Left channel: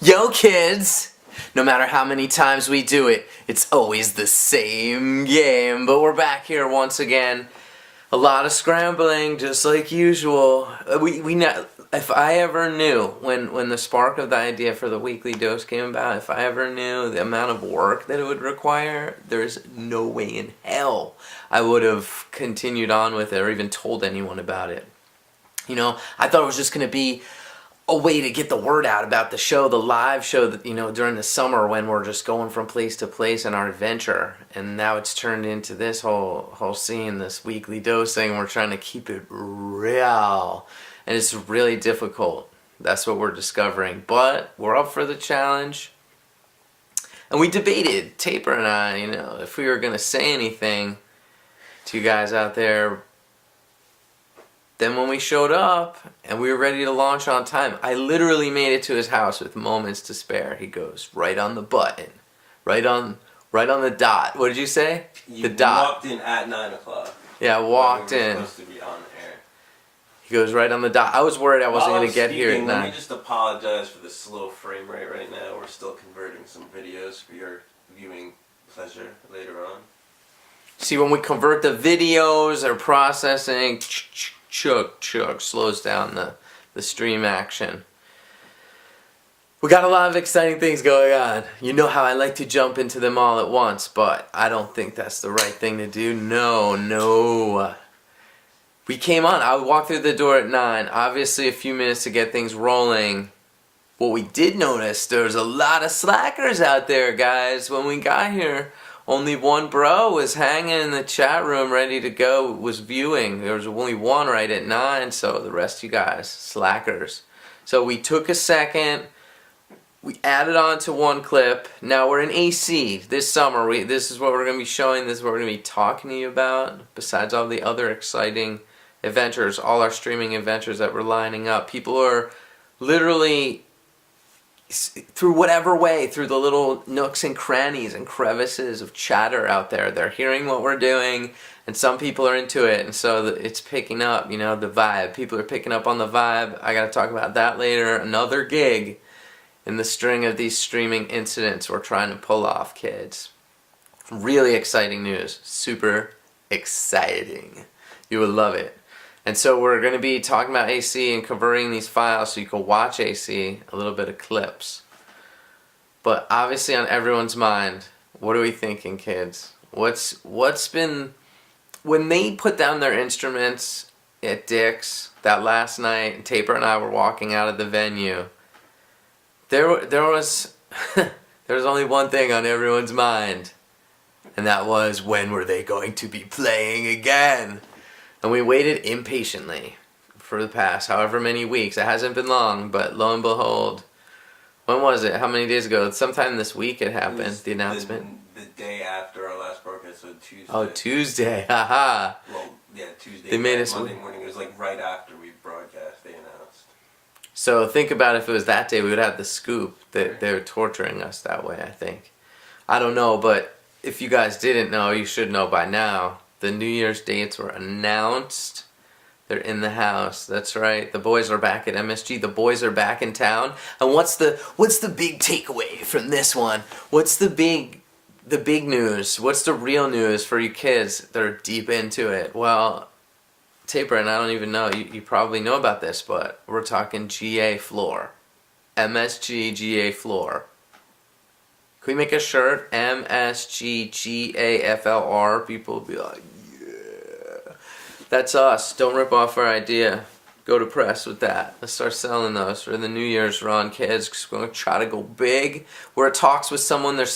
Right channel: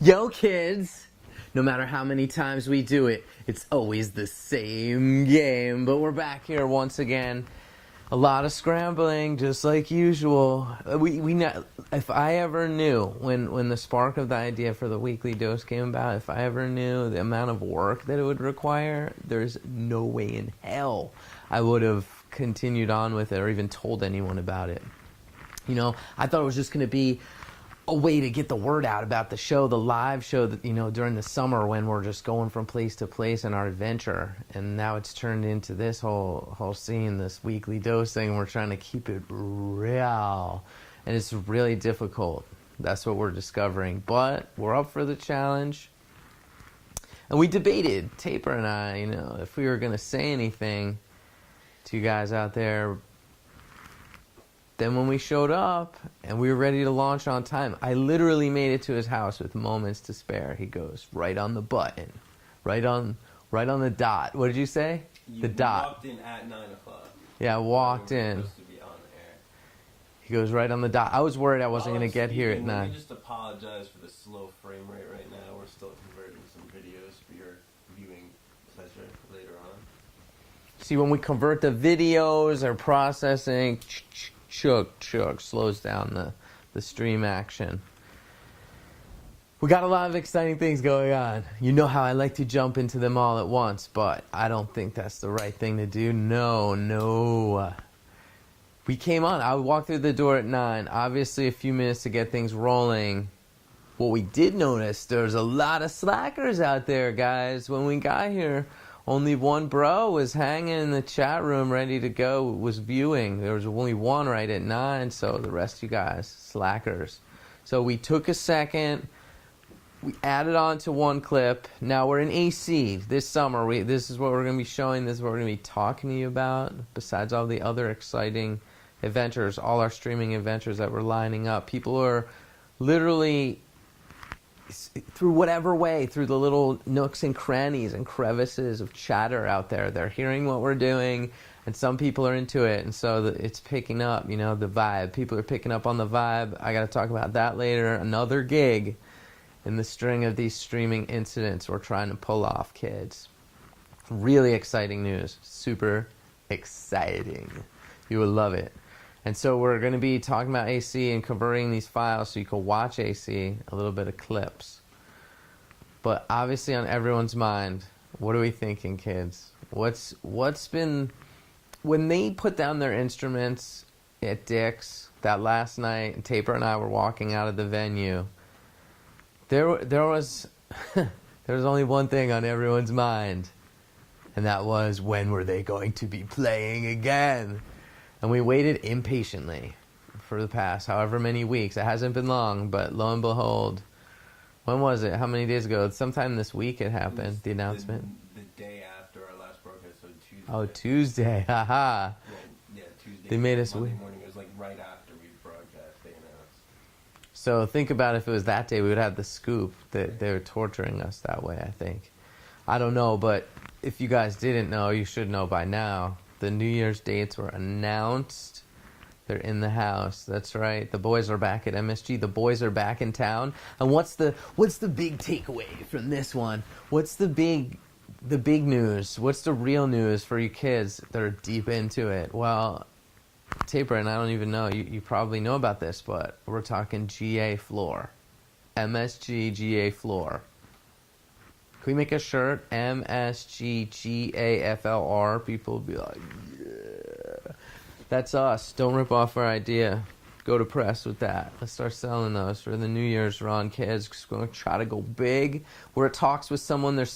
Yo, kids! No matter how many times we do it, it's always the same game. But we're back here once again. A lot of scrambling, just like usual. We know, if I ever knew when the spark of the idea for the weekly dose came about, if I ever knew the amount of work that it would require, there's no way in hell I would have continued on with it or even told anyone about it. You know, I thought it was just going to be a way to get the word out about the show, the live show that, you know, during the summer when we're just going from place to place in our adventure. And now it's turned into this whole scene, this weekly dose thing. We're trying to keep it real. And it's really difficult. That's what we're discovering. But we're up for the challenge. And we debated, Taper and I, you know, if we were going to say anything to you guys out there. Then when we showed up and we were ready to launch on time, I literally made it to his house with moments to spare. He goes right on the button, right on the dot. What did you say? You the dot. Walked in at 9 o'clock. Yeah, I walked in. Supposed to be on air. He goes right on the dot. I was worried I wasn't going to get here at 9. Let me just apologize for the slow frame rate right now. We're still converting some videos for your viewing pleasure later on. See, when we convert the videos or processing, chug, slows down the stream action. We got a lot of exciting things going on. You know how I like to jump into them all at once, but I don't think that's the right thing to do. No. We came on. I walked through the door at 9. Obviously, a few minutes to get things rolling. What we did notice, there's a lot of slackers out there, guys. When we got here, only one bro was hanging in the chat room ready to go, was viewing. There was only one right at 9, so the rest of you guys, slackers. So we took a second, we added on to one clip. Now we're in AC this summer. This is what we're going to be showing, this is what we're going to be talking to you about. Besides all the other exciting adventures, all our streaming adventures that we're lining up. People are literally, through whatever way, through the little nooks and crannies and crevices of chatter out there, they're hearing what we're doing, and some people are into it, and so it's picking up, you know, the vibe. People are picking up on the vibe. I gotta talk about that later. Another gig in the string of these streaming incidents we're trying to pull off, kids. Really exciting news. Super exciting. You will love it. And so we're going to be talking about AC and converting these files so you can watch AC, a little bit of clips. But obviously on everyone's mind, what are we thinking, kids? What's been, when they put down their instruments at Dick's that last night, and Taper and I were walking out of the venue, there was only one thing on everyone's mind, and that was, when were they going to be playing again? And we waited impatiently for the past however many weeks. It hasn't been long, but lo and behold, when was it? How many days ago? Sometime this week it happened, the announcement. The day after our last broadcast, so Tuesday. Oh, Tuesday, haha. Well, yeah, Tuesday. They made us Monday morning. It was like right after we broadcast, they announced. So think about if it was that day, we would have the scoop that they were torturing us that way, I think. I don't know, but if you guys didn't know, you should know by now. The New Year's dates were announced. They're in the house. That's right. The boys are back at MSG. The boys are back in town. And what's the big takeaway from this one? What's the big news? What's the real news for you kids that are deep into it? Well, Taper, and I don't even know. You probably know about this, but we're talking GA floor. MSG GA floor. Can we make a shirt? MSGGAFLR. People will be like, yeah. That's us. Don't rip off our idea. Go to press with that. Let's start selling those for the New Year's run, kids. Cause we're going to try to go big. We're at talks with someone. They're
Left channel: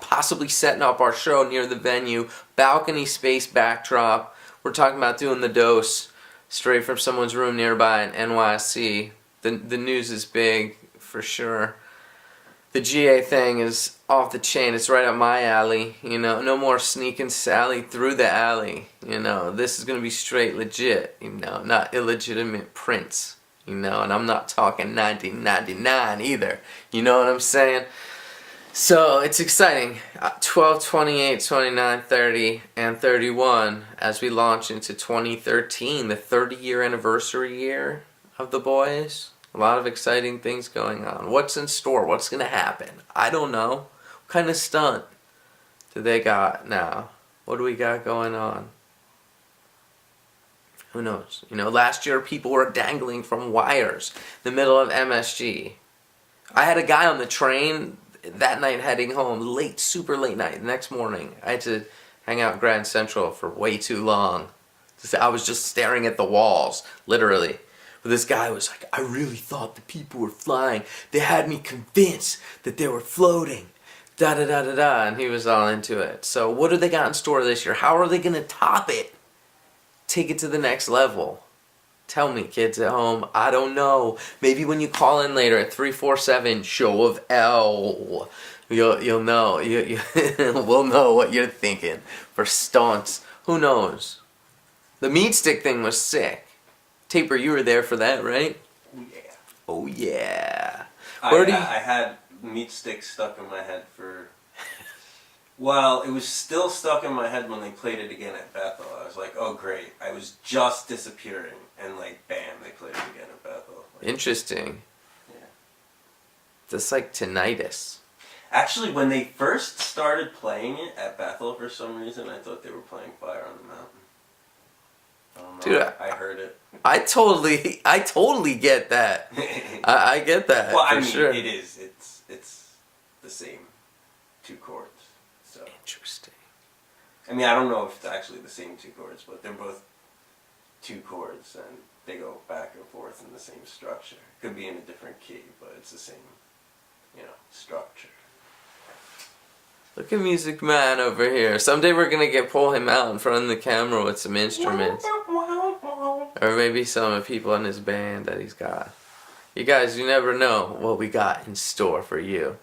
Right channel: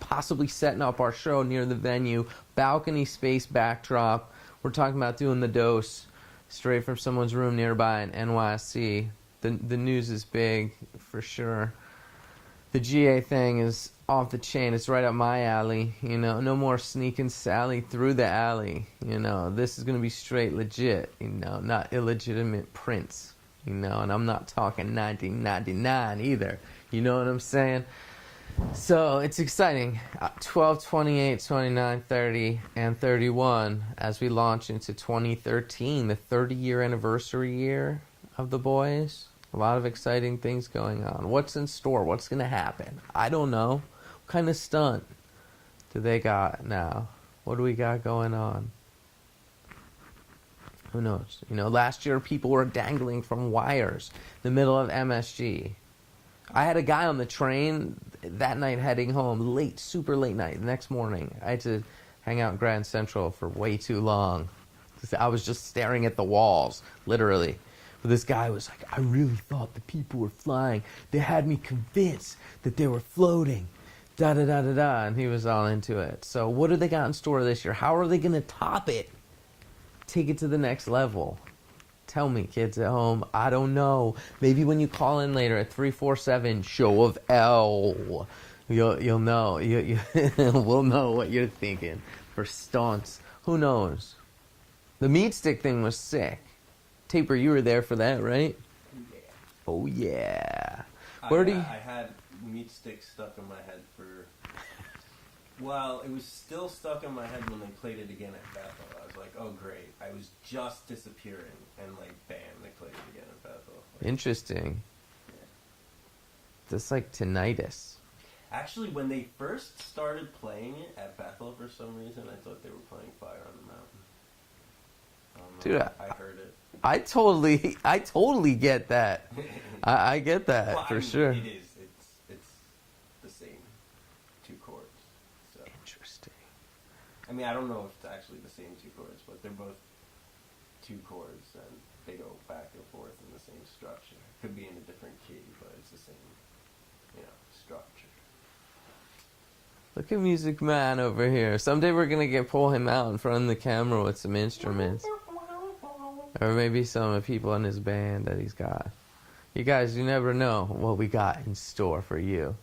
possibly setting up our show near the venue. Balcony space backdrop. We're talking about doing the dose straight from someone's room nearby in NYC. The news is big for sure. The GA thing is off the chain. It's right up my alley. You know, no more sneaking Sally through the alley. You know, this is going to be straight legit. You know, not illegitimate prints. You know, and I'm not talking 1999 either. You know what I'm saying? So, it's exciting. 12, 28, 29, 30, and 31 as we launch into 2013, the 30-year anniversary year of the boys. A lot of exciting things going on. What's in store? What's going to happen? I don't know. What kind of stunt do they got now? What do we got going on? Who knows? You know, last year people were dangling from wires in the middle of MSG. I had a guy on the train that night heading home, late, super late night, the next morning. I had to hang out in Grand Central for way too long. I was just staring at the walls, literally. But this guy was like, I really thought the people were flying. They had me convinced that they were floating. Da da da da da. And he was all into it. So what do they got in store this year? How are they going to top it? Take it to the next level. Tell me, kids at home. I don't know. Maybe when you call in later at 347 Show of L, you'll know. We'll know what you're thinking for stunts. Who knows? The meat stick thing was sick. Taper, you were there for that, right? Yeah. Oh yeah. I had meat sticks stuck in my head for. Well, it was still stuck in my head when they played it again at Bethel. I was like, oh great. I was just disappearing, and like, bam, they played it again at Bethel. Like, interesting. Yeah. That's like tinnitus. Actually, when they first started playing it at Bethel, for some reason, I thought they were playing Fire on the Mountain. I don't know. Dude, I heard it. I totally get that. I get that Well, for I mean, sure. it is. It's the same two chords. So Interesting. I mean, I don't know if it's actually the same two chords, but they're both two chords, and they go back and forth in the same structure. Could be in a different key, but it's the same, structure. Look at Music Man over here. Someday we're gonna pull him out in front of the camera with some instruments. Or maybe some of the people in his band that he's got. You guys, you never know what we got in store for you.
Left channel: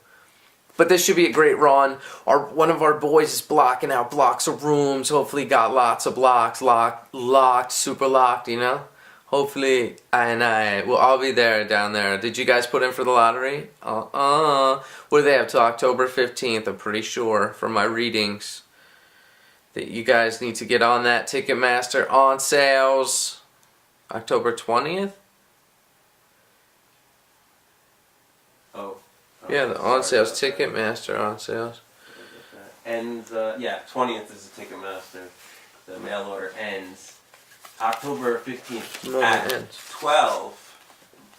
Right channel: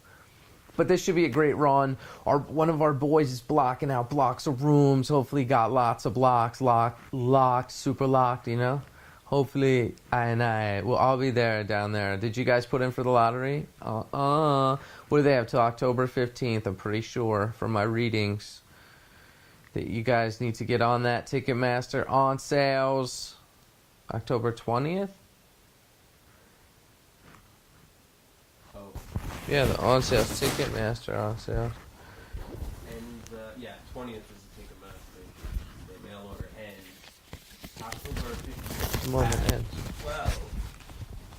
But this should be a great run. One of our boys is blocking out blocks of rooms. Hopefully got lots of blocks locked, super locked, you know? Hopefully, we'll all be there down there. Did you guys put in for the lottery? What do they have till October 15th? I'm pretty sure from my readings that you guys need to get on that. Ticketmaster on sales October 20th? Oh. Yeah, the on sales. Ticketmaster on sales. And 20th is the Ticketmaster. The mail order ends October 15th at 12.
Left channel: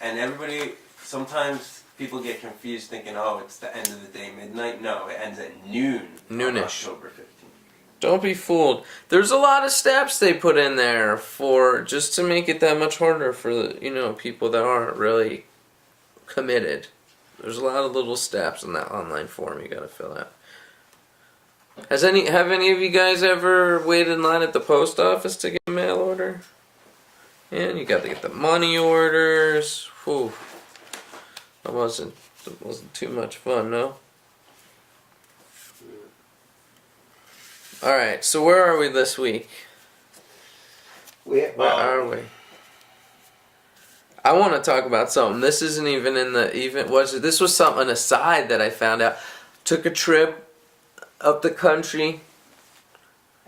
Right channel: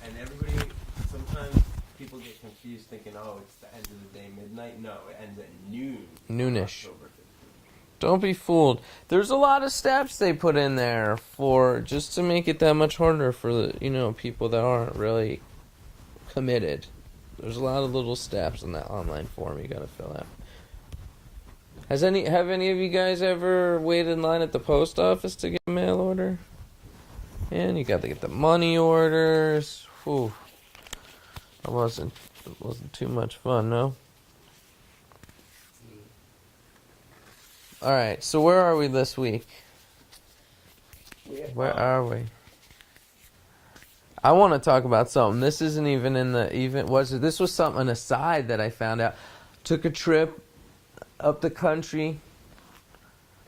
And everybody, sometimes people get confused thinking, oh, it's the end of the day, midnight. No, it ends at noon. Noonish. October 15th. Don't be fooled. There's a lot of steps they put in there for just to make it that much harder for the people that aren't really committed. There's a lot of little steps in that online form you gotta fill out. Have any of you guys ever waited in line at the post office to get a mail order? Yeah, and you got to get the money orders. Whew. It wasn't too much fun, no? Alright, so where are we this week? Where are we? I want to talk about something. This isn't even in the this was an aside that I found out. Took a trip up the country.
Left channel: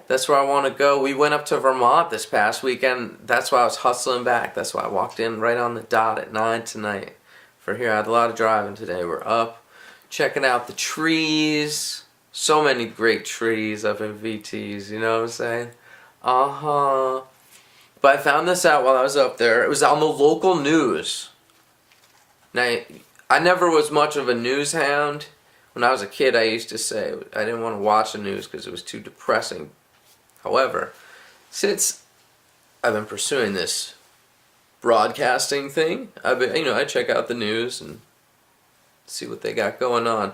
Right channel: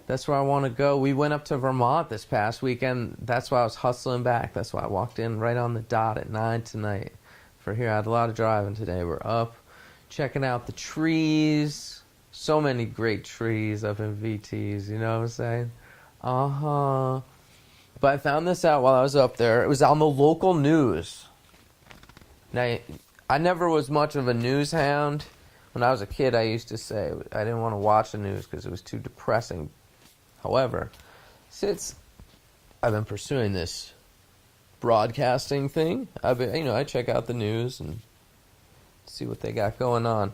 That's where I want to go. We went up to Vermont this past weekend. That's why I was hustling back. That's why I walked in right on the dot at 9 tonight. For here, I had a lot of driving today. We're up, checking out the trees. So many great trees up in VTs, you know what I'm saying? But I found this out while I was up there. It was on the local news. Now, I never was much of a news hound. When I was a kid, I used to say I didn't want to watch the news because it was too depressing. However, since I've been pursuing this broadcasting thing, I check out the news and see what they got going on.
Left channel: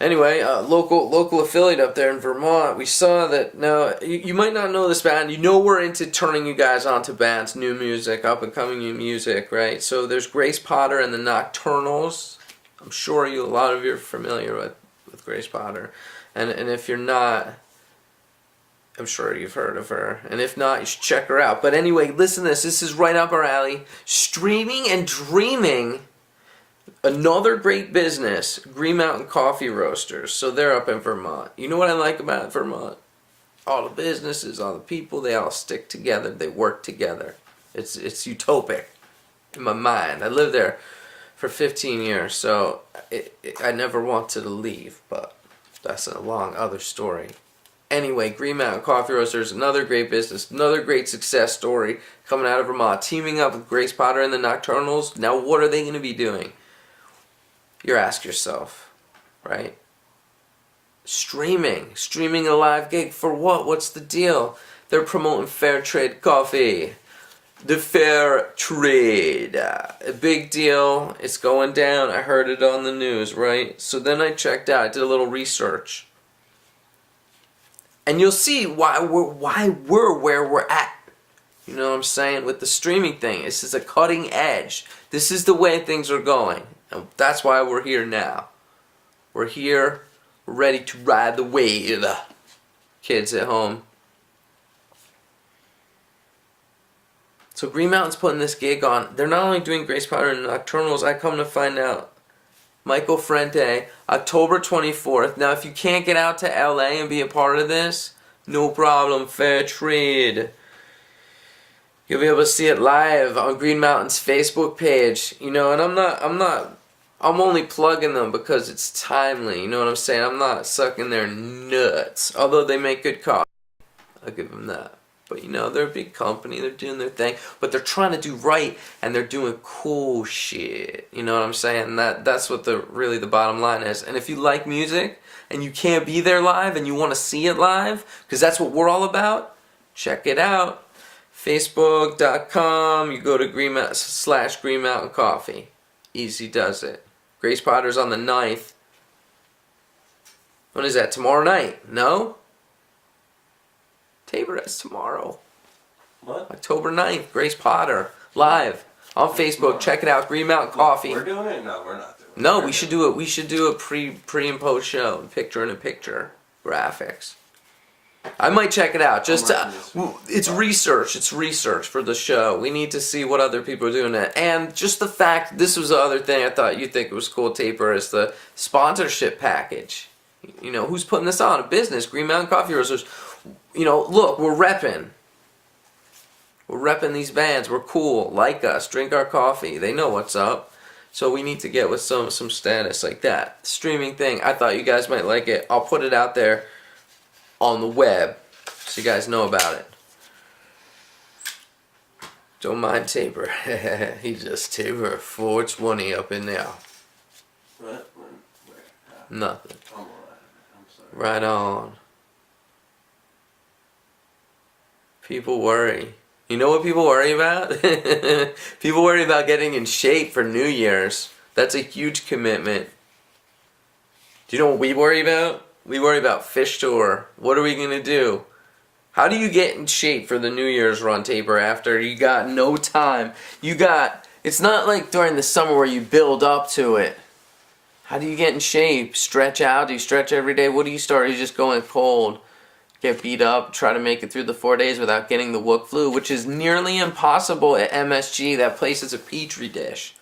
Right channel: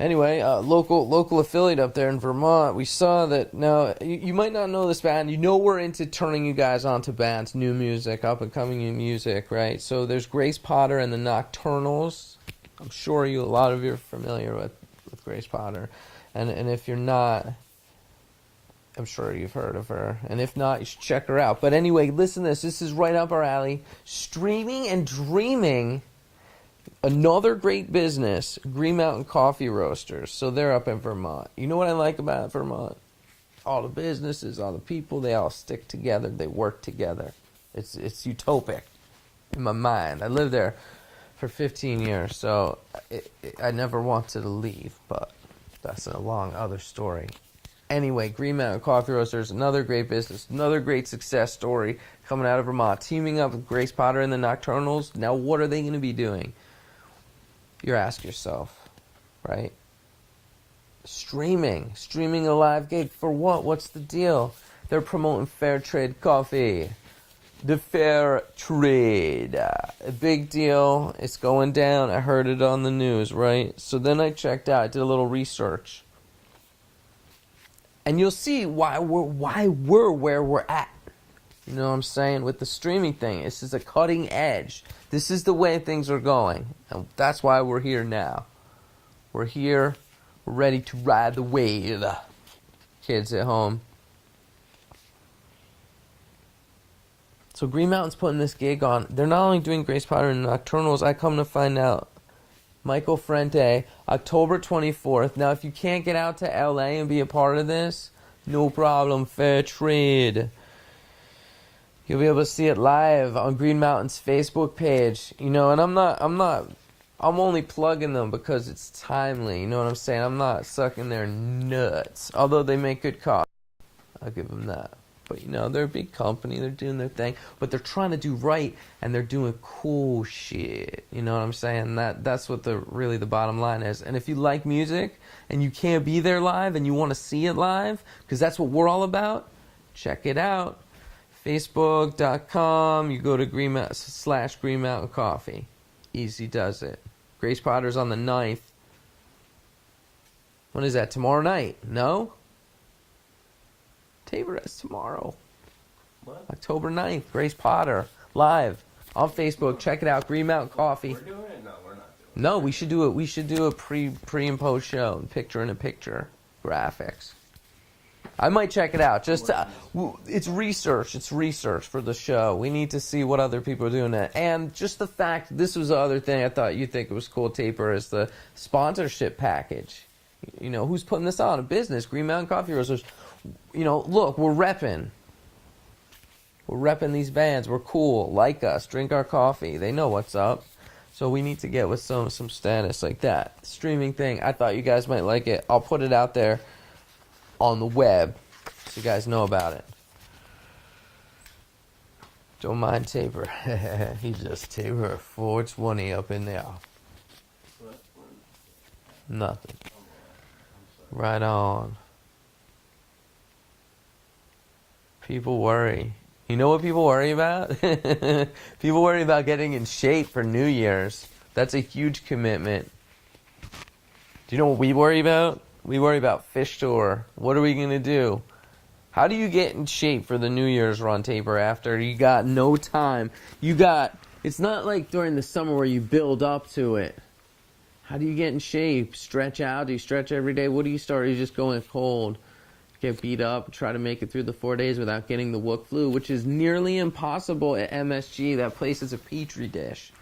Anyway, local affiliate up there in Vermont, we saw that. Now, you might not know this band. You know we're into turning you guys onto bands, new music, up-and-coming new music, right? So there's Grace Potter and the Nocturnals. I'm sure a lot of you are familiar with Grace Potter. And if you're not, I'm sure you've heard of her. And if not, you should check her out. But anyway, listen to this. This is right up our alley. Streaming and dreaming. Another great business, Green Mountain Coffee Roasters. So they're up in Vermont. You know what I like about Vermont? All the businesses, all the people, they all stick together. They work together. It's utopic. in my mind. I lived there for 15 years, so I never wanted to leave, but that's a long other story. Anyway, Green Mountain Coffee Roasters, another great business, another great success story coming out of Vermont. Teaming up with Grace Potter and the Nocturnals. Now what are they going to be doing? You ask yourself, right? Streaming a live gig for what? What's the deal? They're promoting fair trade coffee. The fair trade. A big deal. It's going down. I heard it on the news, right? So then I checked out. I did a little research. And you'll see why we're where we're at. You know what I'm saying? With the streaming thing. This is a cutting edge. This is the way things are going. And that's why we're here now. We're here. We're ready to ride the wave. Kids at home. So Green Mountain's putting this gig on. They're not only doing Grace Potter and Nocturnals, I come to find out. Michael Frente, October 24th. Now, if you can't get out to LA and be a part of this, no problem, fair trade. You'll be able to see it live on Green Mountain's Facebook page. You know, and I'm only plugging them because it's timely. You know what I'm saying? I'm not sucking their nuts. Although they make good coffee. I'll give them that. But you know, they're a big company, they're doing their thing, but they're trying to do right, and they're doing cool shit. You know what I'm saying? That's what really the bottom line is. And if you like music, and you can't be there live, and you want to see it live, because that's what we're all about, check it out. Facebook.com, you go to Green Mountain Coffee. Easy does it. Grace Potter's on the 9th. When is that? Tomorrow night? No? Tabor is tomorrow. What? October 9th. Grace Potter. Live. On Facebook. Check it out. Green Mountain Coffee. We're doing it? No, we're not doing it. No, we should do it. We should do a pre and post show. Picture graphics. I might check it out. Just it's research. It's research for the show. We need to see what other people are doing it. And just the fact, this was the other thing I thought you'd think it was cool, Tabor, is the sponsorship package. You know, who's putting this on? A business. Green Mountain Coffee Roasters. You know, look, we're repping. We're repping these bands. We're cool. Like us. Drink our coffee. They know what's up. So we need to get with some status like that. Streaming thing. I thought you guys might like it. I'll put it out there on the web so you guys know about it. Don't mind Tabor. He just Tabor 420 up in there. What? Where? Nothing. I'm sorry. Right on. People worry. You know what people worry about? People worry about getting in shape for New Year's. That's a huge commitment. Do you know what we worry about? We worry about Fish Tour. What are we going to do? How do you get in shape for the New Year's run, Tabor, after you got no time? It's not like during the summer where you build up to it. How do you get in shape? Stretch out? Do you stretch every day? What do you start? Are you just going cold? Get beat up, try to make it through the 4 days without getting the Wook flu, which is nearly impossible at MSG. That place is a petri dish.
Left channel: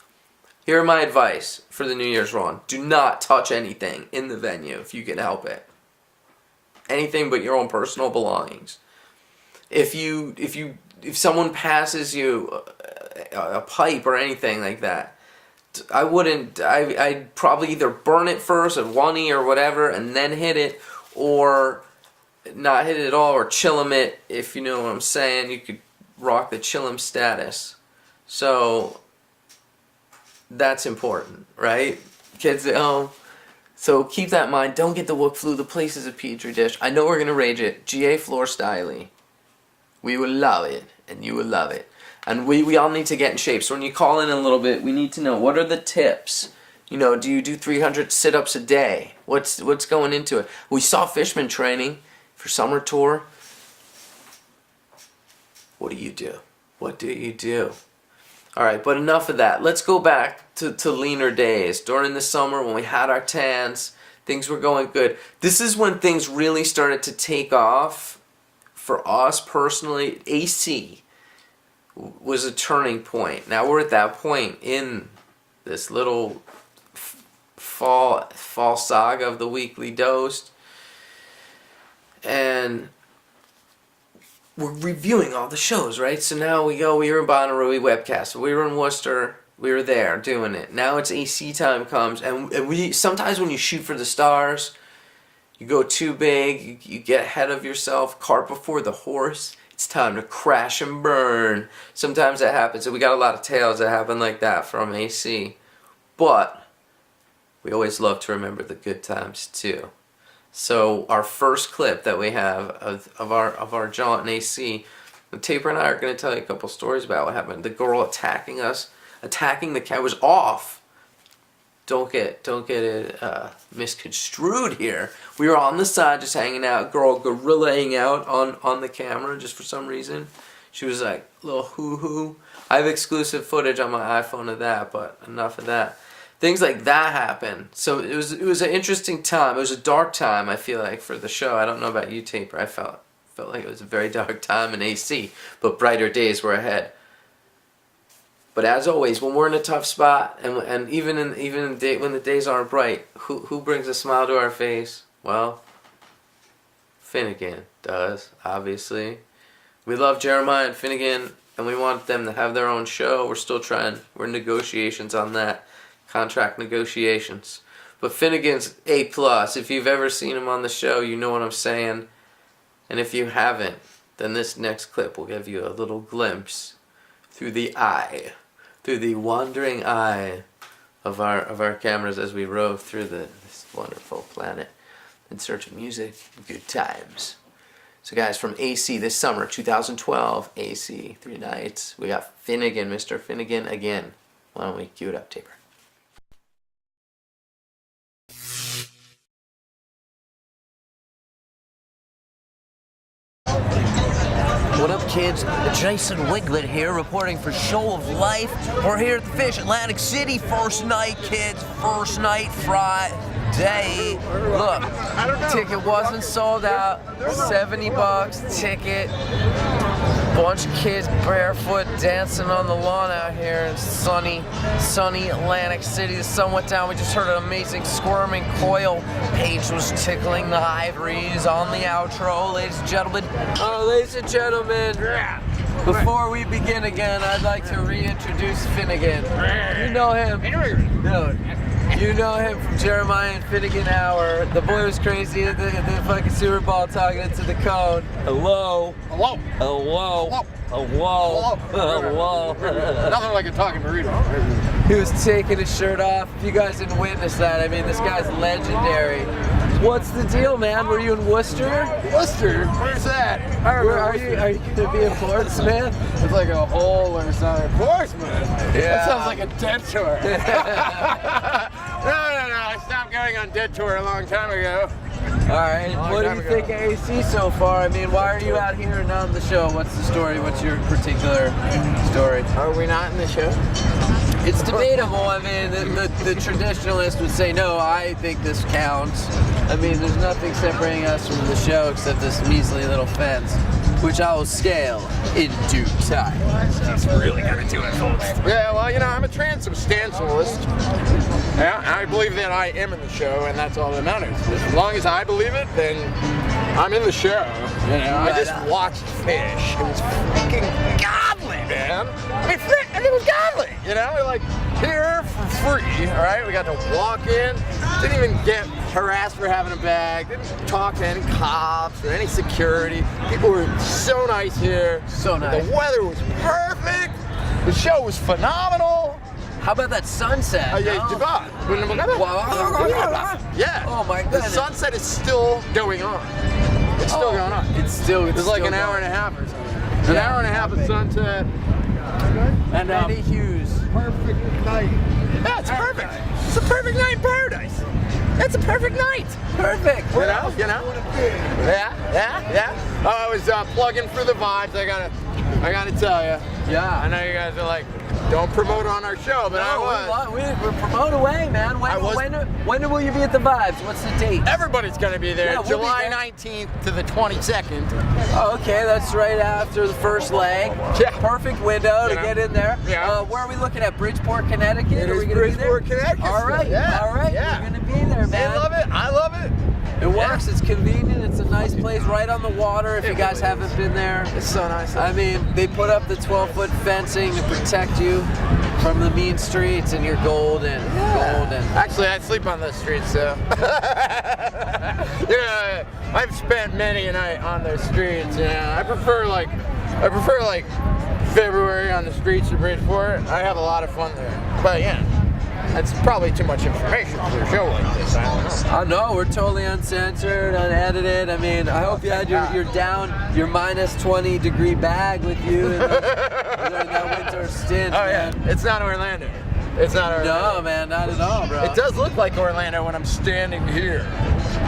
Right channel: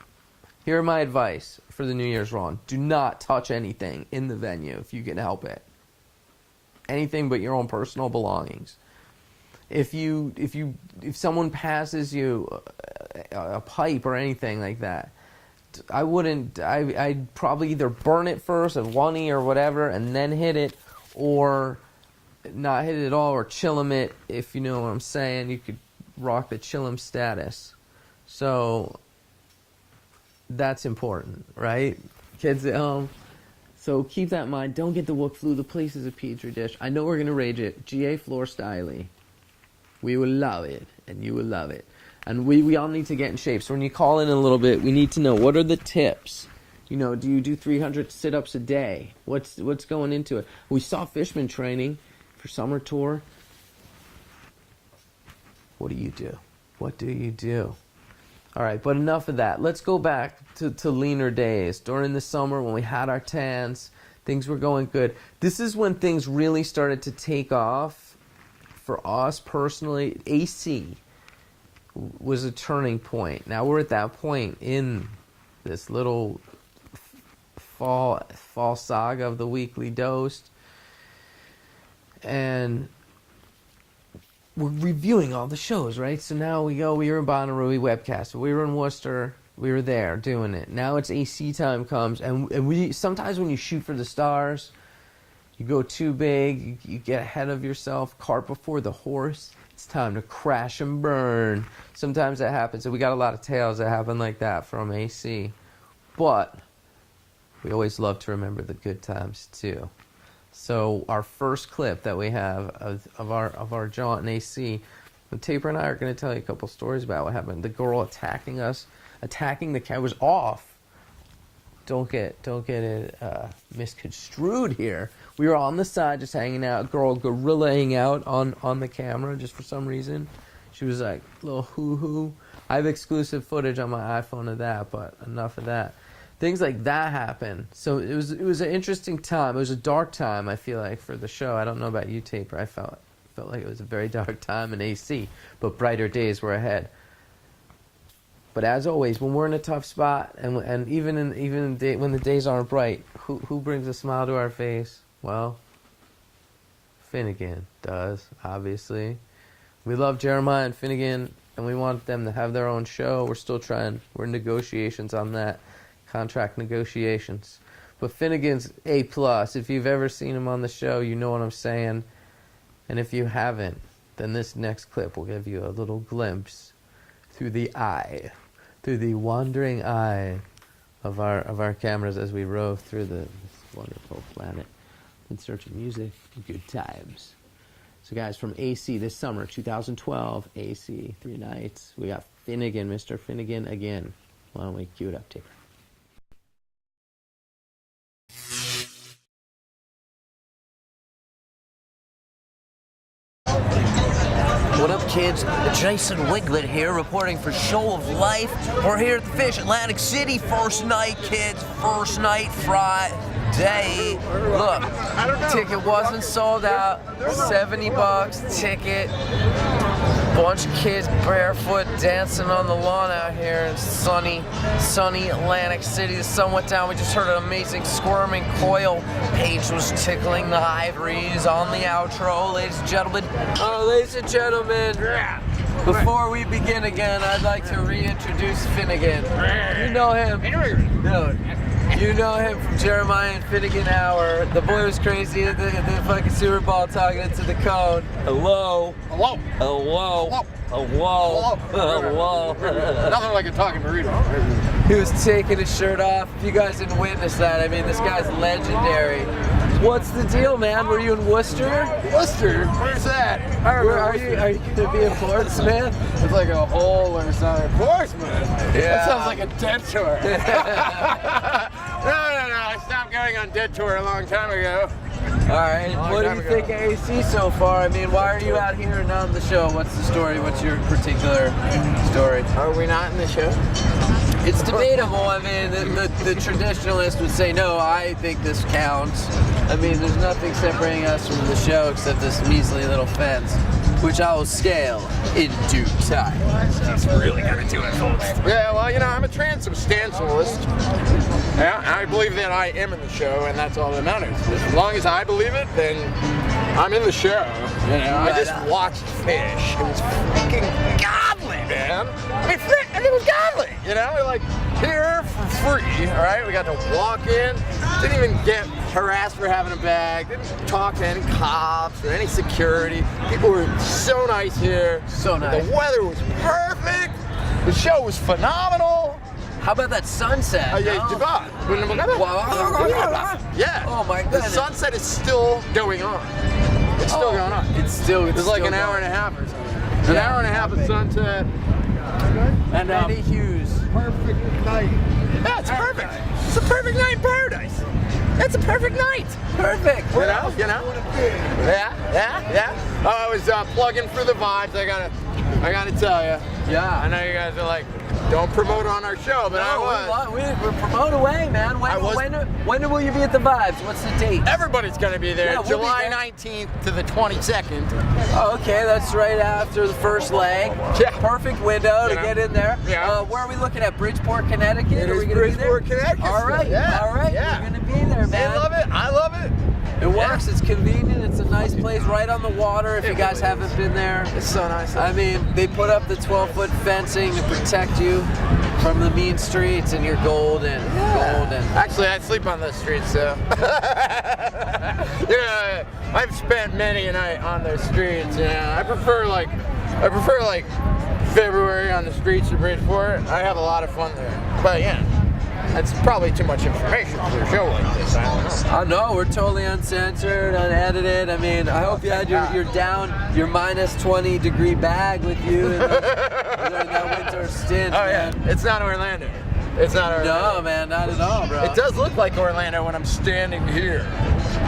Here are my advice for the New Year's run. Do not touch anything in the venue if you can help it. Anything but your own personal belongings. If someone passes you a pipe or anything like that, I'd probably either burn it first at 1E or whatever and then hit it, or not hit it at all, or chillum it, if you know what I'm saying. You could rock the chillum status. So that's important, right? Kids at home. So keep that in mind. Don't get the Wook flu. The place is a petri dish. I know we're going to rage it. GA Floor Styly. We will love it, and you will love it. And we all need to get in shape. So when you call in a little bit, we need to know, what are the tips? You know, do you do 300 sit-ups a day? What's going into it? We saw Fishman training for summer tour. What do you do? What do you do? All right, but enough of that. Let's go back to leaner days. During the summer when we had our tans, things were going good. This is when things really started to take off for us personally. AC was a turning point. Now we're at that point in this little fall saga of the weekly dose. And we're reviewing all the shows, right? So now we were in Bonnaroo, we webcast. We were in Worcester, we were there doing it. Now it's AC time comes, and we sometimes when you shoot for the stars, you go too big, you get ahead of yourself, cart before the horse. It's time to crash and burn. Sometimes that happens, and we got a lot of tales that happen like that from AC. But we always love to remember the good times too. So our first clip that we have of our jaunt in AC, Taper and I are going to tell you a couple stories about what happened. The girl attacking us, attacking the camera, was off. Don't get it misconstrued here. We were on the side just hanging out. Girl gorillaing out on the camera just for some reason. She was like a little hoo-hoo. I have exclusive footage on my iPhone of that, but enough of that. Things like that happen. So it was an interesting time. It was a dark time, I feel like, for the show. I don't know about you, Taper. I felt like it was a very dark time in AC, but brighter days were ahead. But as always, when we're in a tough spot, and even when the days aren't bright, who brings a smile to our face? Well, Finnegan does, obviously. We love Jeremiah and Finnegan, and we want them to have their own show. We're still trying. We're in negotiations on that. Contract negotiations. But Finnegan's A+. If you've ever seen him on the show, you know what I'm saying. And if you haven't, then this next clip will give you a little glimpse through the wandering eye of our cameras as we rove through this wonderful planet in search of music and good times. So guys, from AC this summer, 2012, AC, 3 nights, we got Finnegan, Mr. Finnegan again. Why don't we cue it up, Taper? What up, kids? Jason Wiglet here, reporting for Show of Life. We're here at the Fish, Atlantic City. First night, kids. First night, Friday. Look, ticket wasn't sold out. $70 ticket. Bunch of kids barefoot dancing on the lawn out here in sunny Atlantic City. The sun went down. We just heard an amazing squirming coil. Paige was tickling the ivories on the outro, ladies and gentlemen. Ladies and gentlemen, before we begin again, I'd like to reintroduce Finnegan. You know him. No. You know him from Jeremiah and Finnegan Hour. The boy was crazy at the fucking Super Bowl talking into the cone. Hello. Hello. Hello. Hello. Hello. Hello. Nothing like a talking burrito. He was taking his shirt off. If you guys didn't witness that, I mean, this guy's legendary. What's the deal, man? Were you in Worcester? Worcester? Where's that? Where are you? Are you gonna be in Portsmouth? It's like a hole or something. Portsmouth? Yeah. That sounds like a dead tour. No. I stopped going on dead tour a long time ago. All right. What do you think of AC so far? I mean, why are you out here and not on the show? What's the story? What's your particular story? Are we not in the show? It's debatable. I mean, the traditionalist would say, no, I think this counts. I mean, there's nothing separating us from the show except this measly little fence, which I will scale in due time. He's really gonna do it, folks. Yeah, well, I'm a transubstantialist. Yeah, I believe that I am in the show, and that's all that matters. As long as I believe it, then I'm in the show. I just watched Fish. It was freaking godly, man. I mean, it was godly. We're like here for free. All right, we got to walk in. Didn't even get harassed for having a bag. Didn't talk to any cops or any security. People were so nice here. So nice. The weather was perfect. The show was phenomenal. How about that sunset? Yeah. Oh my The goodness. sunset is still going on. It's still going on. It's like an still hour going. and a half or something. An hour and a half of sunset. And Many hues. perfect night. Yeah, it's perfect. It's a perfect night in paradise. It's a perfect night. Perfect. You know? Yeah. I was plugging for the vibes. I gotta tell you. Yeah. I know you guys are like, don't promote on our show, but I was. We're promote away, man. When will you be at the Vibes? What's the date? Everybody's gonna be there. Yeah, we'll July be there. 19th to the 22nd. Oh, okay, that's right after the first leg. Yeah. Perfect window to You know? get in there. Yeah. Where are we looking at? Bridgeport, Connecticut? It Are is we gonna Bridgeport, be there? Connecticut. All right. Yeah. All right. Yeah. You're gonna be there, They man. love it. I love it. And why works. It's convenient. It's a nice place right on the water. If you guys haven't been there, It's so nice. I mean, they put up the 12-foot fencing to protect you from the mean streets, and you're golden. Golden. Actually, I sleep on those streets, so. Yeah, I've spent many a night on those streets. Yeah, I prefer like February on the streets of Bridgeport. I have a lot of fun there. But yeah, that's probably too much information for a show like this. I don't know. Oh no, we're totally uncensored, unedited. I mean, I hope you had your minus 20 degree bag with you during that winter stint. Oh yeah, man. it's not Orlando. It's not Orlando. No, man, not at all, bro. It does look like Orlando when I'm standing here.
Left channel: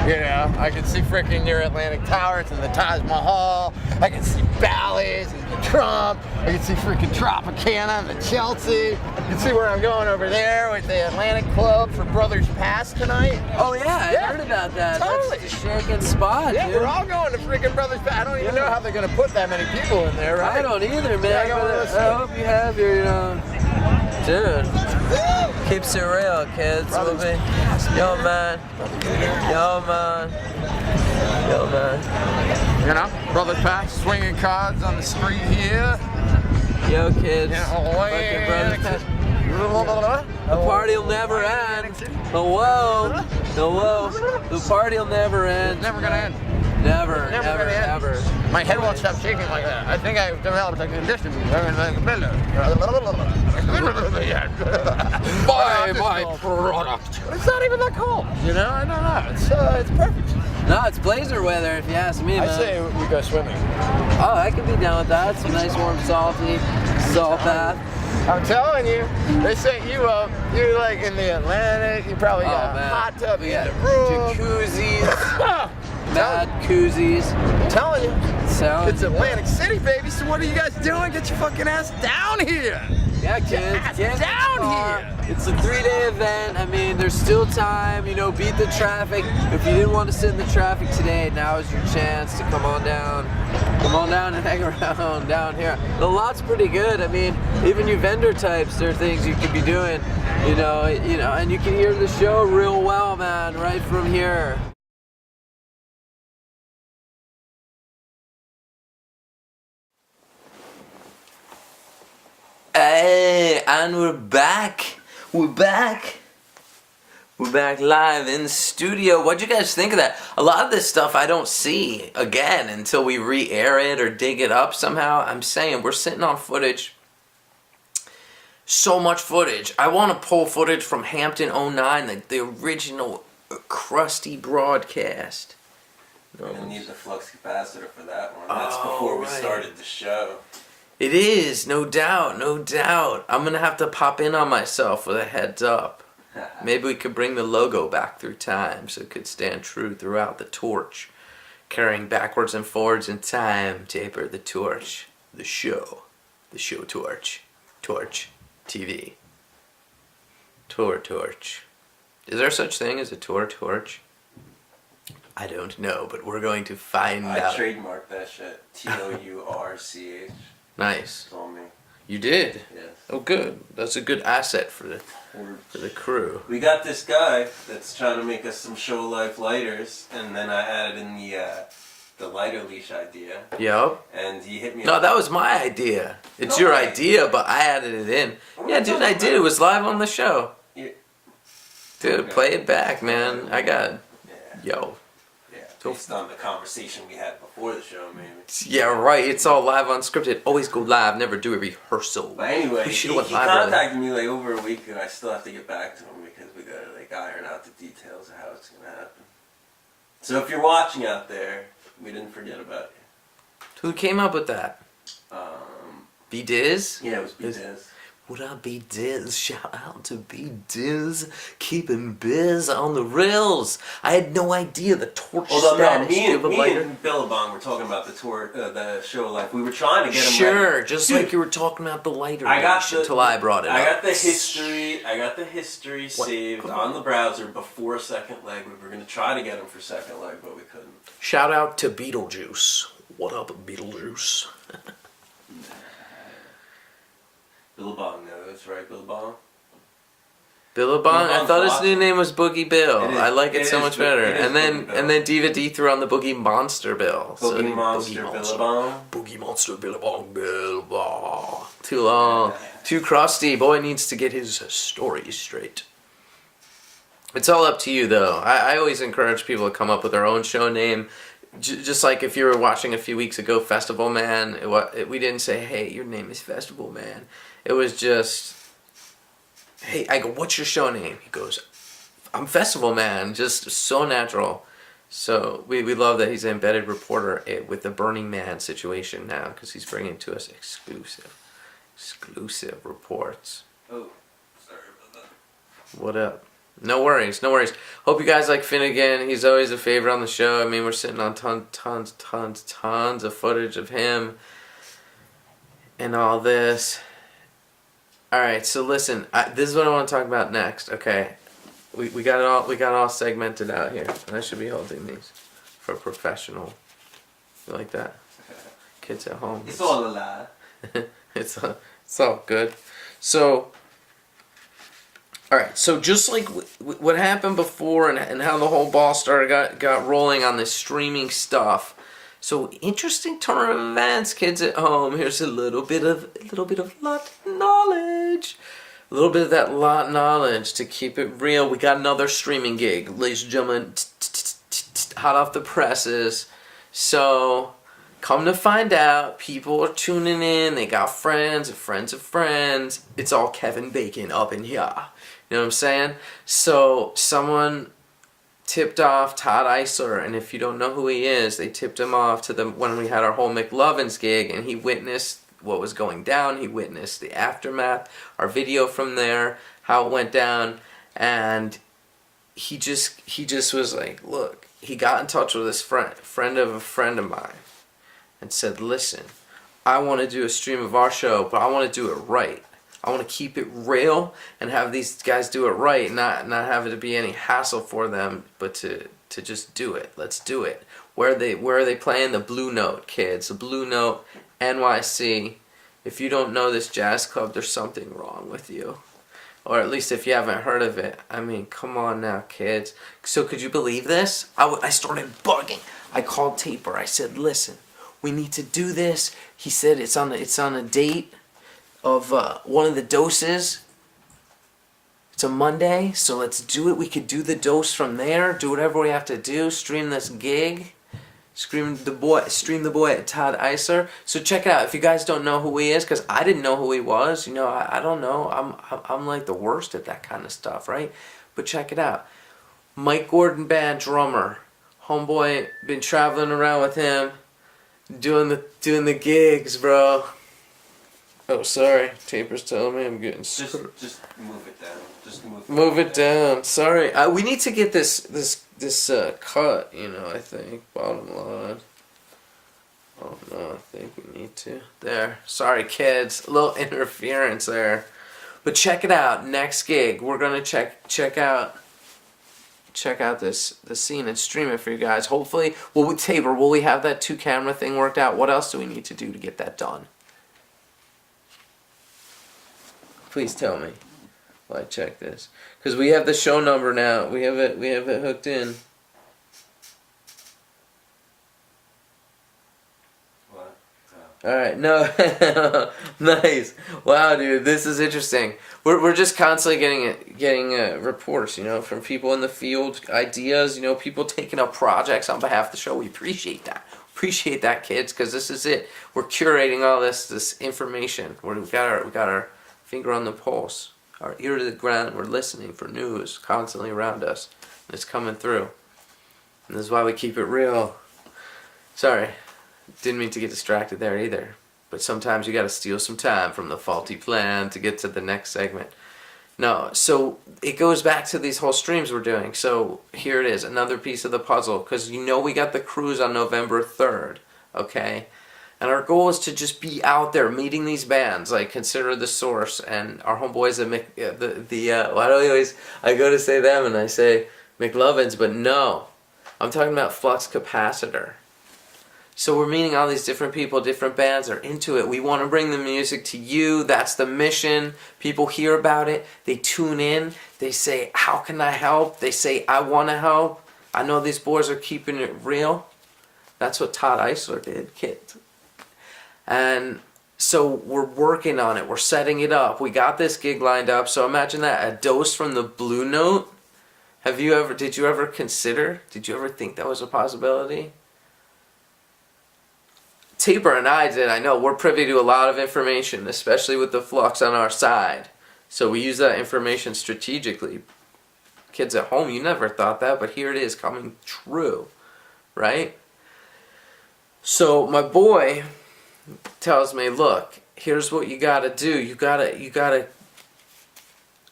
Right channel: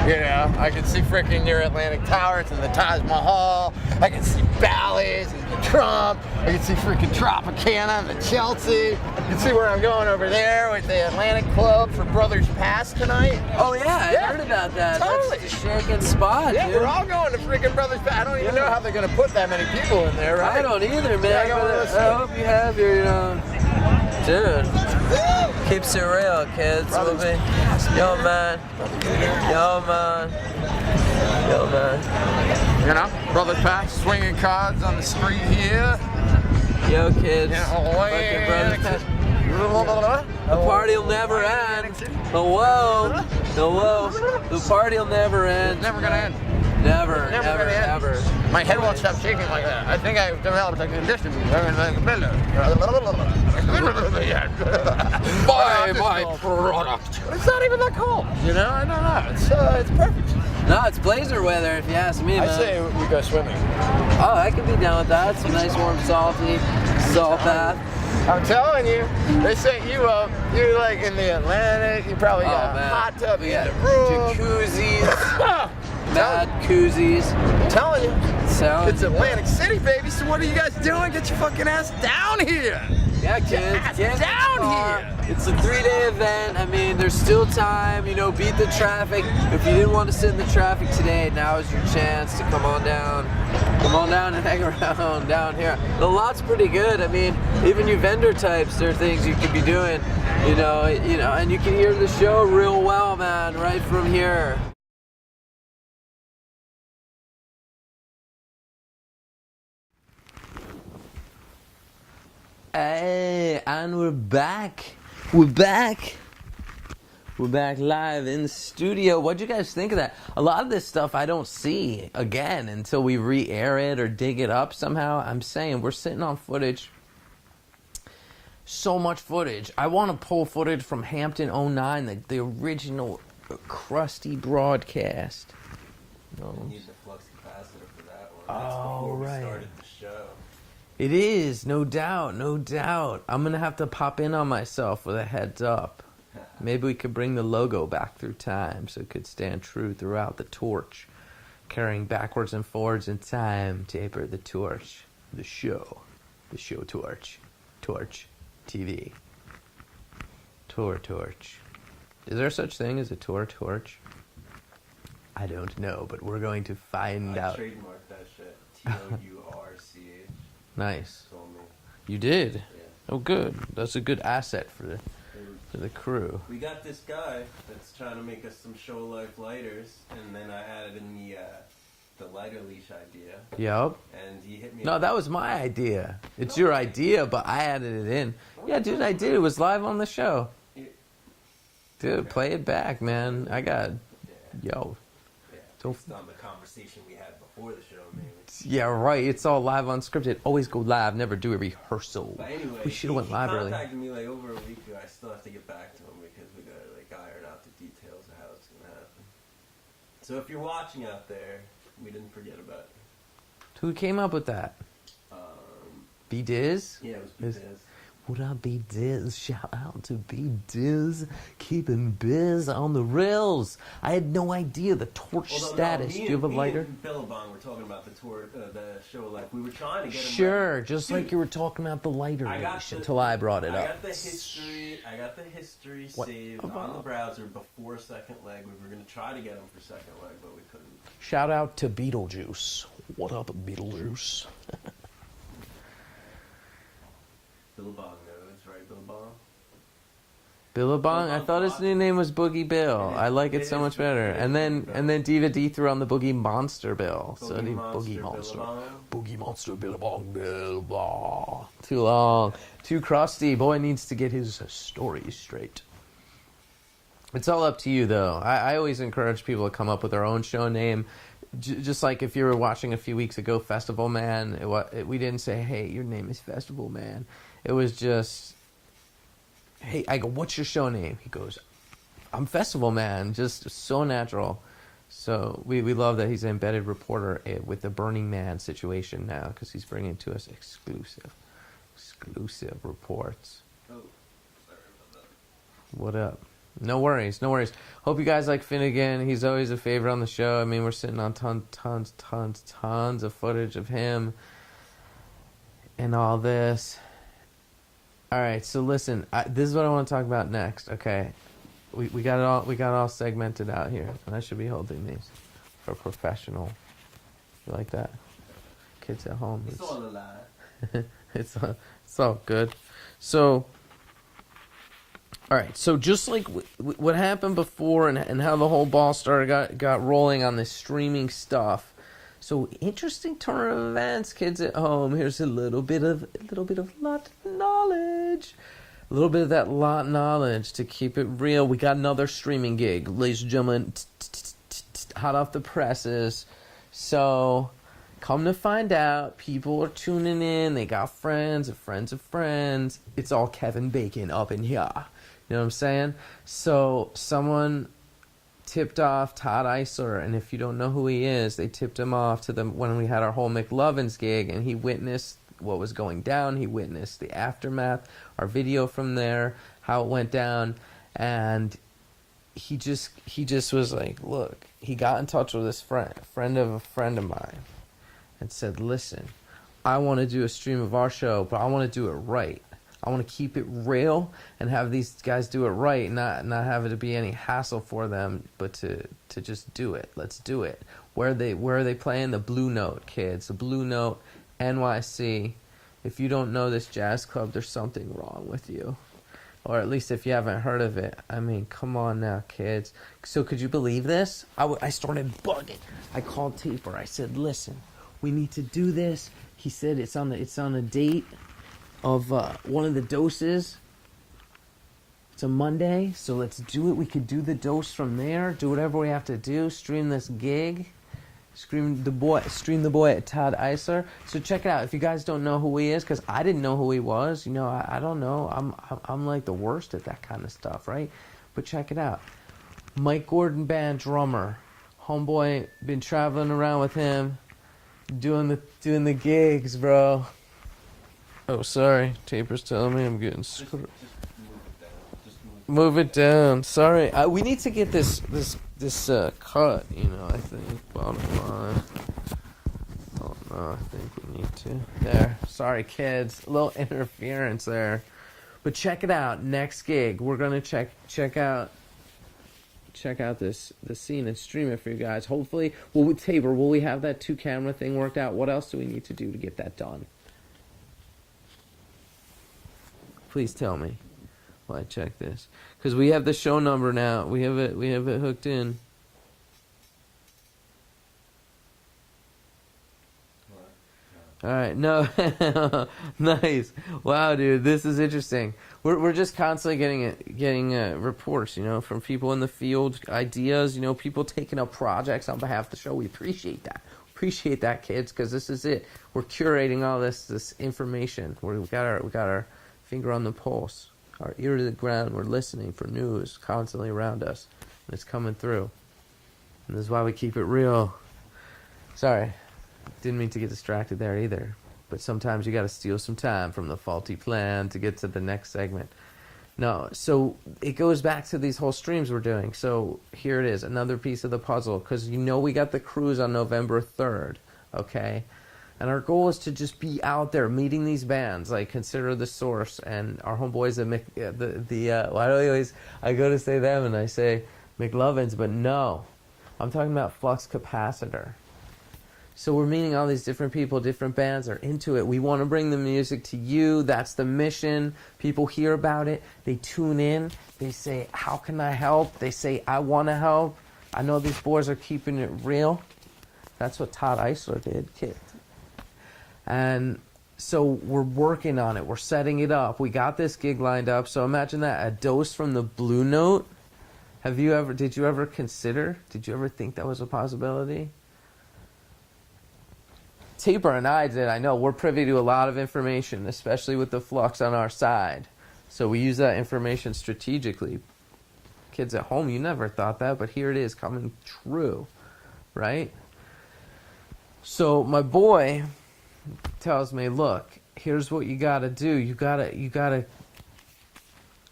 You know, I can see freaking your Atlantic Towers and the Taj Mahal. I can see Bally's and the Trump. I can see freaking Tropicana and the Chelsea. You can see where I'm going over there with the Atlantic Club for Brothers Pass tonight. Oh yeah, Yeah, I heard about that. totally. That's a shaking spot, Yeah, dude. we're all going to freaking Brothers Pass. I don't even know how they're going to put that many people in there, right? I don't either, man. Yeah, I got one of but those I hope you have your, dude. Keeps it real, kids. Brothers We'll be, yo, man. Yo, man. Yo, man. You know, Brothers Pass, swinging cards on the street here. Yo, kids. Yeah, Fucking brothers. The party will never end. The whoa. The whoa. The party will never end. Never gonna end. Never, Never never, gonna end. ever. My head won't stop shaking like that. I think I've developed a condition. Buy my product. It's not even that cold. You know, I don't know. It's perfect. No, it's blazer weather if you ask me, I man. say we go swimming. Oh, I can be down with that. Some nice, warm, salty salt bath. I'm telling you, they set you up. You're like in the Atlantic. You probably got a man. hot tub We in got the room. jacuzzis, mad koozies. I'm telling you. Sound. It's Atlantic City, baby. So what are you guys doing? Get your fucking ass down here. Yeah, kids, get in the down car. here. It's a 3-day event. I mean, there's still time. You know, beat the traffic. If you didn't want to sit in the traffic today, now is your chance to come on down. Come on down and hang around down here. The lot's pretty good. I mean, even you vendor types, there are things you could be doing. You know, and you can hear the show real well, man, right from here. Hey, and we're back. We're back. We're back live in studio. What'd you guys think of that? A lot of this stuff I don't see again until we re-air it or dig it up somehow. I'm saying we're sitting on footage. So much footage. I want to pull footage from Hampton 09, the original crusty broadcast. We're gonna need the flux capacitor for that one. That's Oh, before we right. started the show. It is, no doubt, no doubt. I'm gonna have to pop in on myself with a heads up. Maybe we could bring the logo back through time so it could stand true throughout the torch. Carrying backwards and forwards in time, taper the torch. The show torch. Torch TV. Torch. Is there such thing as a torch? I don't know, but we're going to find I out. trademarked that shit. TOURCH. Nice. Told me. You did? Yes. Oh, good. That's a good asset for the crew. We got this guy that's trying to make us some show life lighters, and then I added in the lighter leash idea, Yup. and he hit me. No, up. that was my idea. It's No your way. idea, but I added it in. What are Yeah, you dude, talking I did. about? It was live on the show. Yeah. Dude, Okay. play it back, man. I got. Yeah. Yo. Yeah. Based on the conversation we had before the show, maybe. Yeah, right. It's all live unscripted. Always go live. Never do a rehearsal. But anyway, We he should've went live early. contacted me like over a week ago. I still have to get back to him because we gotta like iron out the details of how it's gonna happen. So if you're watching out there, we didn't forget about Who came up with that? you. B Diz? Yeah, it was Biz. Would I be Diz? Shout out to B Diz, keeping biz on the rails. I had no idea the torch Although no, status me of a and lighter. Billabong were talking about the tour, the show life. We were trying to get him. Sure, Like, just dude, like you were talking about the lighter I got leash the- until I brought it I up. got the history. I got the history What? saved on the browser before Second Leg. We were gonna try to get him for Second Leg, but we couldn't. Shout out to Beetlejuice. What up, Beetlejuice? Billabong knows, right, Billabong? Billabong. I Billabong's thought his new awesome. name was Boogie Bill. It is- I like it it so is much Bo- better. it is And then Boogie Bill. and then Diva D threw on the Boogie Monster Bill. Boogie Monster Monster. Billabong. Boogie Monster Billabong Billabong. Too long. Too crusty. Boy needs to get his story straight. It's all up to you, though. I always encourage people to come up with their own show name. Just like if you were watching a few weeks ago, Festival Man, we didn't say, hey, your name is Festival Man. It was just, hey, I go, what's your show name? He goes, I'm Festival Man. Just so natural. So we love that he's an embedded reporter with the Burning Man situation now, because he's bringing to us exclusive reports. Oh, sorry about that. What up? No worries. Hope you guys like Finnegan. He's always a favorite on the show. I mean, we're sitting on tons of footage of him and all this. All right, so listen, this is what I want to talk about next. Okay, we got it all segmented out here, and I should be holding these for professional. You like that? Kids at home. It's all a lie. It's all good. So, all right. So just like what happened before, and how the whole ball started got rolling on this streaming stuff. So interesting turn of events, kids at home. Here's a little bit of lot knowledge. A little bit of that lot knowledge to keep it real. We got another streaming gig, ladies and gentlemen. Hot off the presses. So, come to find out, people are tuning in. They got friends of friends of friends. It's all Kevin Bacon up in here. You know what I'm saying? So, someone tipped off Todd Eisler, and if you don't know who he is, they tipped him off to them when we had our whole McLovins gig, and he witnessed what was going down. He witnessed the aftermath, our video from there, how it went down, and he just was like, look, he got in touch with his friend of a friend of mine, and said, listen, I want to do a stream of our show, but I want to do it right. I want to keep it real and have these guys do it right, not have it to be any hassle for them, but to just do it. Let's do it. Where are they playing? The Blue Note, kids. The Blue Note, NYC. If you don't know this jazz club, there's something wrong with you. Or at least if you haven't heard of it. I mean, come on now, kids. So could you believe this? I started bugging. I called Taper. I said, listen, we need to do this. He said it's on a date of one of the doses. It's a Monday, so let's do it. We could do the dose from there. Do whatever we have to do. Stream this gig. Stream the boy at Todd Eisler. So check it out. If you guys don't know who he is, because I didn't know who he was. You know, I don't know. I'm like the worst at that kind of stuff, right? But check it out. Mike Gordon Band drummer. Homeboy, been traveling around with him, doing the gigs, bro. Oh, sorry. Taper's telling me I'm getting Just move it down. Just move it down. Sorry. We need to get this cut, you know, I think. Bottom line. Oh, no, I think we need to. There. Sorry, kids. A little interference there. But check it out. Next gig. We're going to check out the scene and stream it for you guys. Hopefully, Tabor, will we have that 2-camera thing worked out? What else do we need to do to get that done? Please tell me while I check this. Because we have the show number now. We have it hooked in. What? Alright, no. Nice. Wow, dude, this is interesting. We're just constantly getting reports, you know, from people in the field, ideas, you know, people taking up projects on behalf of the show. We appreciate that. Appreciate that, kids, because this is it. We're curating all this information. We've got our finger on the pulse, our ear to the ground. We're listening for news constantly around us, and it's coming through. And this is why we keep it real. Sorry, didn't mean to get distracted there either. But sometimes you got to steal some time from the faulty plan to get to the next segment. No, so it goes back to these whole streams we're doing. So here it is, another piece of the puzzle, because you know we got the cruise on November 3rd, okay? And our goal is to just be out there meeting these bands, like Consider the Source and our homeboys at I go to say them and I say McLovins, but no, I'm talking about Flux Capacitor. So we're meeting all these different people, different bands are into it. We want to bring the music to you. That's the mission. People hear about it. They tune in. They say, how can I help? They say, I want to help. I know these boys are keeping it real. That's what Todd Eisler did, kid. And so we're working on it. We're setting it up. We got this gig lined up. So imagine that, a dose from the Blue Note. Did you ever think that was a possibility? Taper and I did, I know. We're privy to a lot of information, especially with the flux on our side. So we use that information strategically. Kids at home, you never thought that, but here it is coming true, right? So my boy tells me, look, here's what you gotta do. You gotta,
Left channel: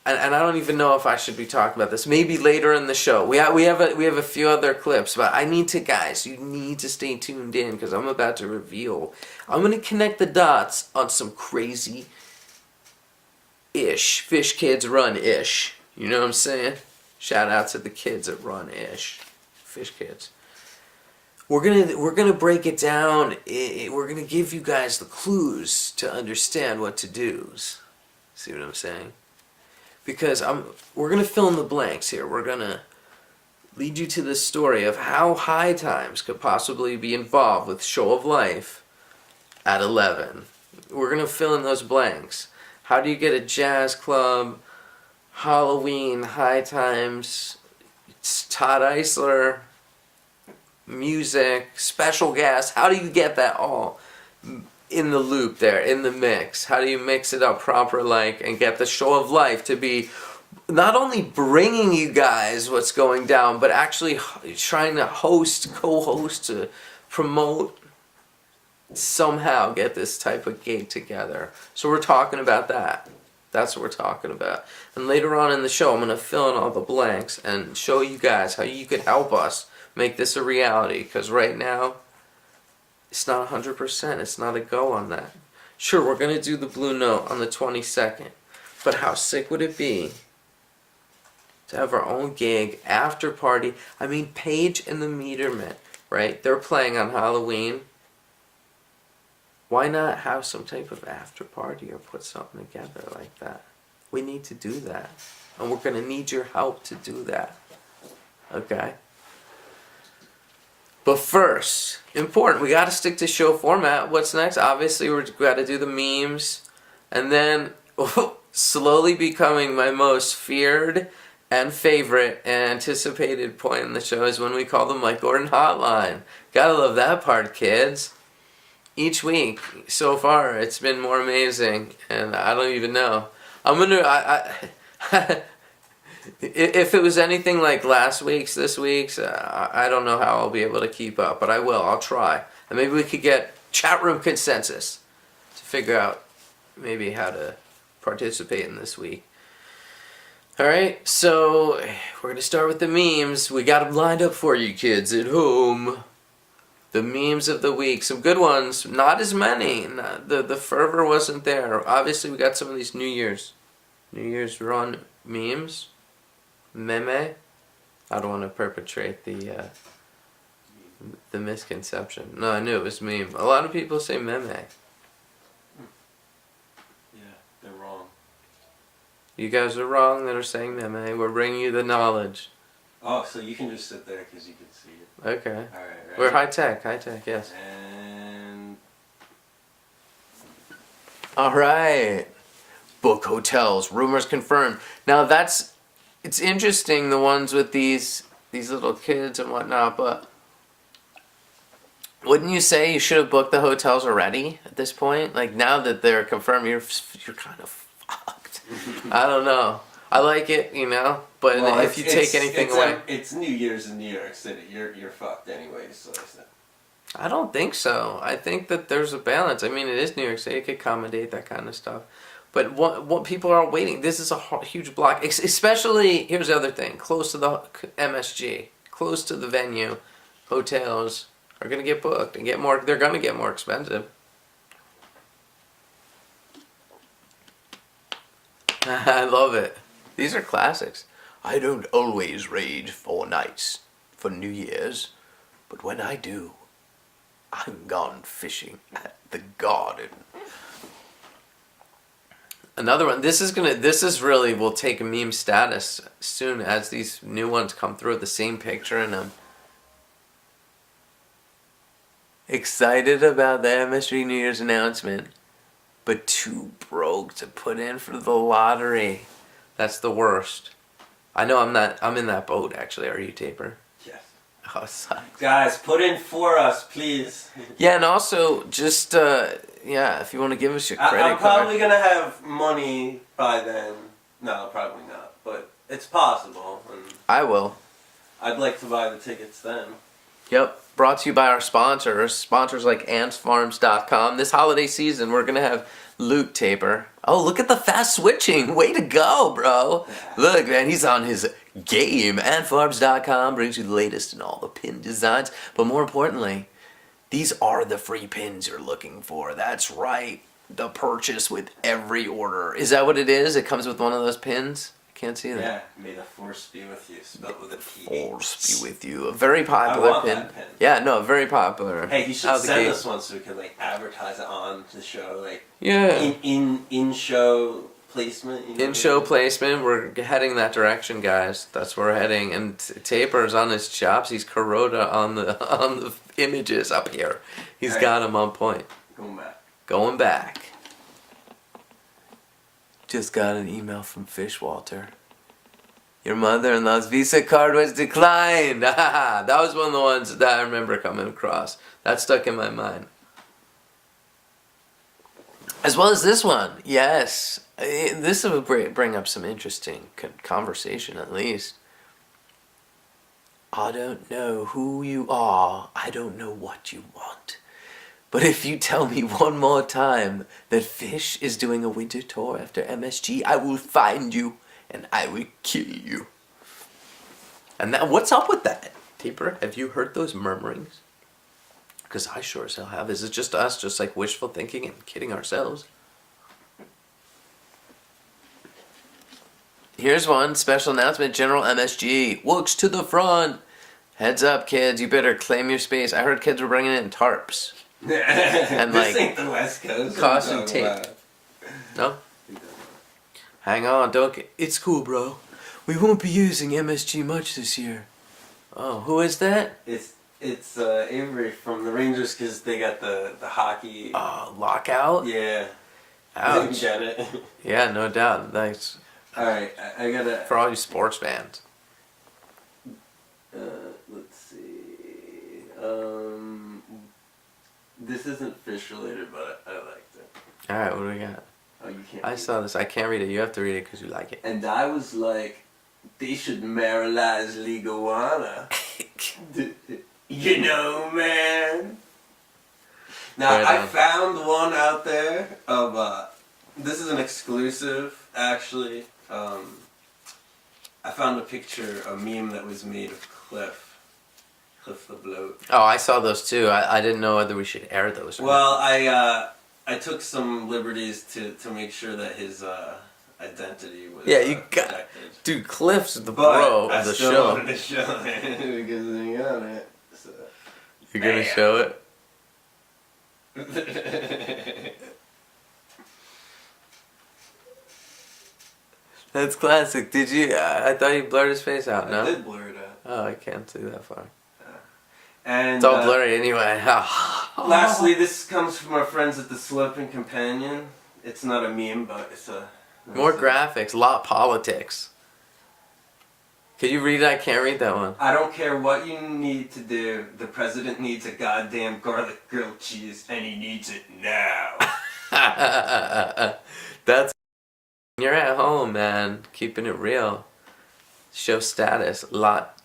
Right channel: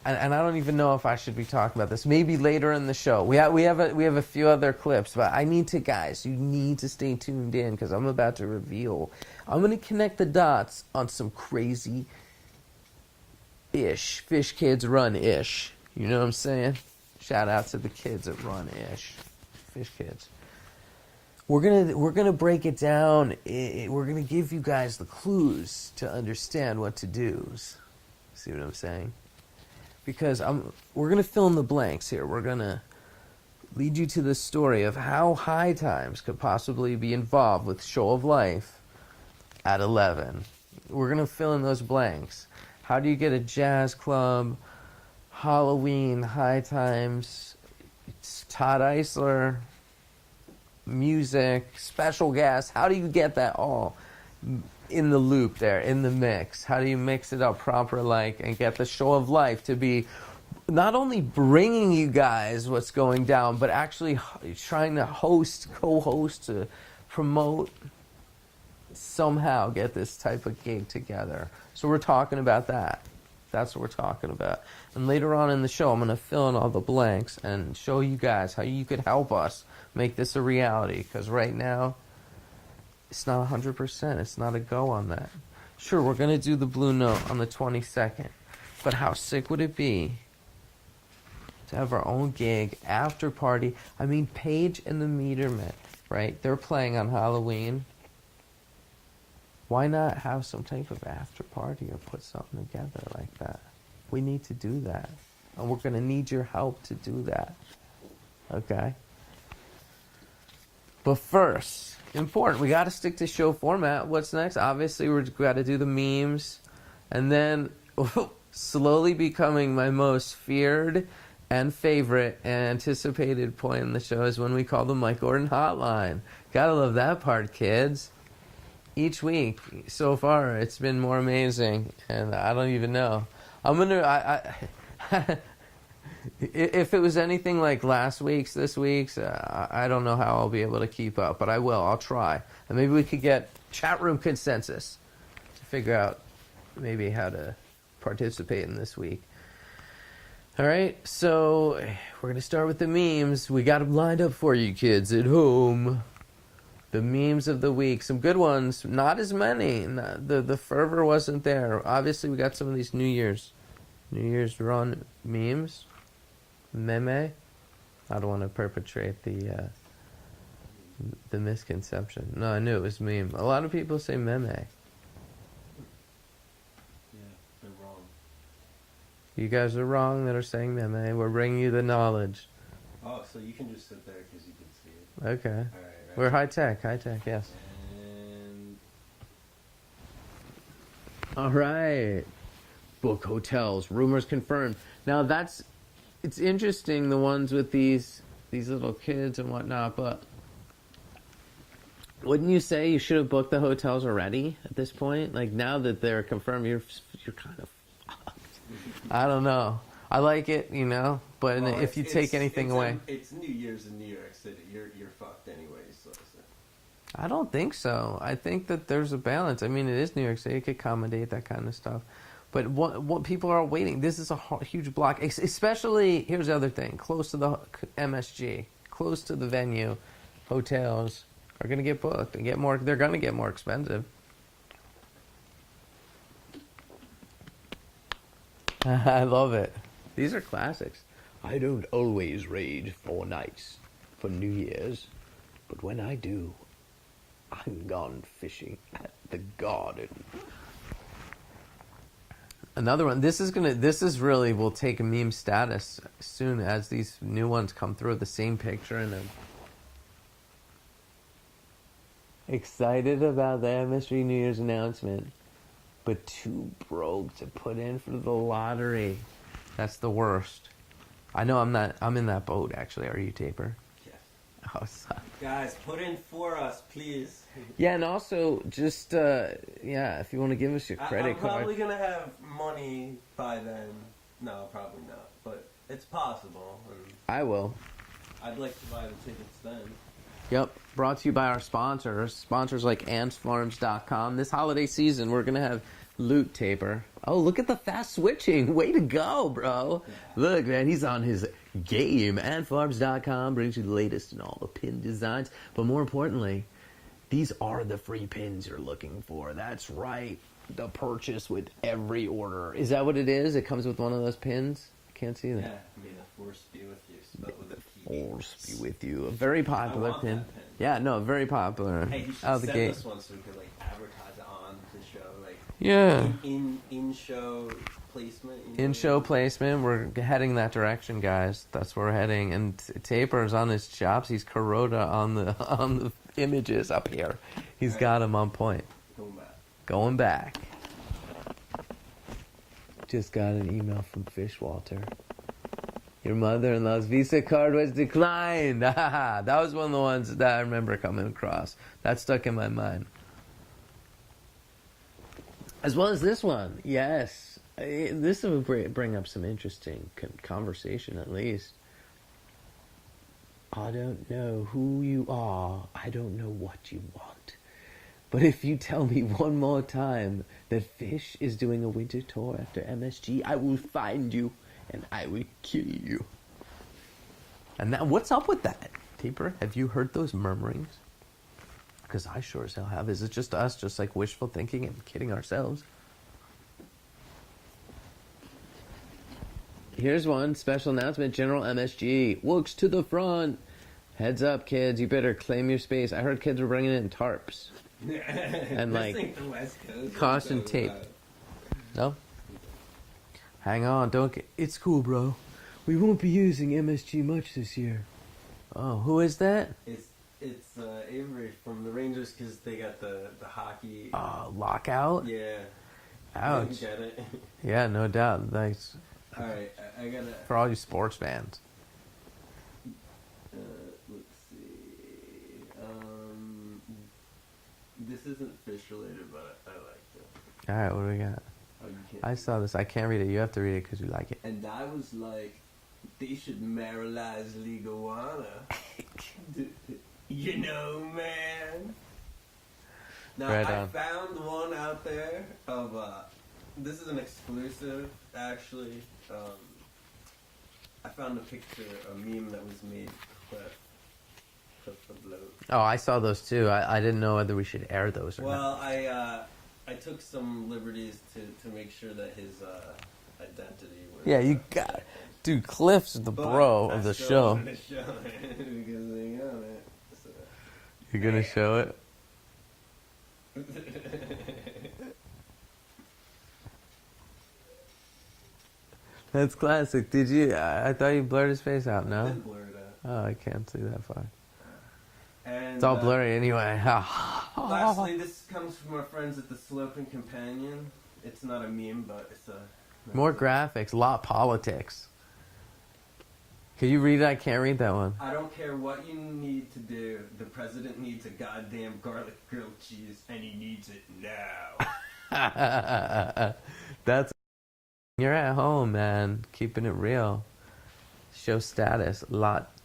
and I don't even know if I should be talking about this. Maybe later in the show. We have a few other clips, but I need to, guys, you need to stay tuned in because I'm about to reveal. I'm going to connect the dots on some crazy Fish Kids Run ish. You know what I'm saying? Shout out to the kids at Run ish. Fish Kids. We're gonna break it down. We're gonna give you guys the clues to understand what to do. See what I'm saying? Because we're going to fill in the blanks here. We're going to lead you to the story of how High Times could possibly be involved with Show of Life at 11. We're going to fill in those blanks. How do you get a jazz club, Halloween, High Times, Todd Eisler, music, special guests? How do you get that all in the loop there, in the mix? How do you mix it up proper and get the Show of Life to be not only bringing you guys what's going down, but actually trying to co-host, to promote, somehow get this type of gig together. So we're talking about that. That's what we're talking about. And later on in the show, I'm going to fill in all the blanks and show you guys how you could help us make this a reality. Because right now, it's not 100%. It's not a go on that. Sure, we're going to do the Blue Note on the 22nd. But how sick would it be to have our own gig, after party? I mean, Paige and the Metermen, right? They're playing on Halloween. Why not have some type of after party or put something together like that? We need to do that. And we're going to need your help to do that. Okay? But first, important, we got to stick to show format. What's next? Obviously, we've got to do the memes. And then, slowly becoming my most feared and favorite and anticipated point in the show is when we call the Mike Gordon Hotline. Gotta love that part, kids. Each week, so far, it's been more amazing. And I don't even know. I'm going to... If it was anything like last week's, this week's, I don't know how I'll be able to keep up, but I will. I'll try. And maybe we could get chat room consensus to figure out maybe how to participate in this week. All right, so we're going to start with the memes. We got them lined up for you kids at home. The memes of the week. Some good ones. Not as many. The fervor wasn't there. Obviously, we got some of these New Year's run memes. Meme. I don't want to perpetrate the misconception. No, I knew it was meme. A lot of people say meme. Yeah, they're wrong. You guys are wrong that are saying meme. We're bringing you the knowledge. Oh, so you can just sit there because you can see it. Okay. All right. We're high tech, yes. And All right. Book hotels. Rumors confirmed. Now it's interesting, the ones with these little kids and whatnot, but wouldn't you say you should have booked the hotels already at this point? Like, now that they're confirmed, you're kind of fucked. I don't know. I like it, but well, if you take anything away... It's New Year's in New York City. You're fucked anyways, so it's not. I don't think so. I think that there's a balance. I mean, it is New York City. It could accommodate that kind of stuff. But what people are waiting, this is a huge block. Especially, here's the other thing, close to the MSG, close to the venue, hotels are going to get booked and they're going to get more expensive. I love it. These are classics. I don't always rage 4 nights for New Year's, but when I do, I'm gone fishing at the garden. Another one. This is really will take a meme status soon as these new ones come through. The same picture in them. Excited about the MSG New Year's announcement, but too broke to put in for the lottery. That's the worst. I know I'm not. I'm in that boat actually. Are you, Taper? Yes. Oh, sucks. Guys, put in for us, please. Yeah, and also just if you want to give us your credit I'm card. probably gonna have money by then. No, probably not. But it's possible, and I will. I'd like to buy the tickets then. Yep. Brought to you by our sponsors like AntsFarms.com. This holiday season, we're going to have loot, Taper. Oh, look at the fast switching. Way to go, bro. Look, man, he's on his game. AntFarms.com brings you the latest in all the pin designs. But more importantly, these are the free pins you're looking for. That's right. The purchase with every order. Is that what it is? It comes with one of those pins? Can't see that. Yeah, may the force be with you. Spelled with a P. Force be with you. A very popular I want pin. that pin. Yeah, no, very popular. Hey, he should Out the send gate. us one so we can like advertise it on the show, like Yeah. in show placement. You know? In show placement, we're heading that direction, guys. That's where we're heading. And Taper's on his chops. He's Kuroda on the images up here. He's got him on point. Going back. Going back. Just got an email from Fishwalter. Your mother-in-law's Visa card was declined. That was one of the ones that I remember coming across. That stuck in my mind. As well as this one. Yes. This will bring up some interesting conversation, at least. I don't know who you are. I don't know what you want. But if you tell me one more time that Fish is doing a winter tour after MSG, I will find you and I will kill you. And that, what's up with that? Taper, have you heard those murmurings? Because I sure as hell have. Is it just us, just like wishful thinking and kidding ourselves? Here's one special announcement. General MSG looks to the front. Heads up, kids. You better claim your space. I heard kids were bringing in tarps. And like, this ain't the West Coast. caution tape. No? Hang on, don't get... It's cool, bro. We won't be using MSG much this year. Oh, who is that? It's Avery from the Rangers because they got the hockey. Lockout? Yeah. Ouch. Get it. Yeah, no doubt. Thanks. All right, I gotta. For all you sports fans. Let's see. This isn't fish related, but I liked it. Alright, what do we got? Oh, you can't. I saw this. I can't read it. You have to read it because you like it. And I was like, they should marijuana leguana. You know, man. Now, Right I on. found one out there of, this is an exclusive, actually. I found a picture, a meme that was made of Cliff the Bloat. Oh, I saw those too. I didn't know whether we should air those or not. Well, I took some liberties to make sure that his identity was Yeah, you got... protected. Dude, Cliff's the But bro I of the still show. wanted to show it because they got it. So. You're gonna show it? That's classic. Did you? I thought you blurred his face out. I No. did blur it out. Oh, I can't see that far. And It's all blurry anyway. lastly, this comes from our friends at the Sloping Companion. It's not a meme, but it's a... More graphics, lot politics. Could you read it? I can't read that one. I don't care what you need to do. The president needs a goddamn garlic grilled cheese, and he needs it now. That's... You're at home, man. Keeping it real. Show status. Lot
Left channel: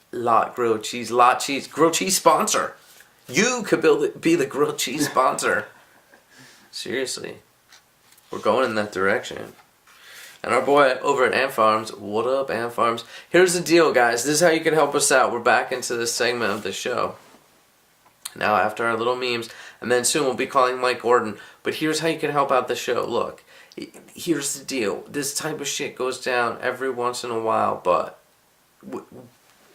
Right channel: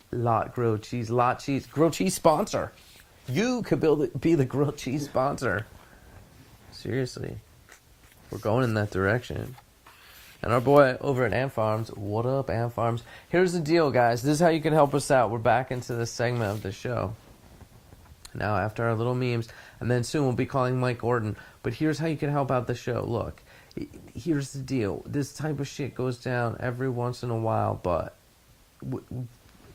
grilled cheese. Lot cheese. Grilled cheese sponsor. You could be the grilled cheese sponsor. Seriously. We're going in that direction. And our boy over at Ant Farms, what up, Ant Farms? Here's the deal, guys. This is how you can help us out. We're back into this segment of the show. Now, after our little memes, and then soon we'll be calling Mike Gordon. But here's how you can help out the show. Look, here's the deal. This type of shit goes down every once in a while, but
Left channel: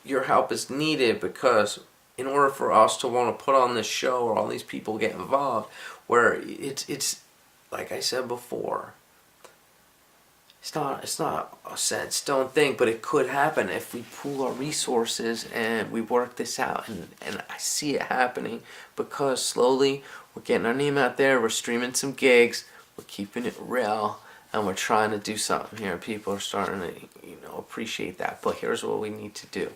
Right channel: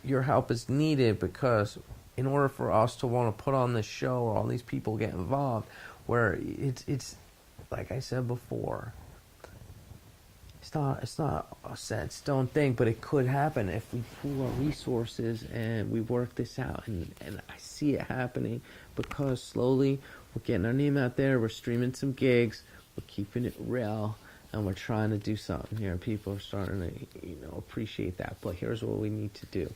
your help is needed because in order for us to want to put on this show or all these people get involved, where it's like I said before, it's not a set stone thing, but it could happen if we pool our resources and we work this out. And I see it happening because slowly we're getting our name out there. We're streaming some gigs. We're keeping it real, and we're trying to do something here. People are starting to, appreciate that. But here's what we need to do.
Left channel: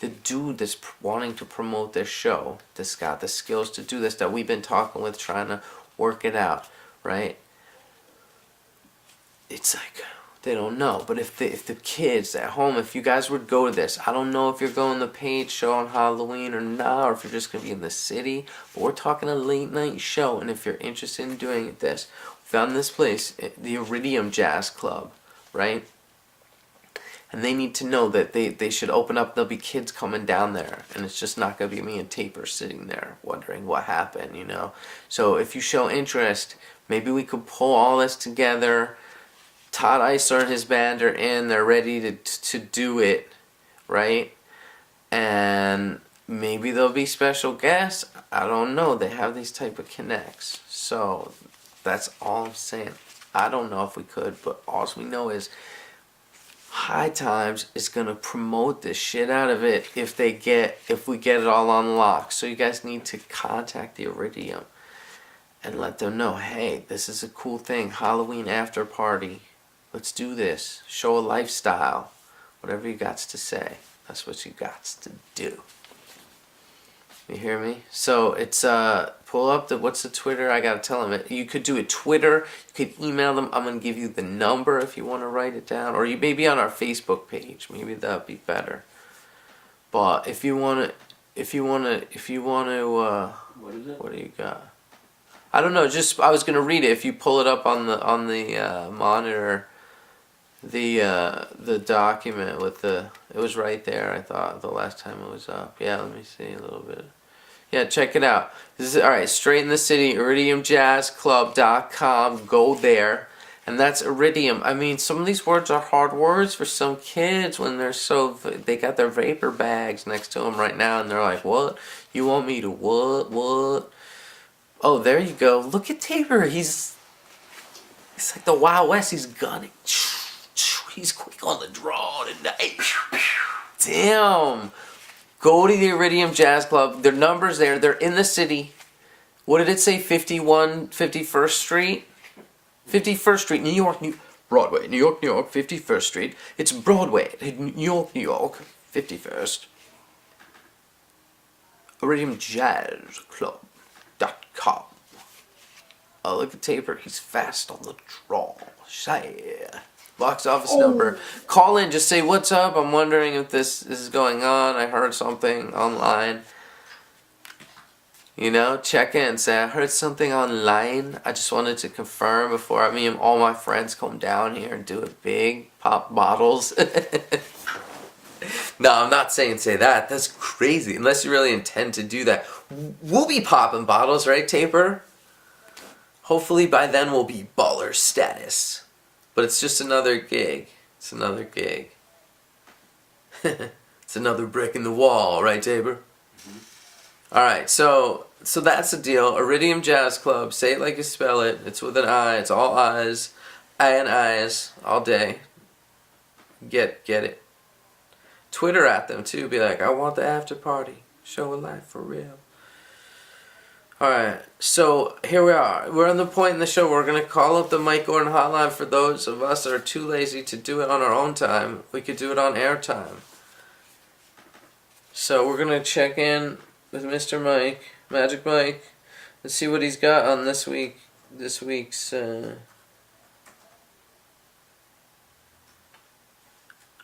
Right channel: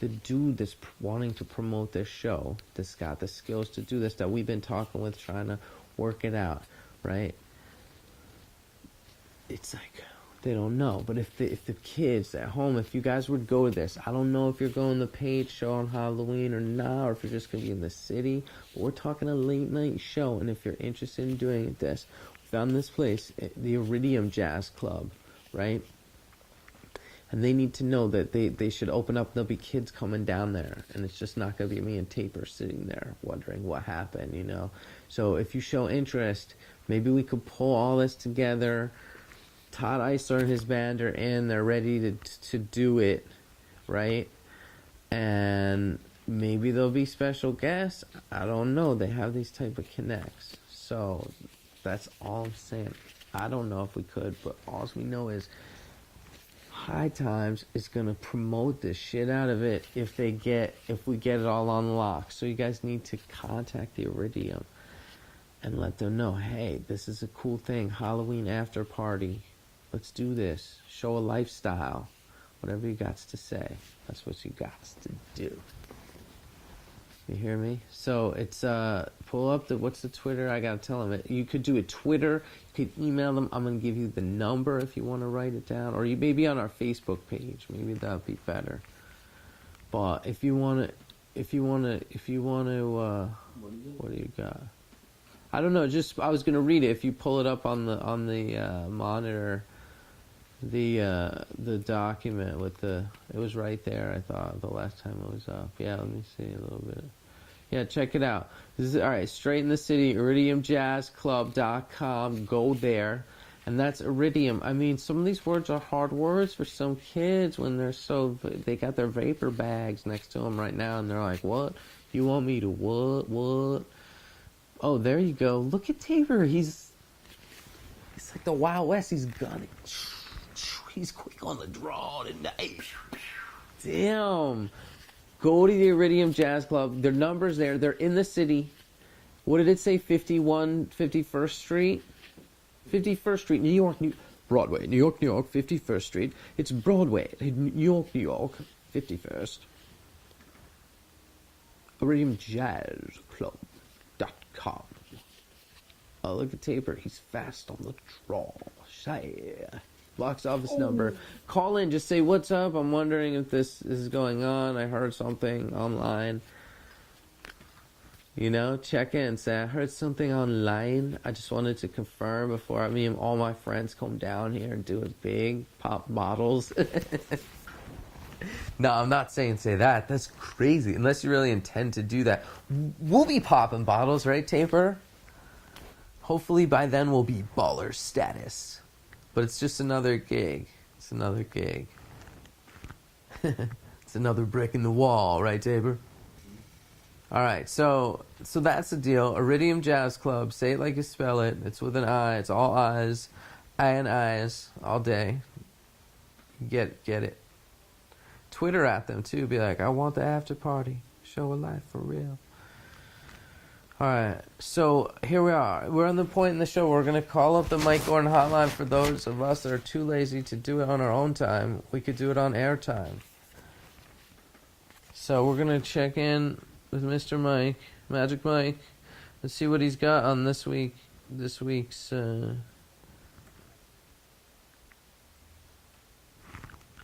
The dude that's wanting to promote this show, that's got the skills to do this, that we've been talking with, trying to work it out, right? It's like, they don't know. But if the kids at home, if you guys would go to this, I don't know if you're going to the Page show on Halloween or not, or if you're just going to be in the city, but we're talking a late night show, and if you're interested in doing this, we found this place, the Iridium Jazz Club, right? And they need to know that they should open up. There'll be kids coming down there. And it's just not going to be me and Taper sitting there wondering what happened, So if you show interest, maybe we could pull all this together. Todd Eisler and his band are in. They're ready to do it, right? And maybe there'll be special guests. I don't know. They have these type of connects. So that's all I'm saying. I don't know if we could, but all we know is High Times is gonna promote the shit out of it if we get it all on lock. So you guys need to contact the Iridium and let them know, hey, this is a cool thing. Halloween after party. Let's do this. Show a lifestyle. Whatever you got to say. That's what you got to do. You hear me? So it's pull up what's the Twitter? I gotta tell them it. You could do it Twitter. You could email them. I'm gonna give you the number if you want to write it down, or you may be on our Facebook page. Maybe that'd be better. But if you wanna, What is it? what do you got? I don't know. Just I was gonna read it. If you pull it up on the monitor, the document with it was right there. I thought the last time it was up. Yeah, let me see a little bit. Yeah, check it out. This is all right. Straight in the City, IridiumJazzClub.com. Go there, and that's Iridium. I mean, some of these words are hard words for some kids when they got their vapor bags next to them right now, and they're like, "What? You want me to what? What?" Oh, there you go. Look at Tabor. It's like the Wild West. He's gunning. He's quick on the draw tonight. Damn. Go to the Iridium Jazz Club. Their number's there. They're in the city. What did it say? 51-51st Street? 51st Street, New York, Broadway. New York, New York, 51st Street. It's Broadway. New York, 51st. IridiumJazzClub.com. Oh, look at Taper. He's fast on the draw. Shy. Box office number. Call in. Just say, what's up? I'm wondering if this is going on. I heard something online. Check in. Say, I heard something online. I just wanted to confirm before me and all my friends come down here and do it big. Pop bottles. No, I'm not saying say that. That's crazy. Unless you really intend to do that. We'll be popping bottles, right, Taper? Hopefully by then we'll be baller status. But it's just another gig. It's another gig. It's another brick in the wall, right, Tabor? Alright, so that's the deal. Iridium Jazz Club. Say it like you spell it. It's with an I. It's all I's. I and I's all day. Get it. Twitter at them, too. Be like, I want the after party. Show a life for real. Alright, so here we are. We're on the point in the show. We're going to call up the Mike Gordon hotline for those of us that are too lazy to do it on our own time. We could do it on airtime. So we're going to check in with Mr. Mike, Magic Mike. Let's see what he's got on this week's... Are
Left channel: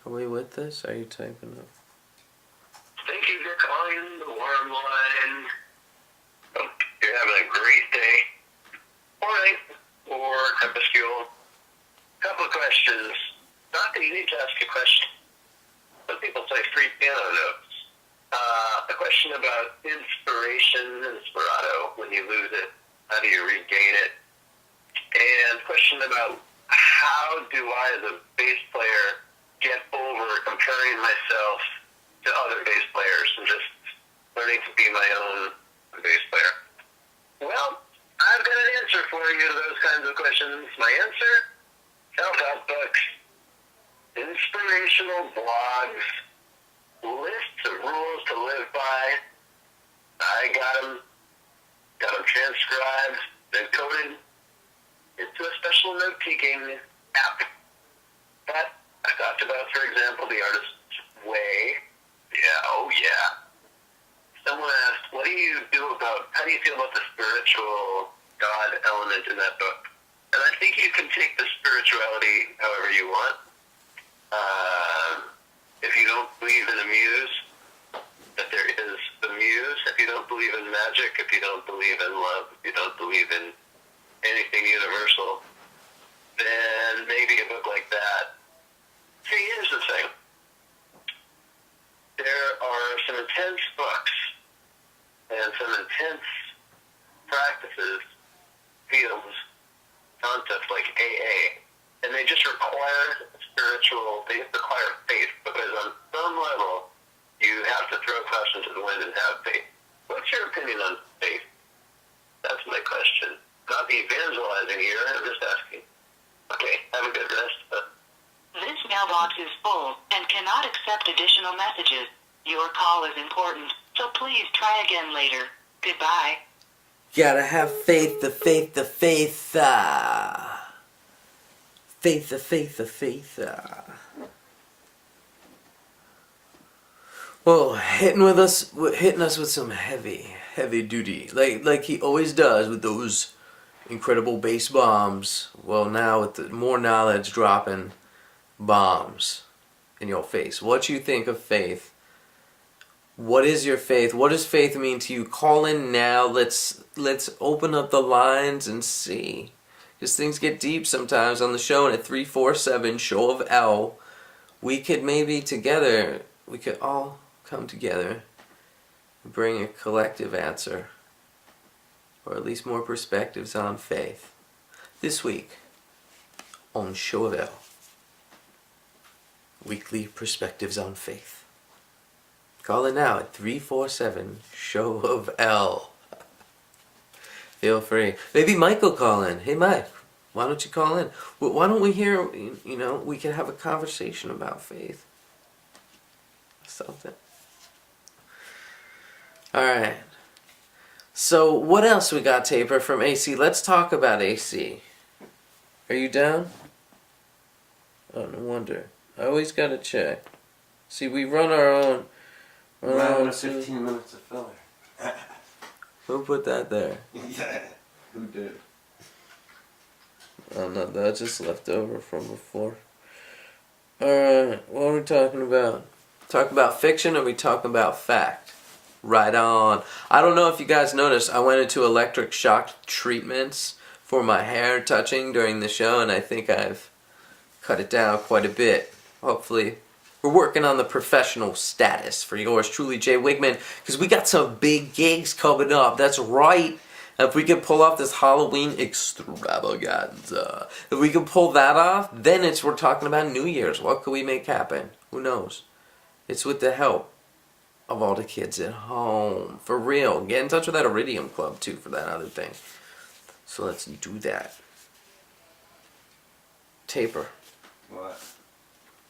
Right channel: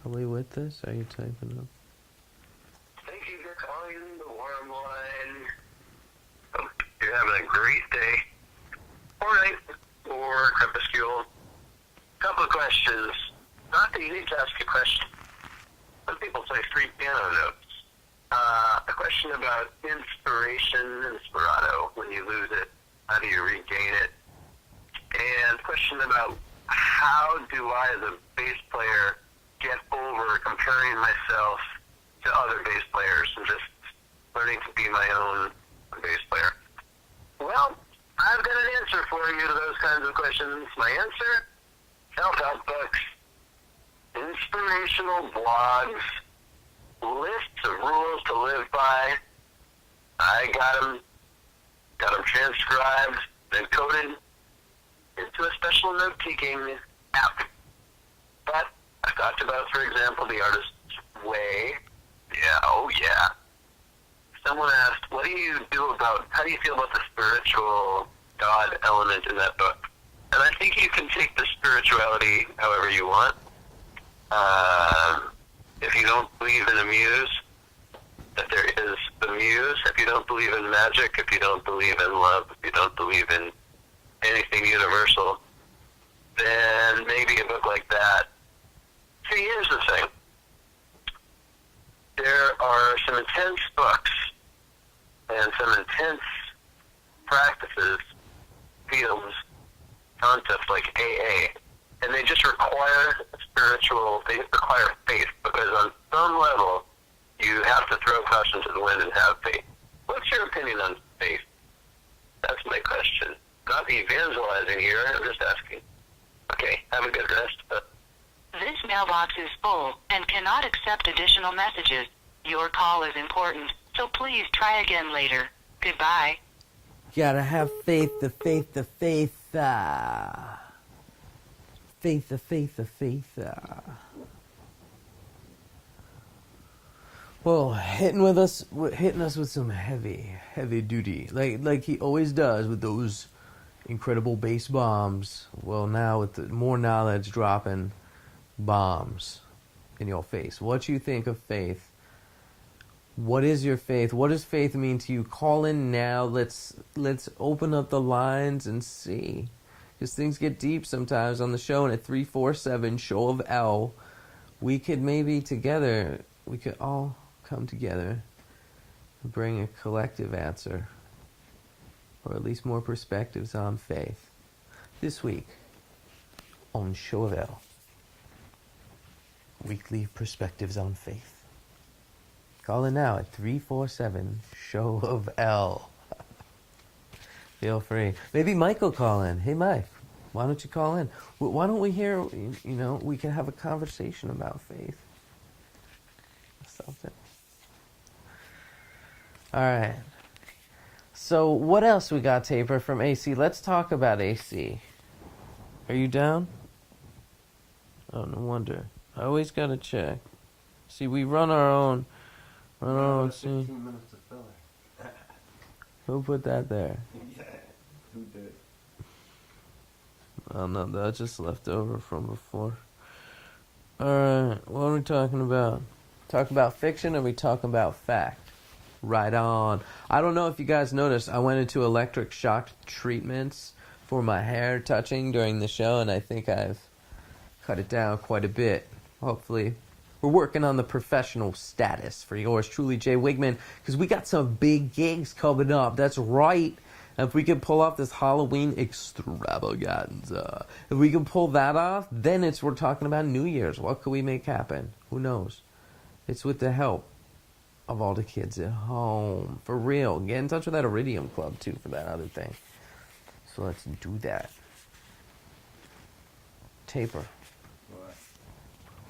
we with this? Are you typing up? Thank you for calling the Warm Line. Hope you're having a great day, or night, or crepuscule. Couple of questions. Not that you need to ask a question. Some people say free piano notes. A question about inspiration, inspirato, when you lose it. How do you regain it? And a question about how do I, as a bass player, get over comparing myself to other bass players and just learning to by. I got them transcribed, then coded into a special note-taking app. But I talked about, for example, the artist's way. Yeah, oh yeah. Someone asked, how do you feel about the spiritual God element in that book? And I think you can take the spirituality however you want. If you don't believe in a muse, that there is a muse. If you don't believe in magic, if you don't believe in love, if you don't believe in anything universal, then maybe a book like that. See, here's the thing. There are some intense books and some intense practices, fields, concepts like AA, and they just require they require faith, because on some level, you have to throw caution to the wind and have faith. What's your opinion on faith? That's my question. Not evangelizing here, I'm just asking. Okay, have a good rest. This mailbox is full and cannot accept additional messages. Your call is important, so please try again later. Goodbye. Gotta have faith, the faith, the faith. Faith, the faith, the faith. Well, hitting us with some heavy duty, like he always does with those incredible bass bombs. Well, now with the more knowledge dropping bombs in your face. What you think of faith? What is your faith? What does faith mean to you? Call in now. Let's open up the lines and see. Because things get deep sometimes on the show, and at 347 Show of L, we could maybe together, we could all come together and bring a collective answer, or at least more perspectives on faith. This week on Show of L, weekly perspectives on faith. Call in now at 347 Show of L. Feel free. Maybe Mike will call in. Hey, Mike, why don't you call in? Why don't we hear, we can have a conversation about faith. Something. All right. So what else we got, Taper, from AC? Let's talk about AC. Are you down? Oh, no wonder. I always got to check. See, we run our own... Around 15 minutes of filler. Who put that there? Yeah, who did? Oh no, that just left over from before. Alright, what are we talking about? Talking about fiction, or are we talking about fact? Right on. I don't know if you guys noticed, I went into electric shock treatments for my hair touching during the show, and I think I've cut it down quite a bit. Hopefully. We're working on the professional status for yours truly, Jay Wigman, because we got some big gigs coming up. That's right. And if we can pull off this Halloween extravaganza, if we can pull that off, then we're talking about New Year's. What could we make happen? Who knows? It's with the help of all the kids at home. For real. Get in touch with that Iridium Club, too, for that other thing. So let's do that. Taper. What?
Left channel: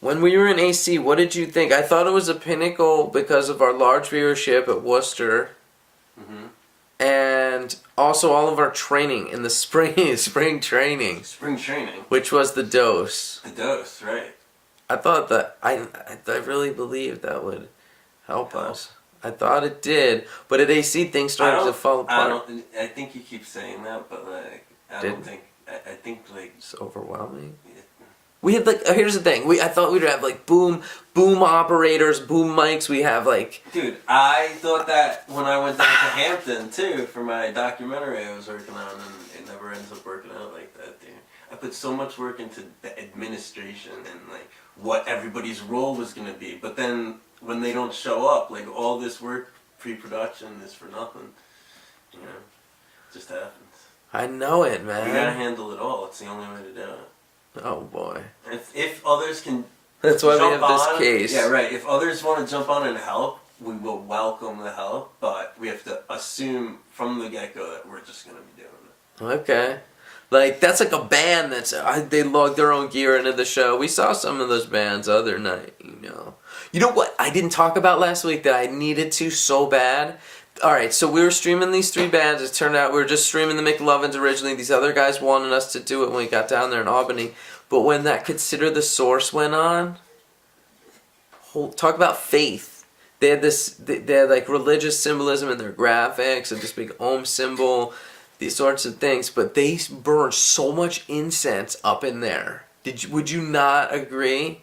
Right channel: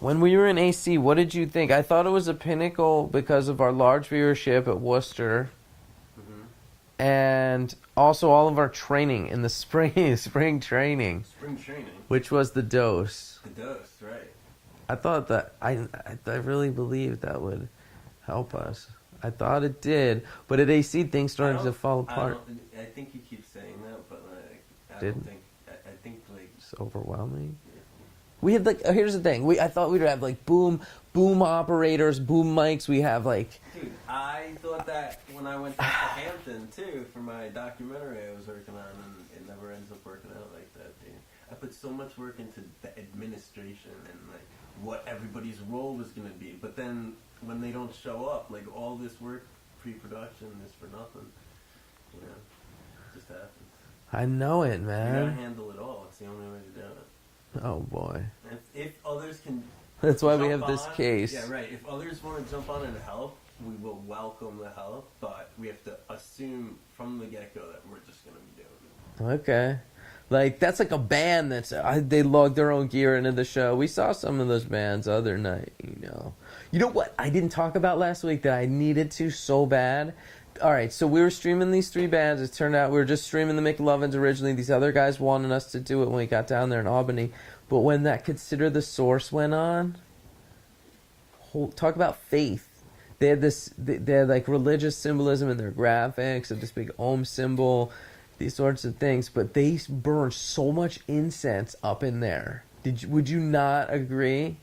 When we were in AC, what did you think? I thought it was a pinnacle because of our large viewership at Worcester. Mm-hmm. And also all of our training in the spring training. Spring training. Which was the dose. The dose, right. I thought that, I really believed that would help us. I thought it did, but at AC things started to fall apart. I think you keep saying that, but like, I think like... It's overwhelming. Yeah. We had here's the thing. I thought we'd have boom operators, boom mics. We have Dude, I thought that when I went down to Hampton too for my documentary I was working on, and it never ends up working out like that, dude. I put so much work into the administration and what everybody's role was gonna be, but then when they don't show up, all this work, pre-production is for nothing. You know, it just happens. I know it, man. You gotta handle it all. It's the only way to do it. Oh boy. If others can, that's why we have this case. Yeah, right. If others want to jump on and help, we will welcome the help. But we have to assume from the get-go that we're just gonna be doing it. Okay. Like, that's like a band they lug their own gear into the show. We saw some of those bands the other night, you know. You know what I didn't talk about last week that I needed to so bad? Alright, so we were streaming these 3 bands. It turned out we were just streaming the McLovins originally. These other guys wanted us to do it when we got down there in Albany. But when that Consider the Source went on, talk about faith. They had they had like religious symbolism in their graphics, and this big Om symbol, these sorts of things. But they burned so much incense up in there. Would you not agree?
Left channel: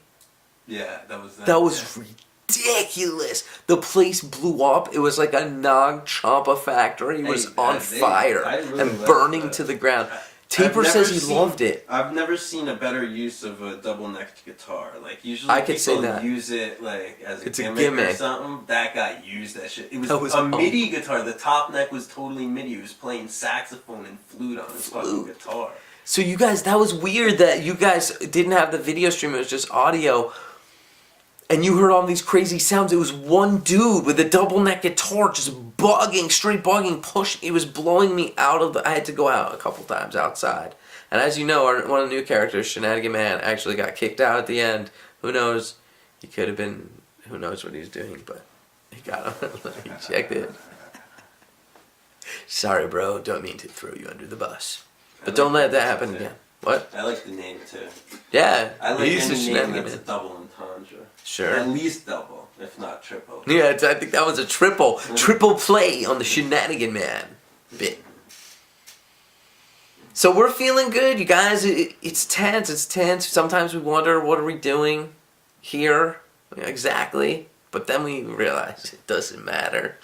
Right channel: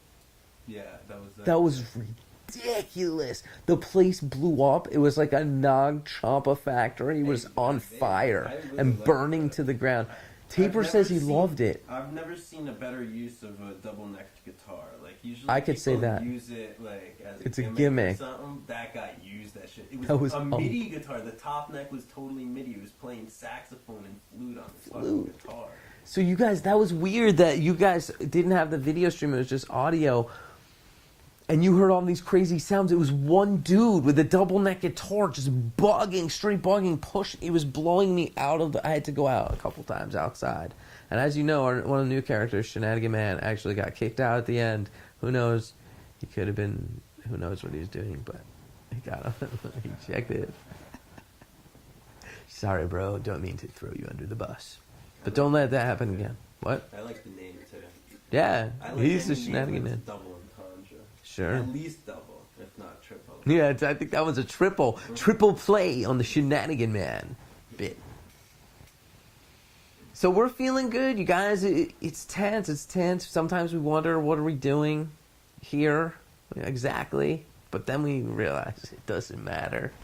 Yeah, That was ridiculous. The place blew up. It was like a Nag Champa factory. It was on fire and burning to the ground. Taper says he loved it. I've never seen a better use of a double-necked guitar. Like, usually I could say people that. use it like as It's a a gimmick gimmick. or something. That guy used that shit. It That was was a MIDI guitar. The top neck was totally MIDI. He was playing saxophone and flute on his fucking guitar. So you guys, that was weird that you guys didn't have the video stream. It was just audio. And you heard all these crazy sounds. It was one dude with a double neck guitar just straight bugging, pushing. It was blowing me out of I had to go out a couple times outside. And as you know, one of the new characters, Shenanigan Man, actually got kicked out at the end. Who knows? He could have been, who knows what he's doing, but he got him. He checked it. Sorry, bro. Don't mean to throw you under the bus. But don't let that happen again. What? I like the name too. Yeah. I like he's a any name Shenanigan that's a Man. double entendre. Sure. At least double, if not triple. Yeah, I think that was a triple play on the Shenanigan Man bit. So we're feeling good, you guys. It's tense. Sometimes we wonder, what are we doing here exactly? But then we realize it doesn't matter.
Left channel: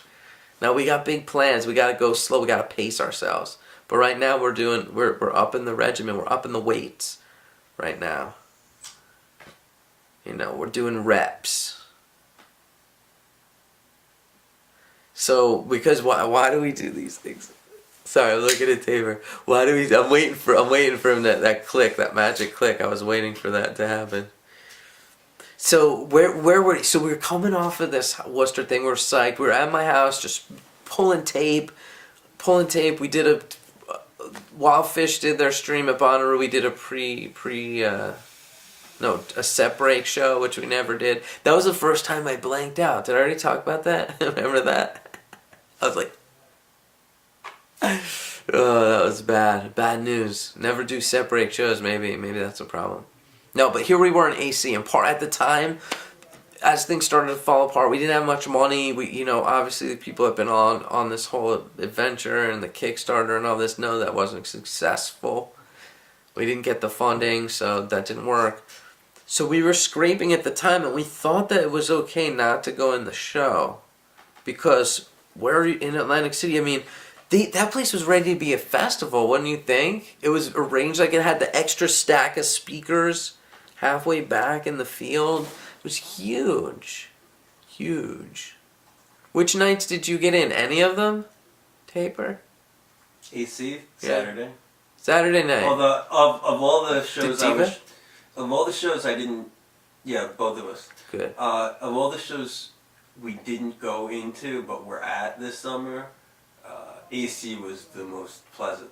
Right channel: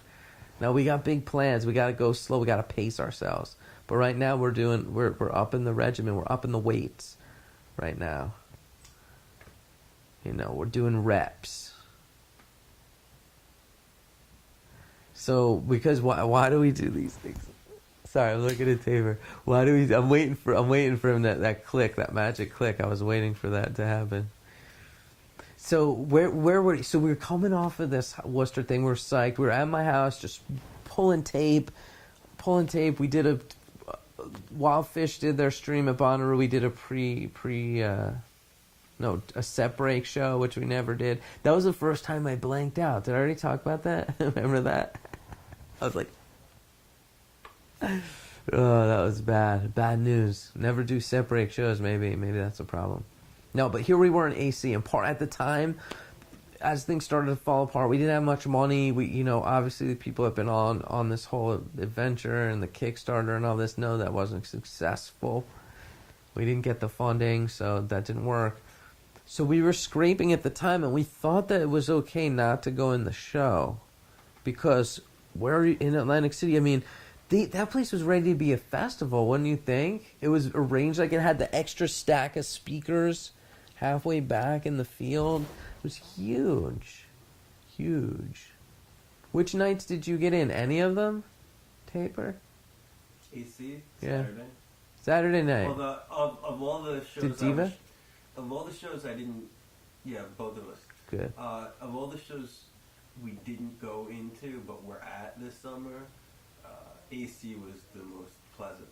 Now we got big plans. We got to go slow. We got to pace ourselves. But right now we're up in the regimen. We're up in the weights right now. You know, we're doing reps. So, because why do we do these things? Sorry, I'm looking at Tabor. Why do we? I'm waiting for him that click, that magic click. I was waiting for that to happen. So where were? So we were coming off of this Worcester thing. We were psyched. We were at my house, just pulling tape. We did a Wild Fish did their stream at Bonnaroo. We did a a set break show, which we never did. That was the first time I blanked out. Did I already talk about that? Remember that? I was like, oh, that was bad. Bad news. Never do set break shows. Maybe that's a problem. No, but here we were in AC, and at the time, as things started to fall apart, we didn't have much money. We, obviously the people that have been on this whole adventure and the Kickstarter and all this know that wasn't successful. We didn't get the funding, so that didn't work. So we were scraping at the time, and we thought that it was okay not to go in the show, because we're in Atlantic City. I mean, that place was ready to be a festival, wouldn't you think? It was arranged like it had the extra stack of speakers halfway back in the field. It was huge. Which nights did you get in? Any of them? Taper? AC Yeah. Saturday night. Of all the shows, Did Diva? of all the shows I didn't. Yeah, both of us. Good. Of all the shows we didn't go into, but we're at this summer, AC was the most pleasant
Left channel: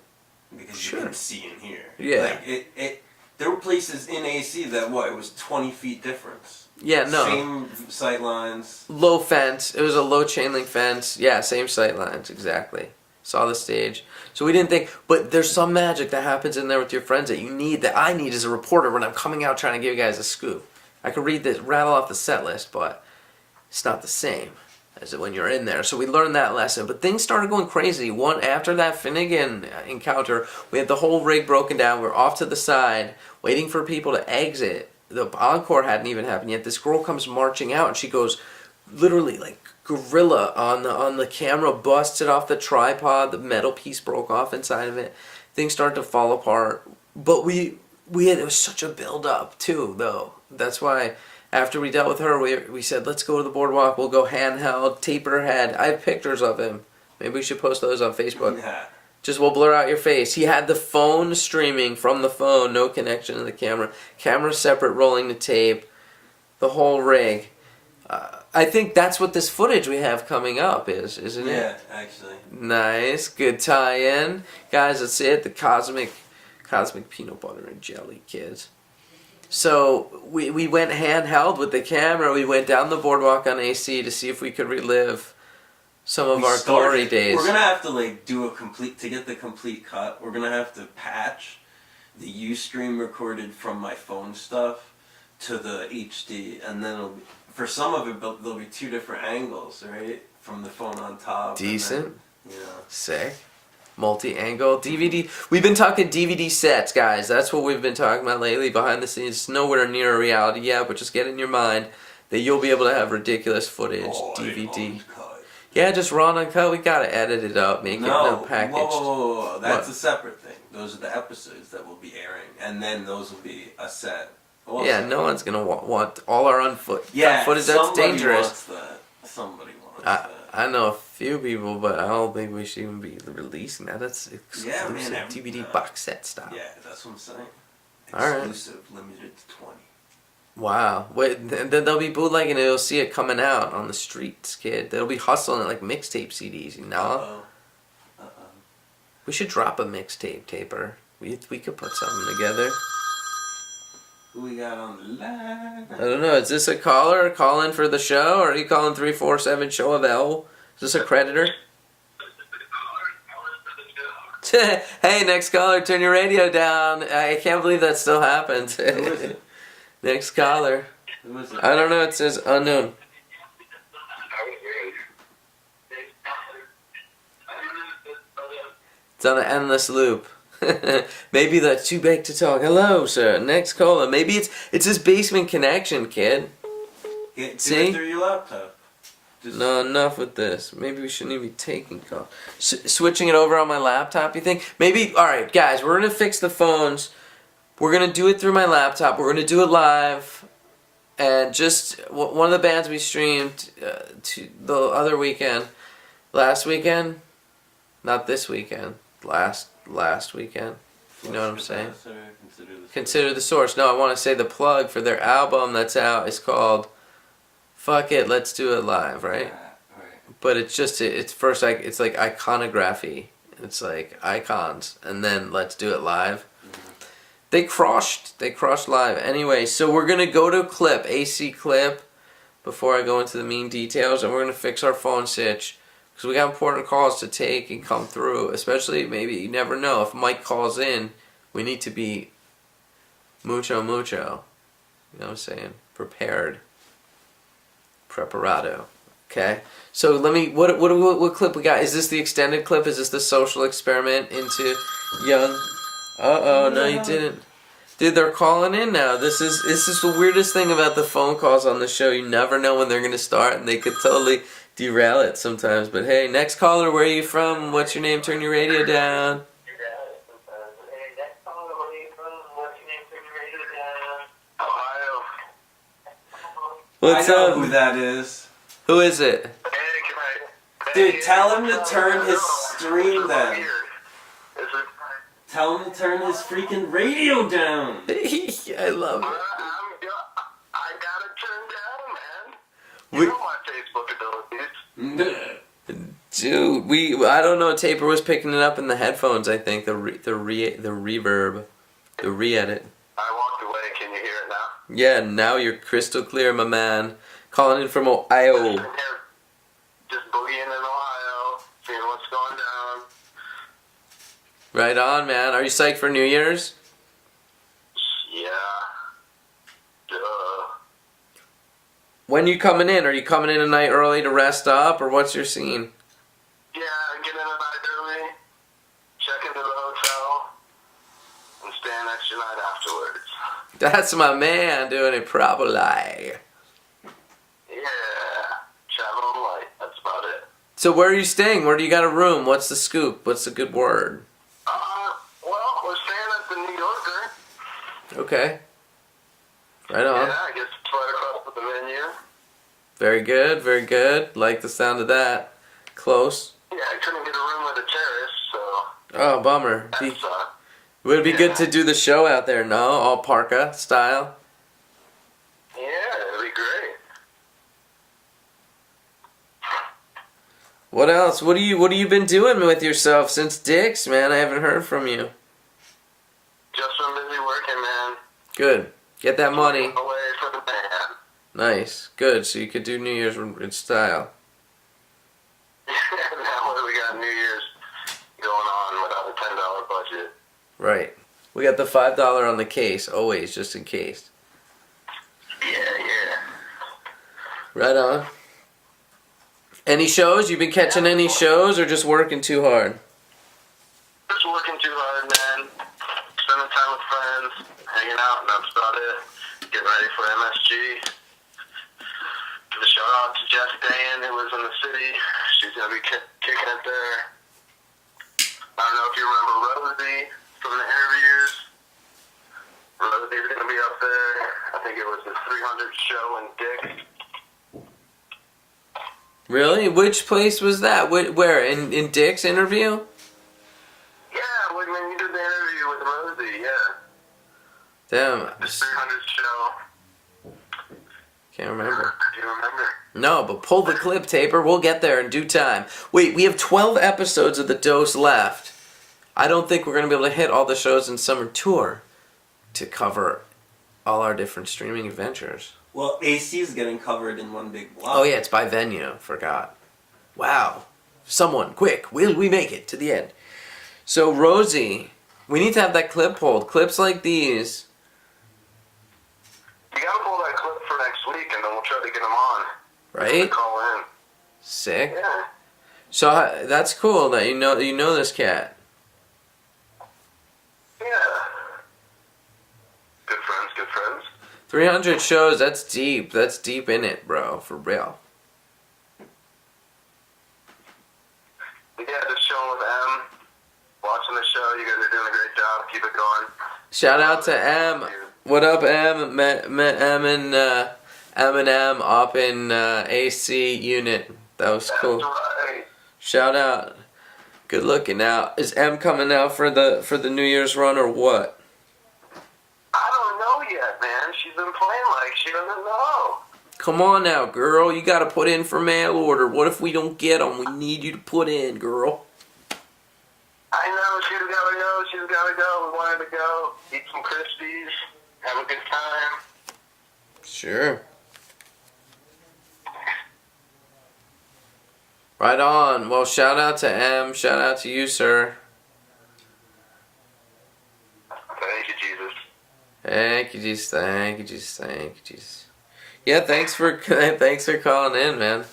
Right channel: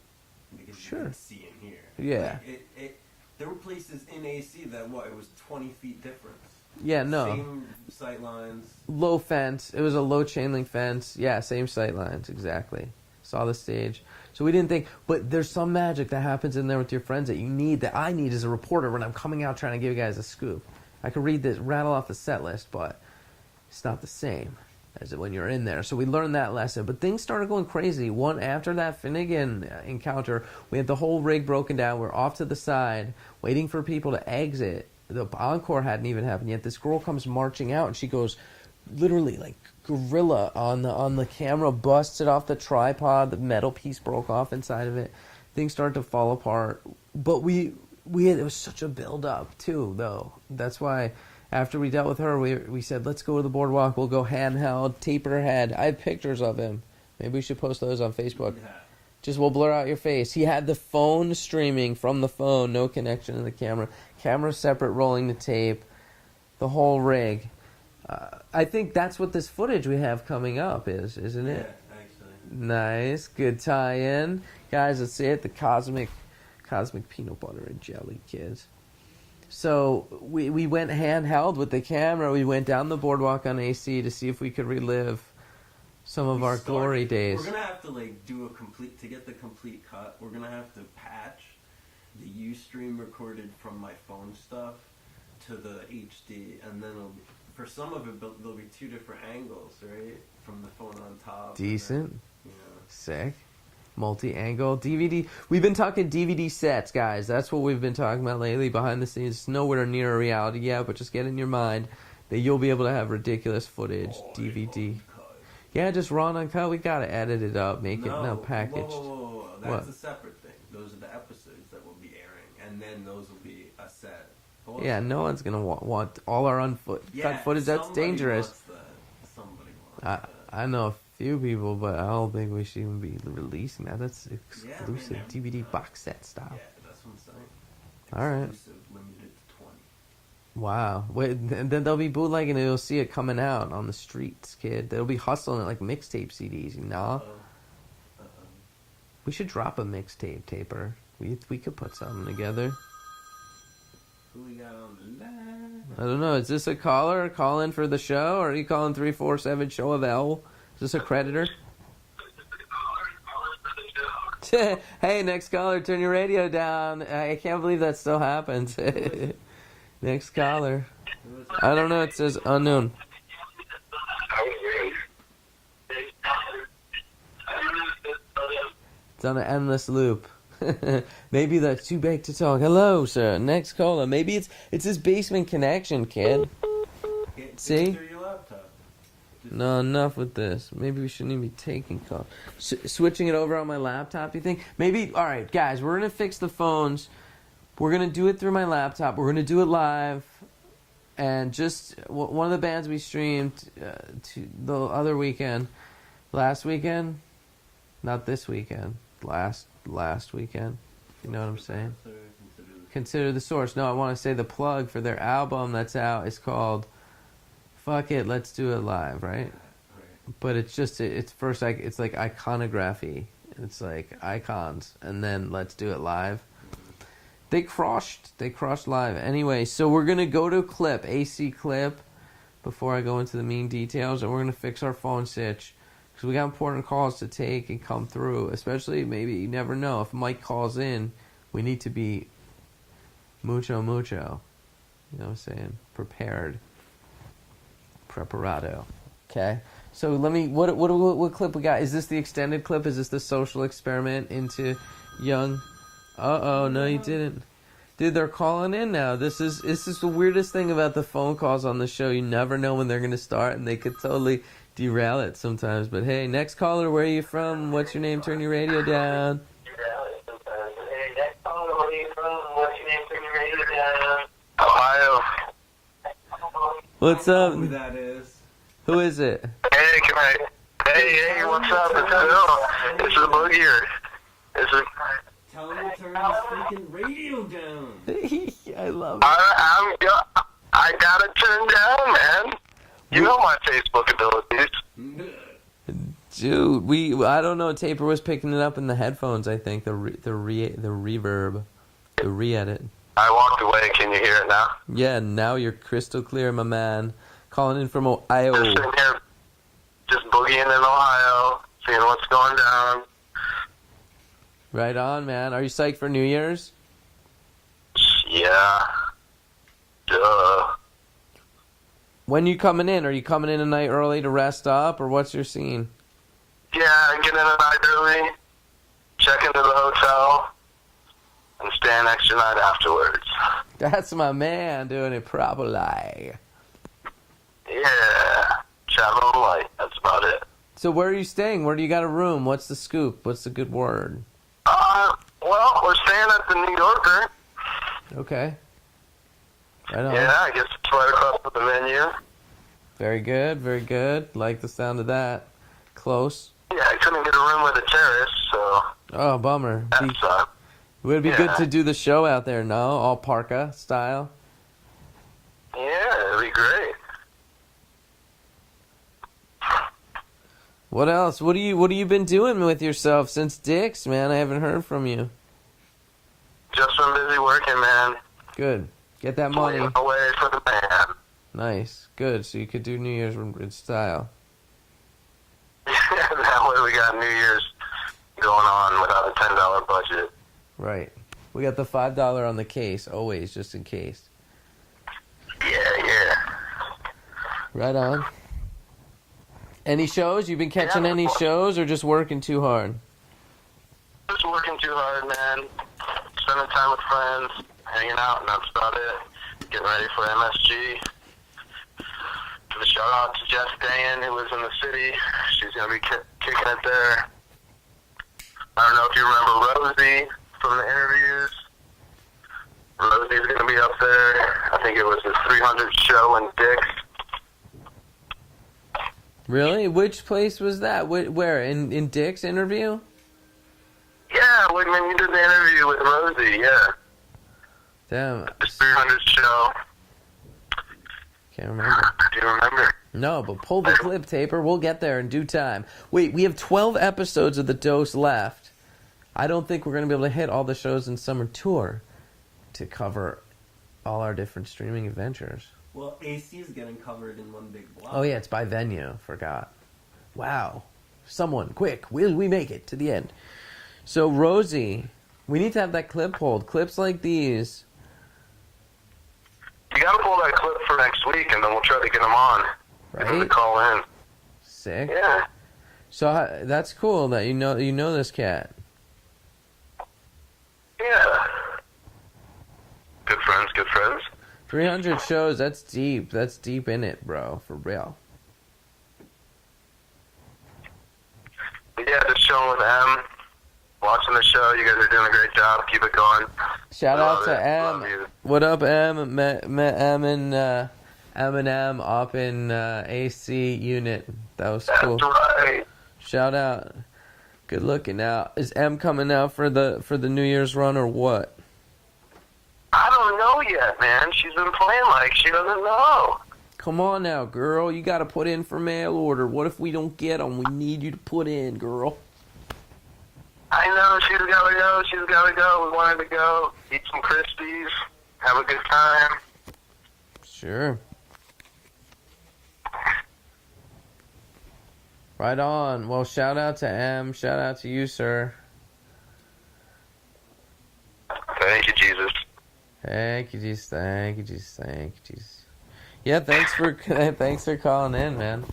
because Sure. you can see and hear. Yeah. Like there were places in AC that it was 20 feet difference. Yeah, no. Same sight lines. Low fence. It was a low chain link fence. Yeah, same sight lines, exactly. Saw the stage. So we didn't think, but there's some magic that happens in there with your friends that I need as a reporter when I'm coming out trying to give you guys a scoop. I could rattle off the set list, but it's not the same as when you're in there. So we learned that lesson, but things started going crazy. After that Finnegan encounter, we had the whole rig broken down. We're off to the side, waiting for people to exit. The encore hadn't even happened yet. This girl comes marching out, and she goes, literally like gorilla on the camera, busts it off the tripod. The metal piece broke off inside of it. Things started to fall apart. But it was such a build up too, though. That's why after we dealt with her, we said, let's go to the boardwalk. We'll go handheld. Taper had. I have pictures of him. Maybe we should post those on Facebook. Yeah. Just we'll blur out your face. He had the phone streaming from the phone, no connection to the camera. Camera separate, rolling the tape, the whole rig. I think that's what this footage we have coming up is, isn't it? Yeah, actually. Nice, good tie-in. Guys, that's it. The Cosmic Cosmic peanut butter and jelly, kids. So we went handheld with the camera. We went down the boardwalk on AC to see if we could relive some of our glory days. We're gonna have to like do a complete to get the complete cut. We're gonna have to patch the Ustream recorded from my phone stuff to the HD, and then for some of it there'll be 2 different angles, right? From the phone on top. Decent. And then, Sick. Multi-angle DVD. We've been talking DVD sets, guys. That's what we've been talking about lately. Behind the scenes, it's nowhere near a reality yet, but just get in your mind that you'll be able to have ridiculous footage. DVD. Yeah, just raw and uncut. We gotta edit it up, make it packaged. Whoa. That's a separate thing. Those are the episodes that will be airing, and then those will be a set. Also. Yeah, no one's gonna want all our footage. That's somebody dangerous. Wants that. Somebody wants that. I know a few people, but I don't think we should even be releasing that. That's exclusive DVD box set style. Yeah, that's what I'm saying. All right. Exclusive, limited to 20. Wow. Wait, then they'll be bootlegging it. You'll see it coming out on the streets, kid. They'll be hustling it like mixtape CDs, you know? We should drop a mixtape taper. We could put something together. Who we got on the line? I don't know. Is this a caller calling for the show? Or are you calling 347 Show of L? Is this a creditor? Hey, next caller, turn your radio down. I can't believe that still happened. Next caller. Who is it? I don't know. It says unknown. It's on an endless loop. Maybe that's too big to talk. Hello, sir. Next caller. Maybe it's his basement connection, kid. Do See? it through your laptop. No, enough with this. Maybe we shouldn't even be taking calls. Switching it over on my laptop, you think? Maybe, alright, guys, we're going to fix the phones. We're going to do it through my laptop. We're going to do it live. And just, one of the bands we streamed the other weekend, last weekend, not this weekend, last weekend. You know what I'm saying? Consider the Source. No, I want to say the plug for their album that's out is called Fuck It, Let's Do It Live, right? But it's just, it's first, it's like iconography. It's like icons, and then Let's Do It Live. They crushed live. Anyway, so we're going to go to clip, AC clip, before I go into the mean details, and we're going to fix our phone sitch. Because we got important calls to take and come through. Especially, maybe, you never know. If Mike calls in, we need to be mucho. You know what I'm saying? Prepared. Preparado. Okay? So let me, what clip we got? Is this the extended clip? Is this the social experiment into young... Uh-oh, no you didn't. Dude, they're calling in now. This is the weirdest thing about the phone calls on the show. You never know when they're going to start, and they could totally derail it sometimes. But hey, next caller, where are you from? What's your name? Turn your radio down. Ohio. What's I know up? who that is. Who is it? Hey, can I... Dude, Hey, tell him to what's up? turn his stream down. Is it... Tell him to turn his freaking radio down. I love it. I got it turned down, man. You know my Facebook abilities. Dude, I don't know. Taper was picking it up in the headphones. I think the reverb, the re-edit. I walked away. Can you hear it now? Yeah, now you're crystal clear, my man. Calling in from Ohio. Just sitting here, just boogieing in Ohio, seeing what's going down. Right on, man. Are you psyched for New Year's? Yeah. Duh. When you coming in? Are you coming in a night early to rest up, or what's your scene? Yeah, get in a night early, check into the hotel, and stay an extra night afterwards. That's my man doing it properly. Yeah. Traveling light. That's about it. So where are you staying? Where do you got a room? What's the scoop? What's the good word? Well, we're staying at the New Yorker. Okay. Right on. Yeah, I guess it's right across with the menu. Very good, very good. Like the sound of that. Close. Yeah, I couldn't get a room with a terrace, so Oh, bummer. that sucked. Would it be good to do the show out there, no? All parka style? Yeah, it'd be great. What else? What have you been doing with yourself since Dick's, man? I haven't heard from you. just been busy working, man. Good. Get that money. Away for the band. Nice. Good. So you could do New Year's in style. That way we got New Year's going on without a $10 budget. Right. We got the $5 on the case, always, just in case. Yeah. Right on. Any shows? You've been catching any shows or just working too hard? Just working too hard, man. Spending time with friends, hanging out, and that's about it. Getting ready for MSG. Give a shout out to Jess Dayan, who lives in the city. She's going to be kicking it there. I don't know if you remember Rosie from the interviews. Rosie's going to be up there. I think it was the 300 show in Dick's. Really? Which place was that? Where? In Dick's interview? Yeah, when you did the interview with Rosie, yeah. Damn. The 300 show. Can't remember. Do you remember? No, but pull the clip, Taper. We'll get there in due time. Wait, we have 12 episodes of The Dose left. I don't think we're going to be able to hit all the shows in summer tour to cover all our different streaming adventures. Well, AC is getting covered in one big block. Oh, yeah, it's by venue. Forgot. Wow. Someone, quick. Will we make it to the end? So, Rosie, we need to have that clip pulled. Clips like these. You gotta pull that clip for next week, and then we'll try to get them on. Right? Call in. Sick. Yeah. So, that's cool that you know this cat. Yeah. Good friends, good friends. 300 shows, that's deep. That's deep in it, bro. For real. Yeah, just chilling with M. Watching the show. You guys are doing a great job. Keep it going. Shout out Love to it. M. Love you. What up, M? M up in AC unit. That was cool. That's right. Shout out. Good looking out. Is M coming out for the New Year's run or what? I don't know yet, man. She's been playing like she doesn't know. Come on now, girl. You gotta put in for mail order. What if we don't get them? We need you to put in, girl. I know. She's gotta go. She's gotta go. We wanted to go. Eat some Krispies. Have a good time. Sure. Right on. Well, shout out to M. Shout out to you, sir. Thank you, Jesus. Thank you, Jesus. Thank you, Jesus. Thank you, Jesus. Yeah, thanks for calling in, man.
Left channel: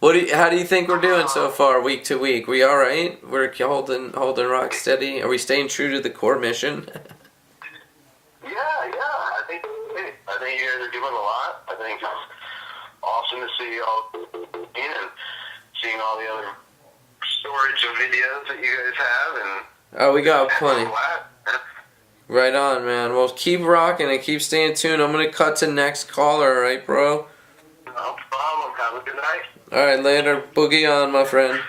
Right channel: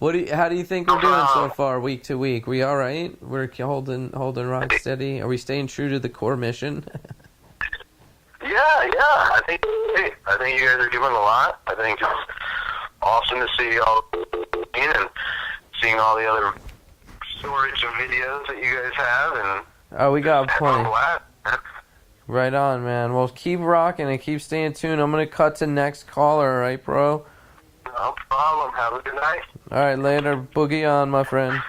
How do you think we're doing so far, week to week? We all right? We're holding rock steady. Are we staying true to the core mission? Yeah. I think you guys are doing a lot. I think it's awesome to see y'all and seeing all the other storage of videos that you guys have. And Oh, we got plenty. Flat. Right on, man. Well, keep rocking and keep staying tuned. I'm gonna cut to next caller, all right, bro? No problem. Have a good night. All right, later. Boogie on, my friend.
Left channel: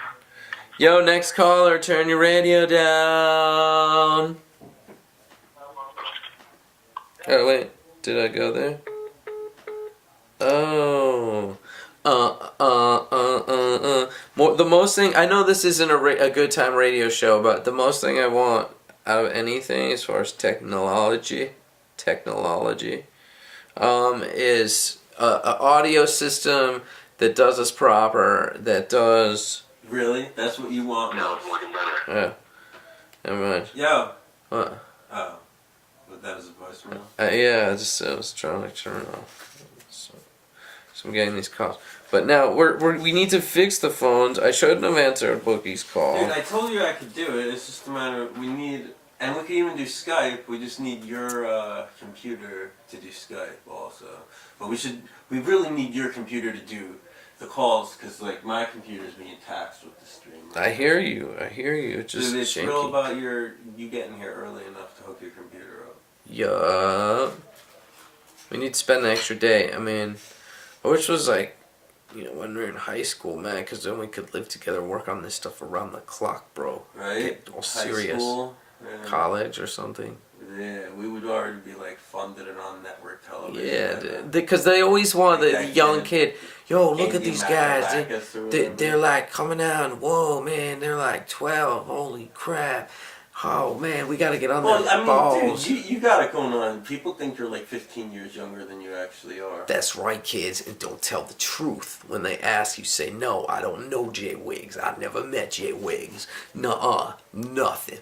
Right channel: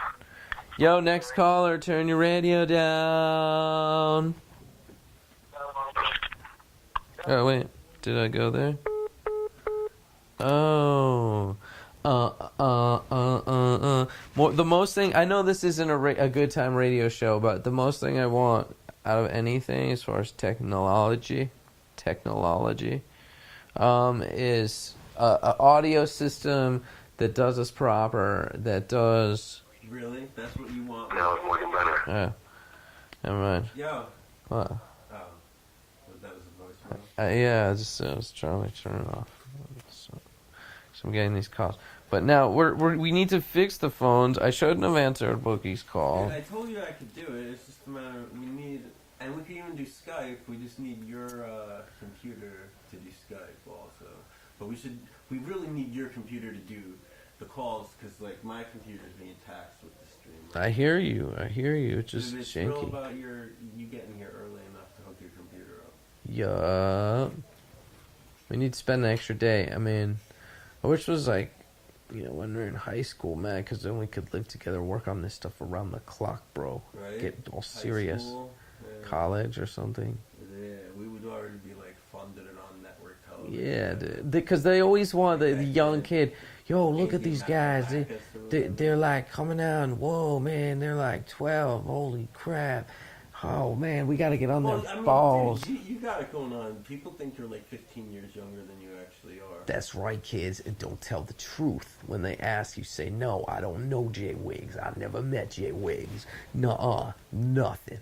Yo, next caller, turn your radio down. Oh, wait. Did I go there? Oh. The most thing, I know this isn't a good time radio show, but the most thing I want out of anything as far as technology, is a audio system that does us proper, that does... Really? That's what you want? No, it's looking better. Yeah. Never mind. Yo. What? Oh. But that was a voicemail? Yeah, I was trying to turn it off. So I'm getting these calls. But now, we need to fix the phones. I shouldn't have answered Boogie's call. Dude, I told you I could do it. It's just a matter of, we can even do Skype. We just need your computer to do Skype also. But we really need your computer to do the calls, because like my computer's being taxed with the stream. I hear you. It's just Dude, it's janky. real about you getting here early enough to hook your computer up. Yeah. We need to spend an extra day. I mean, which was like, when we were in high school, man, because then we could live together, work on this stuff around the clock, bro. Right? Get all High serious. school, College or something. Yeah, we would already be like funded and on network television. Yeah, because they always want the young kid. Yo, look at these guys. They're like coming out. Whoa, man, they're like 12. Holy crap. Oh man, we gotta get on Well, their I mean, balls. dude, you got it going on. People think you're like 15 years younger than you actually are. That's right, kids, and don't tell the truth. When they ask you, say, no, I don't know Jay Wiggs. I never met Jay Wiggs. Nuh-uh, nothing.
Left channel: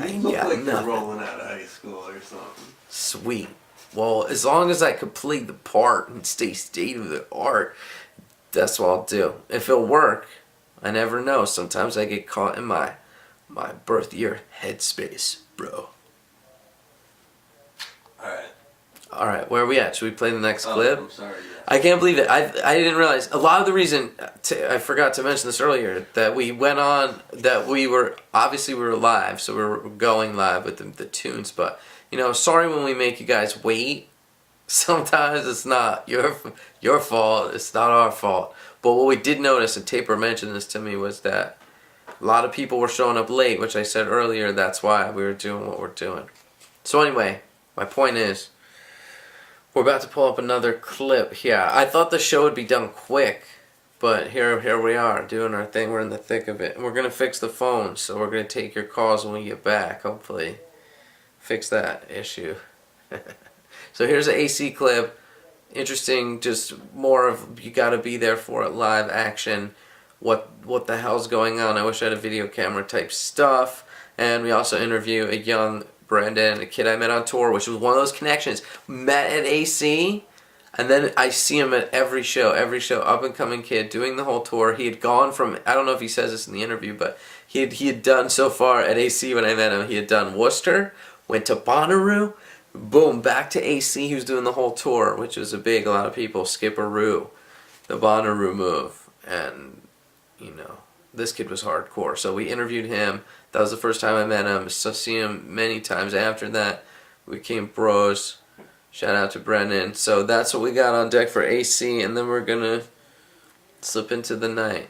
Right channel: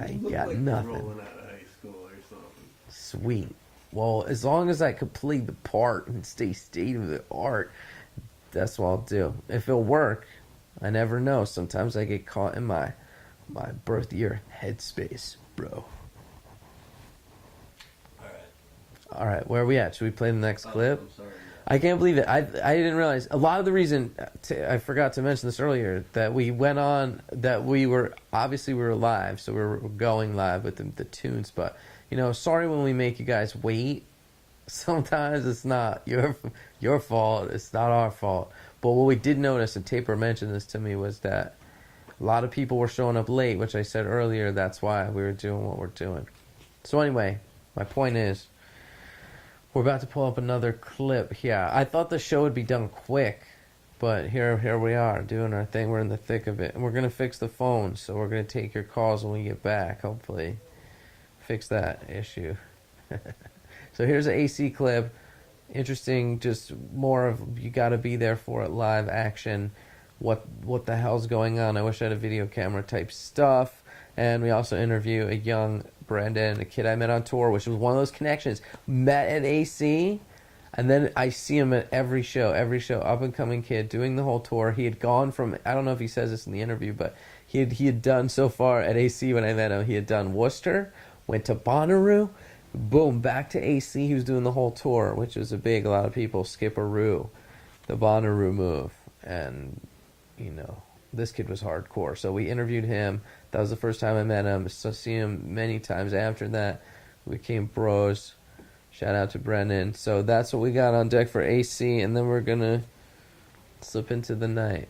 I You ain't look got like nothing. you're rolling out of high school or something. Sweet. Well, as long as I could play the part and stay state of the art, that's what I'll do. If it'll work, I never know. Sometimes I get caught in my birth year headspace, bro. Alright, where are we at? Should we play the next clip? I'm sorry. Yeah. I can't believe it. I didn't realize a lot of the reason I forgot to mention this earlier that we went on that we were live, so we were going live with the tunes. But you know, sorry when we make you guys wait. Sometimes it's not your fault. It's not our fault. But what we did notice, and Taper mentioned this to me, was that a lot of people were showing up late, which I said earlier. That's why we were doing what we're doing. So anyway, my point is, we're about to pull up another clip here. I thought the show would be done quick, but here we are doing our thing. We're in the thick of it. And we're going to fix the phone, so we're going to take your calls when we get back, hopefully. Fix that issue. So here's an AC clip. Interesting, just more of you got to be there for it, live action. What the hell's going on? I wish I had a video camera type stuff. And we also interview a young Brendan, a kid I met on tour, which was one of those connections. Met at AC, and then I see him at every show, up and coming kid, doing the whole tour. He had gone from, I don't know if he says this in the interview, but he had done so far at AC when I met him, he had done Worcester, went to Bonnaroo, boom, back to AC. He was doing the whole tour, which was a lot of people, Skipperoo, the Bonnaroo move, and, you know, this kid was hardcore. So we interviewed him. That was the first time I met him. So see him many times after that. We became bros. Shout out to Brendan. So that's what we got on deck for AC, and then we're gonna slip into the night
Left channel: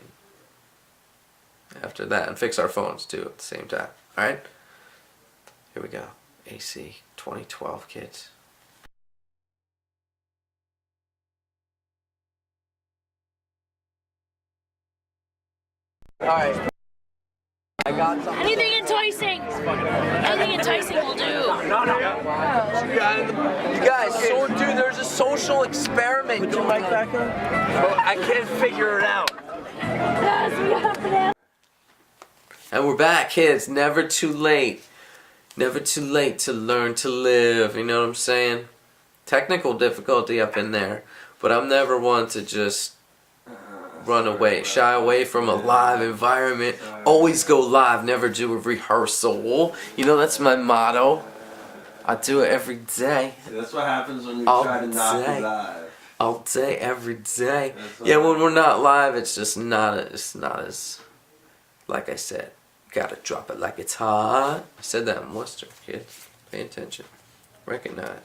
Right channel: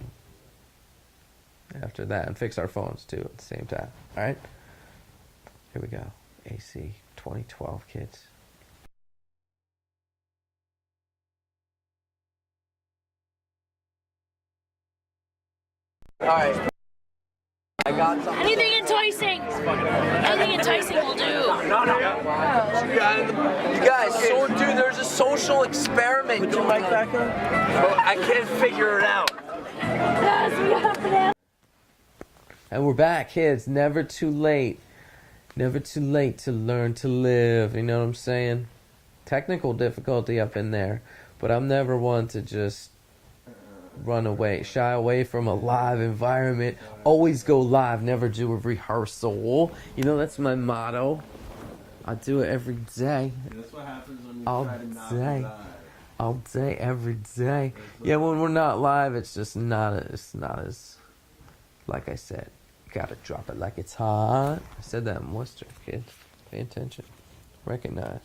after that and fix our phones too at the same time. Alright? Here we go. AC 2012 kids. Alright. I got something. Anything enticing. Anything enticing will do. You guys, so dude, there's a social experiment. Put your mic back on. I can't figure it out. And we're back, kids. Never too late. Never too late to learn to live. You know what I'm saying? Technical difficulty up in there. But I'm never one to just run away, shy away from a live environment. Always go live, never do a rehearsal. You know, that's my motto. I do it every day. That's what happens when you All try to not day. be live. All day, every day. Yeah, when we're not live, it's just not as, like I said, gotta drop it like it's hot. I said that in Worcester, kids. Pay attention. Recognize.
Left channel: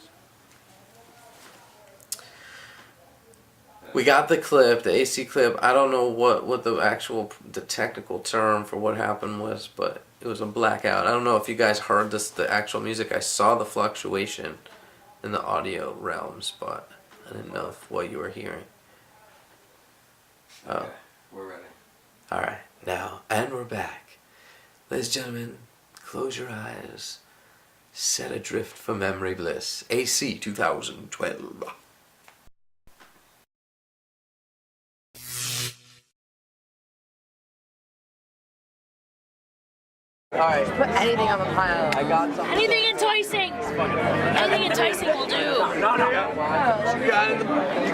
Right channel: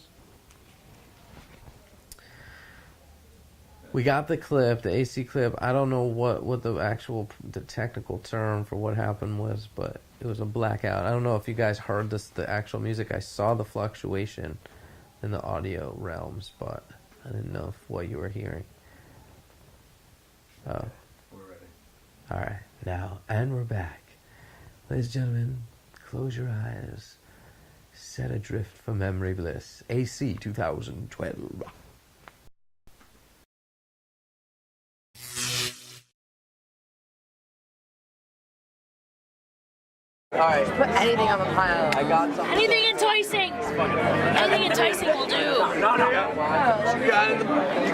We got the clip, the AC clip. I don't know what the technical term for what happened was, but it was a blackout. I don't know if you guys heard the actual music. I saw the fluctuation in the audio realms, but I didn't know what you were hearing. Oh. Okay, we're ready. Alright, now, and we're back. Ladies and gentlemen, close your eyes. Set adrift for memory bliss. AC 2012. Alright. Put anything on the pile. I got something. Anything enticing. Anything enticing will do. You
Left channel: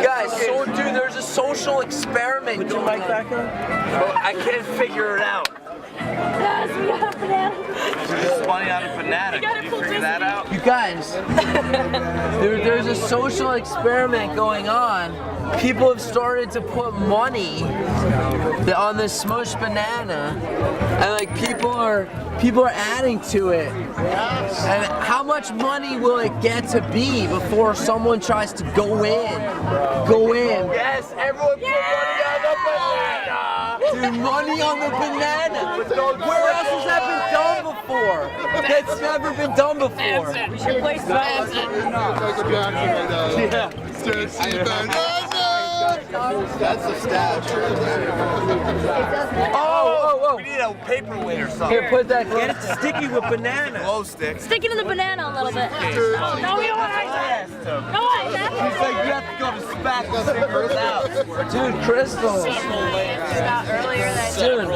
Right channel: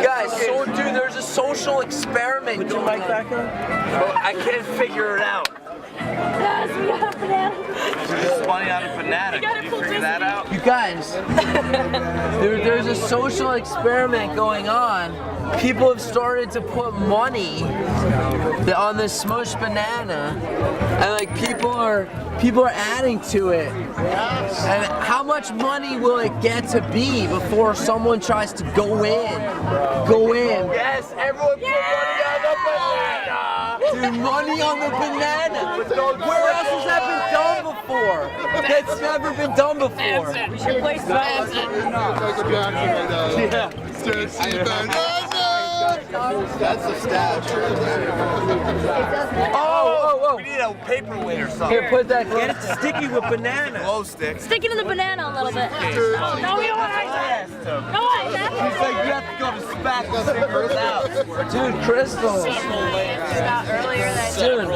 guys, so dude, there's a social experiment. Put your mic back on. I can't figure it out. Spawning out of banana. Can you figure that out? You guys, there's a social experiment going on. People have started to put money on this smushed banana, and like people are adding to it. And how much money will it get to be before someone tries to go in? Yes, everyone put money on the banana. Dude, money on the banana. Where else has that been done before? That's never been done before. We should play Spencer. That's a statue. Oh, need a paperweight or something. Here, put that. Get it sticky with banana. Glow stick. Stick it in the banana a little bit. No, we don't want ice. No ice. He's like, you have to go to SPAC to figure it out. Dude, crystals. Earlier that Dude.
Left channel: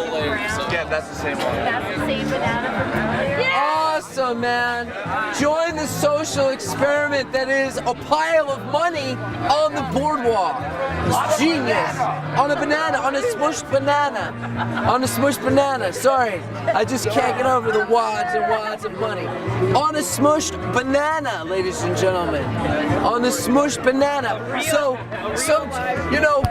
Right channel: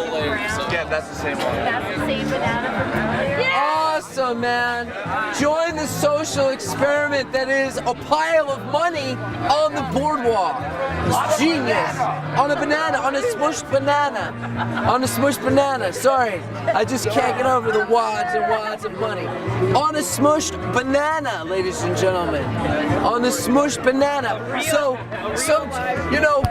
Yeah, that's the same one. that's the same banana from earlier. Awesome, man. Join the social experiment that is a pile of money on the boardwalk. It's genius. On a banana, on a smushed banana. On a smushed banana. Sorry, I just can't get over the wads and wads of money. On a smushed banana, ladies and gentlemen. On a smushed banana. So, you know,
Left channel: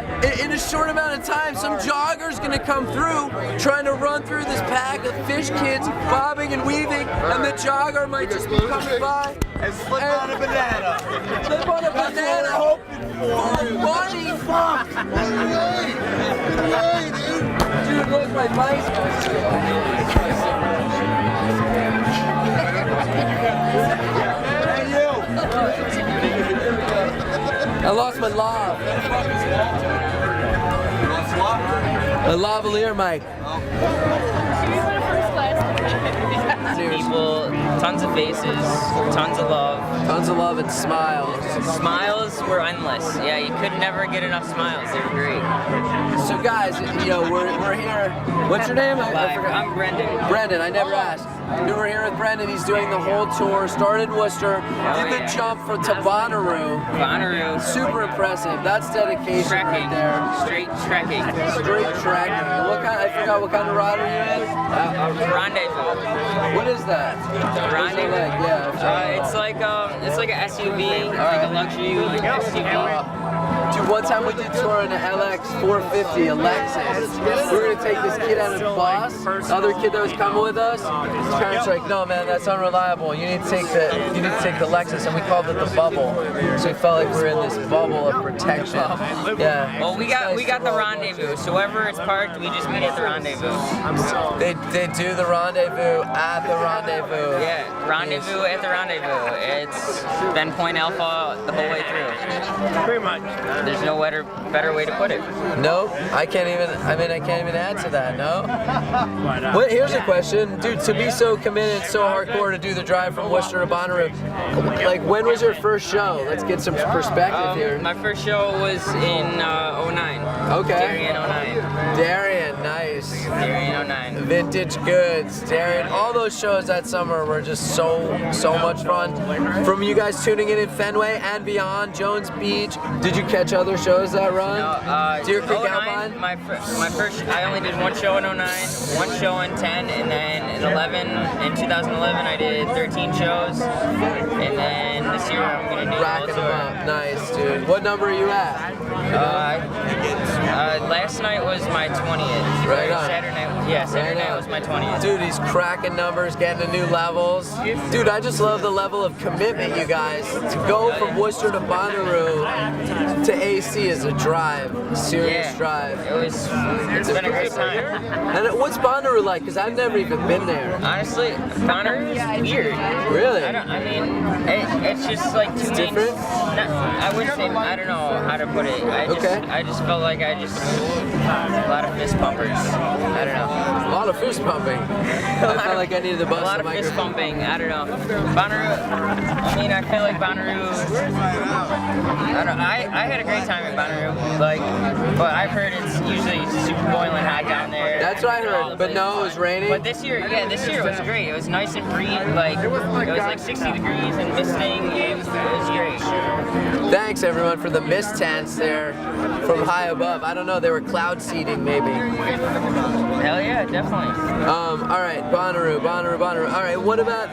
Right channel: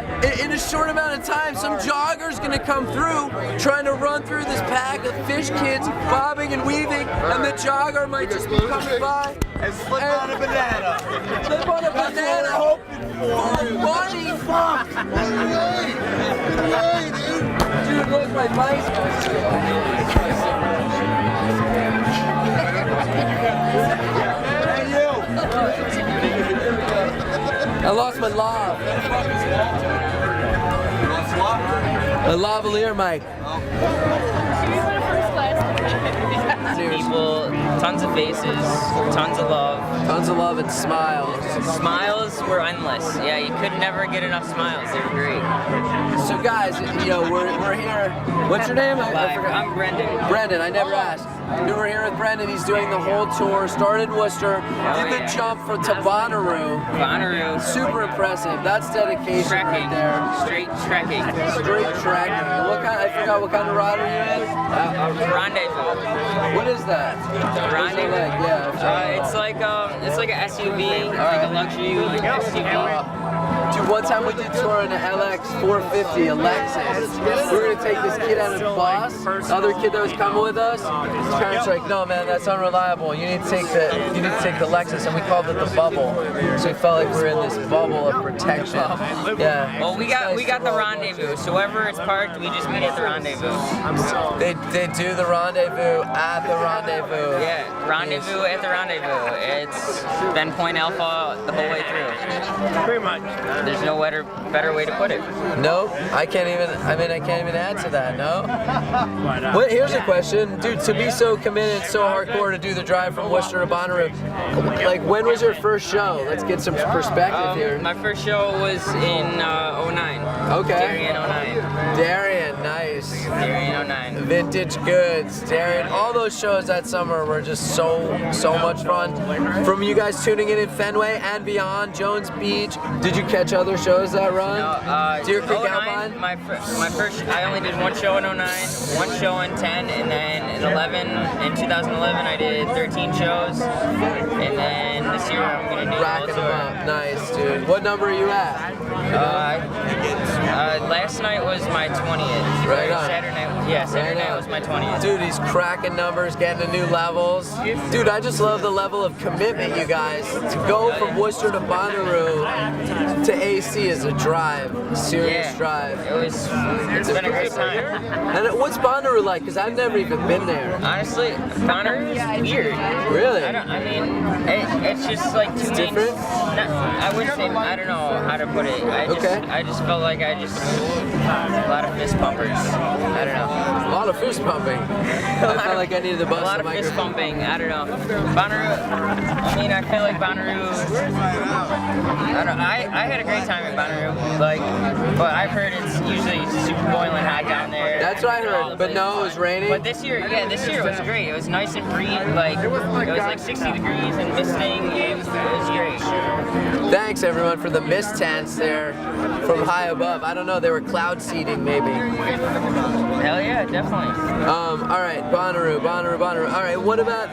in a short amount of time, some jogger's gonna come through trying to run through this pack of fish kids bobbing and weaving, and the jogger might just be coming by And slip on a banana. slip on a banana full of money. Fuck. Dude, look, my I lost my lav. My lavalier mic. People, tons of faces, tons of love. Tons of love and smiles. Smiles were endless. Yeah, you could never get enough smiles. They were great. So guys, you know, we're here. What's your name? I forgot. I'm Brendan. Brendan, I never asked. We were here with Brendan. He's doing the whole tour. Started in Worcester, did the jump to Bonnaroo. Bonnaroo. Super impressive. That's dedication Trekking. right there. Straight trekking. Straight trekking. What kind? I forgot what kind of ride are you in. Rendezvous. What is that? Rendezvous. Yeah. It's like an SUV, like a luxury SUV. Dude, one time we did tour in an LX 450, a Lexus. We were gonna take this kid out of the bus. The other kid that was coming with us, his parents were like, "No, man, that's unreliable. You need to take the Lexus." And we called it the bubble. So we felt like we were in this bubble of protection. Yeah. Well, we got the rendezvous. So wherever it's parked, we just meet at the rendezvous. They do the rendezvous at the rendezvous. Yeah, rendezvous at the rendezvous. It's Ben Point Alpha the whole way through. Pretty much. There's no better way to put it. No, I can't even add to that, no? Well, here's a question. Dude, to be so committed, so hardcore to do the drive from Worcester to Bonnaroo, like when was your first show? Let's get some perspective here. My first show was in 09. Okay. Darien 09. Darien, nice. Darien 09. Vintage Goods, Darien, all those shows that summer were just so much fun. From you guys tuning in Fenway and beyond, Jones Beach, did you catch other shows that run? No, Deer Creek 09, Alpine? my first, I only did one show in 09, one show in 10, and then in 2011 I did 13 shows, and then this year I'm gonna do Racking them up, nice, dude. What number are you at? Last night was my 20th. Right on. Saturday night was my 20th. Dude, he's cracking numbers, getting to new levels. Dude, I just love the level of commitment, you guys. To go from Worcester to Bonnaroo to AC is a drive, a serious drive. It's been a great time. And what's Bonnaroo like? Because I've never even been there. Honestly, Bonnaroo is weird. Really? It's just like It's different? I wouldn't say, I don't know how to put it. I just felt like a lot of fist pumpers. I don't know. A lot of fist pumping. I felt like I needed to bust A lot the of fist microphone. pumping. I don't know. Bonnaroo. I feel like Bonnaroo. I had a great time at Bonnaroo. But I've heard it's usually super boiling hot down there. That's what I heard. But no, it was raining. But this year it was great. It was nice and breezy. It was like 60 degrees and misting. It was great. Thanks everyone for the mist tents there from high above. I don't know, they were cloud seeding maybe. Hell yeah, definitely. All right, Bonnaroo. All right, what about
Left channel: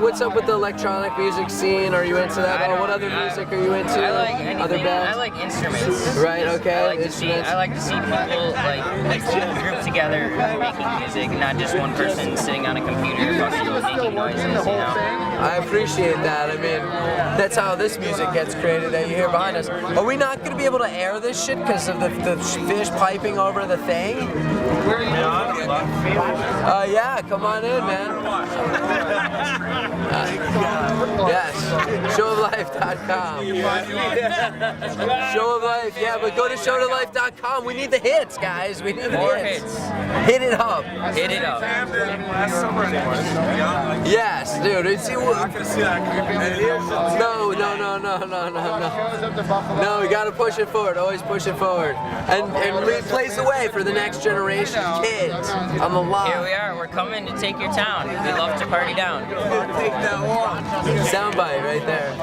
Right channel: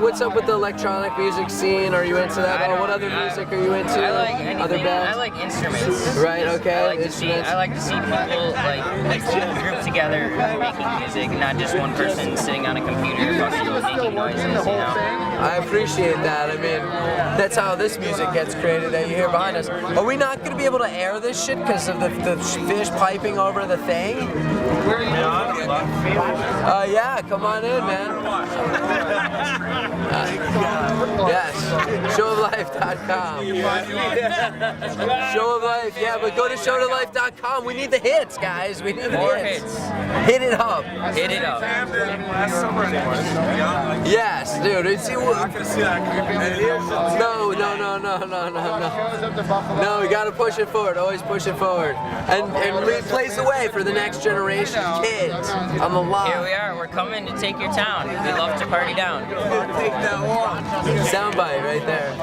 what's up with the electronic music scene? Are you into that? What other music are you into? I like anything. Other bands? I like instruments. Right, okay. I like to see people group together making music, not just one person sitting on a computer making noises, you know? I appreciate that. I mean, that's how this music gets created that you hear behind us. Are we not going to be able to air this shit because of the fish piping over the thing? Yeah, come on in, man. Yes, showoflife.com. Show of Life, yeah, but go to showoflife.com. We need the hits, guys. We need the More hits. hits. Hit it up. Hit it up. Yes, dude. See what? Not gonna see that. No. No, we gotta push it forward. Always push it forward, and replace the way for the next generation of kids on the line. Here we are. We're coming to take your town. We love to party down. Soundbite right there.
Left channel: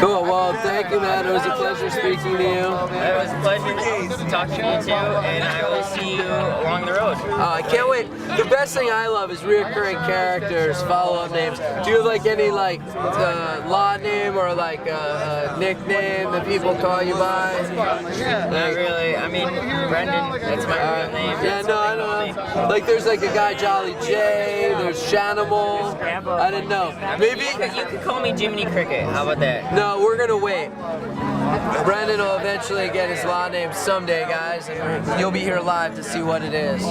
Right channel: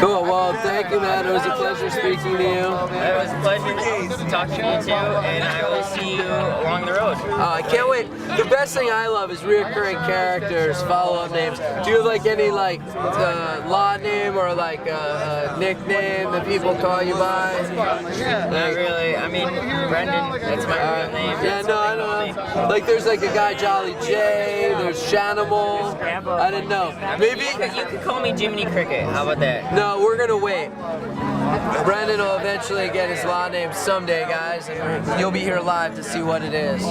Cool. Well, thank you, man. It was a pleasure speaking to you. It was a pleasure talking to you too, and I will see you along the road. I can't wait. The best thing I love is reoccurring characters, follow-up names. Do you have like any like law name or like a nickname that people call you by? Not really. I mean, Brendan, that's my real name. Yeah, no, I don't know. Like there's like a guy Jolly J, there's Shanimal. I didn't know. Maybe You could call me Jiminy Cricket. How about that? no, we're gonna wait. Brendan will eventually get his law name someday, guys, and you'll be here live to see what it is.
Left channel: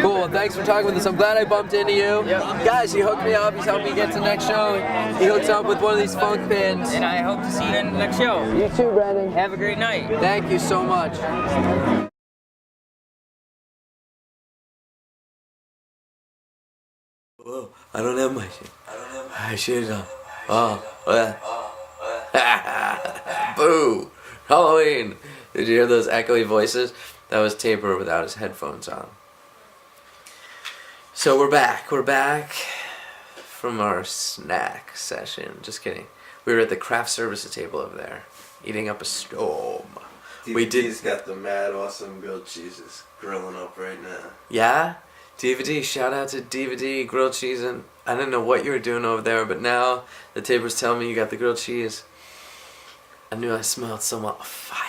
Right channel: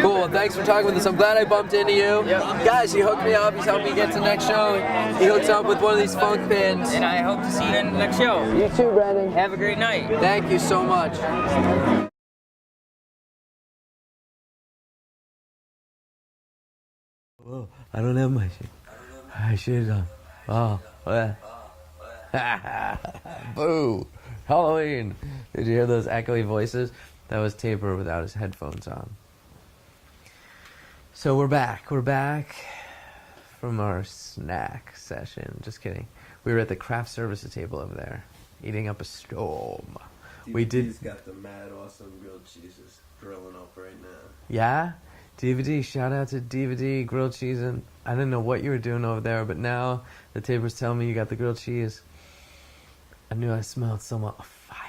Cool. Well, thanks for talking with us. I'm glad I bumped into you. Guys, he hooked me up. He's helped me get to the next show. He hooks up with one of these funk pins. And I hope to see you in the next show. You too, Brendan. Have a great night. Thank you so much. Whoa, I don't have my shit. I should have. Oh, boo! Halloween! Did you hear those echoey voices? That was Taper without his headphones on. So we're back. We're back from our snack session. Just kidding. We were at the craft services table over there, eating up a storm. DVD's got the mad awesome grilled cheeses grilling up right now. Yeah? DVD, shout out to DVD, grilled cheese, and I didn't know what you were doing over there, but now the Taper's telling me you got the grilled cheese. I knew I smelled some fire.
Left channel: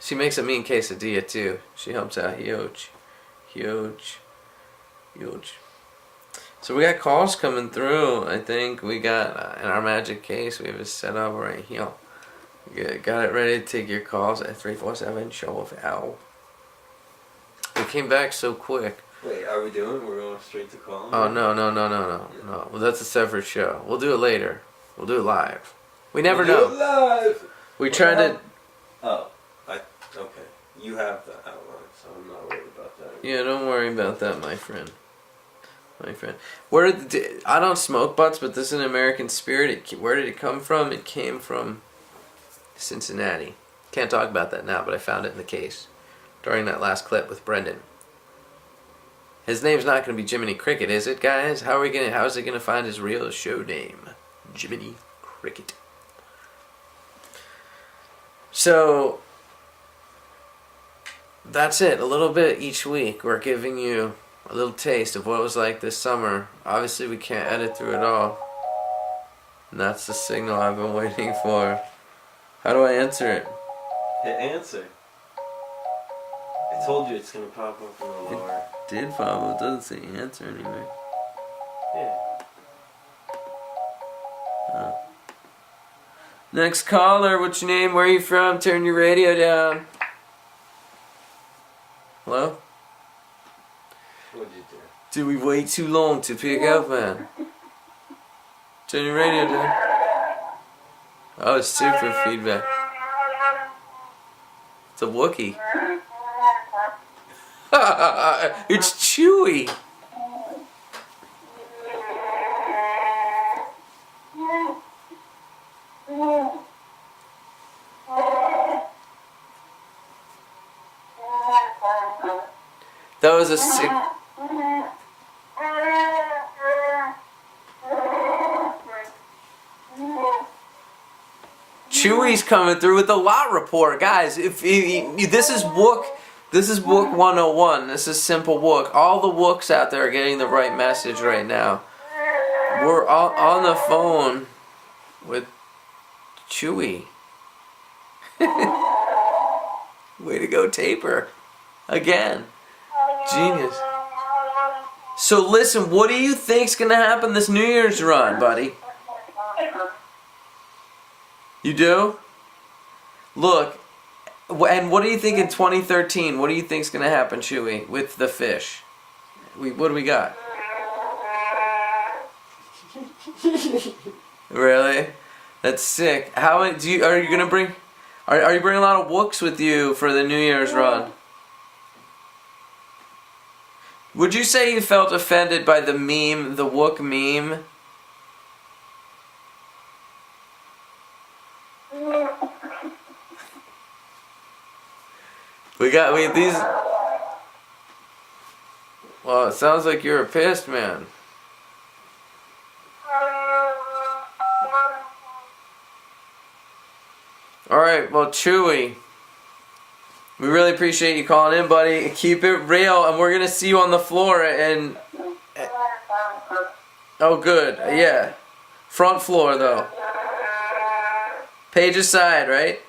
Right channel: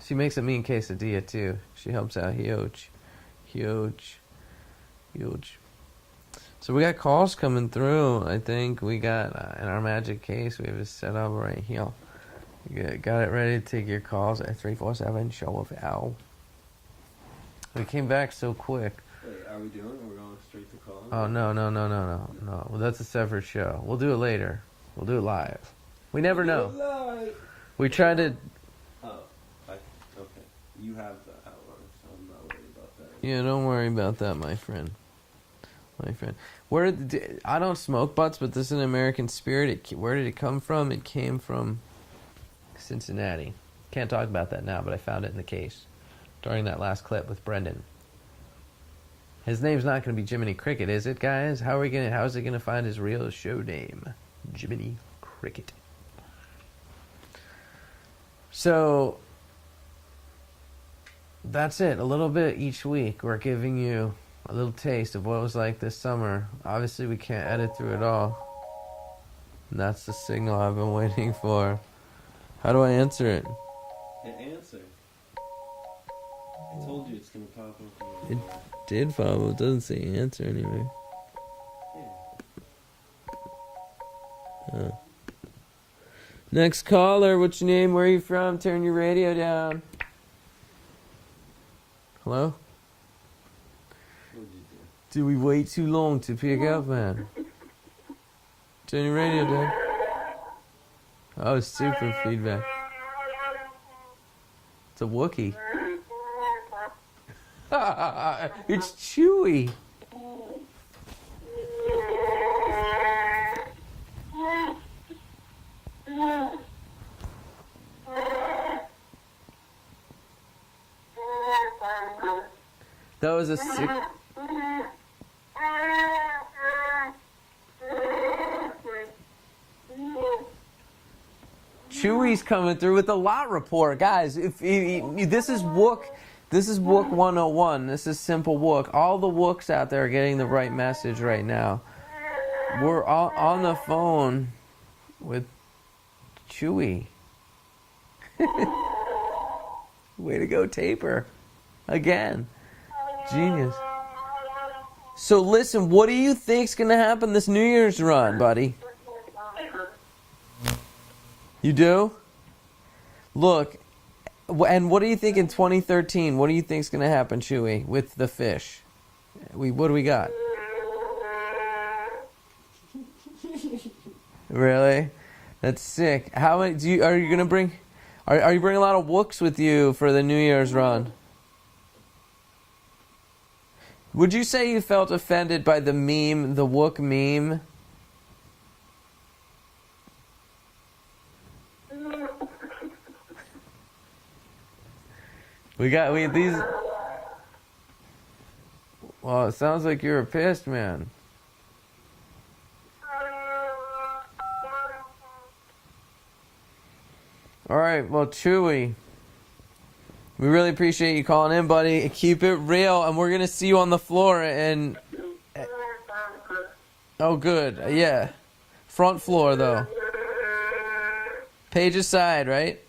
She makes a mean quesadilla too. She helps out huge. So we got calls coming through. I think we got in our magic case, we have it set up right here. Got it ready to take your calls at 347 show of L. It came back so quick. Wait, are we doing? We're going straight to call? Oh no. Well, that's a separate show. We'll do it later. We'll do it live. We never know. Live. We tried to. Oh, okay. You have the outline, so I'm not worried about that. Yeah, don't worry about that, my friend. I don't smoke butts, but this is an American Spirit. Where did it come from? It came from Cincinnati. Can't talk about that now, but I found it in the case during that last clip with Brendan. His name's not going to be Jiminy Cricket, is it, guys? How is it going to find his real show name? Jiminy Cricket. So that's it. A little bit each week. We're giving you a little taste of what it was like this summer. Obviously, we can't edit through it all. And that's the signal I've been waiting for. How do I answer it? Hit answer. I told you it's gonna pop up in the lower. Did pop up. It doesn't say answer anyway. Yeah. Oh. Next caller, what's your name? Where are you from? Turn your radio down. Hello? What'd you do? Did we wait too long to pick up, man? Turn your radio down. Oh, it's super feedback. It's a Wookiee. It's Chewie. That was a sick. Chewie's coming through with the lot report, guys. If this is Wook 101. This is simple Wook. All the Wooks out there are getting the right message right now. We're all on the phone with Chewie. Way to go, Taper. Again. Genius. So listen, what do you think's gonna happen this New Year's run, buddy? You do? Look, and what do you think in 2013? What do you think's gonna happen, Chewie, with the fish? What do we got? Really? That's sick. How are you gonna bring? Are you bringing a lot of Wooks with you for the New Year's run? Would you say you felt offended by the meme, the Wook meme? We these. Well, it sounds like you're pissed, man. Alright, well, Chewy, we really appreciate you calling in, buddy. Keep it real, and we're gonna see you on the floor, and... Oh, good, yeah. Front floor, though. Page aside, right?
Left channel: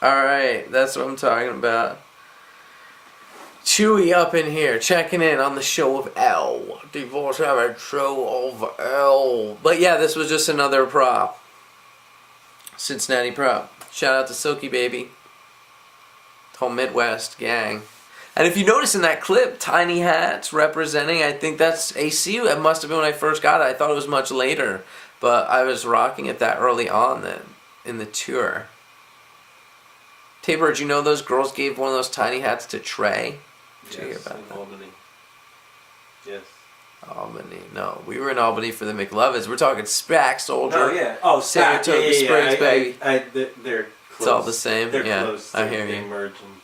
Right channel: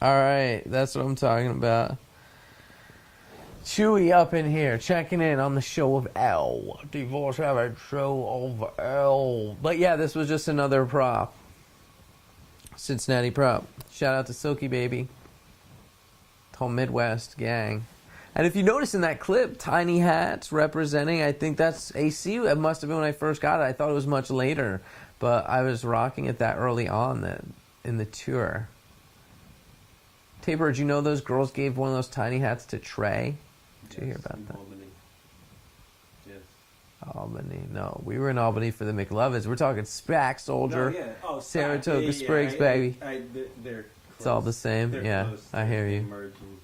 Alright, that's what I'm talking about. Chewy up in here, checking in on the show of L. Divorce Average show of L. But yeah, this was just another prop. Cincinnati prop. Shout out to Silky Baby. The whole Midwest gang. And if you notice in that clip, tiny hats representing, I think that's AC. It must have been when I first got it. I thought it was much later. But I was rocking it that early on in the tour. Taper, did you know those girls gave one of those tiny hats to Trey? Did you hear about that? Albany. Yes. Albany. No, we were in Albany for the McLovins. We're talking SPAC Soldier. Oh yeah. Oh, SPAC. Saratoga Springs, baby. They're close. It's all the same. They're yeah, close. I hear you. Merging.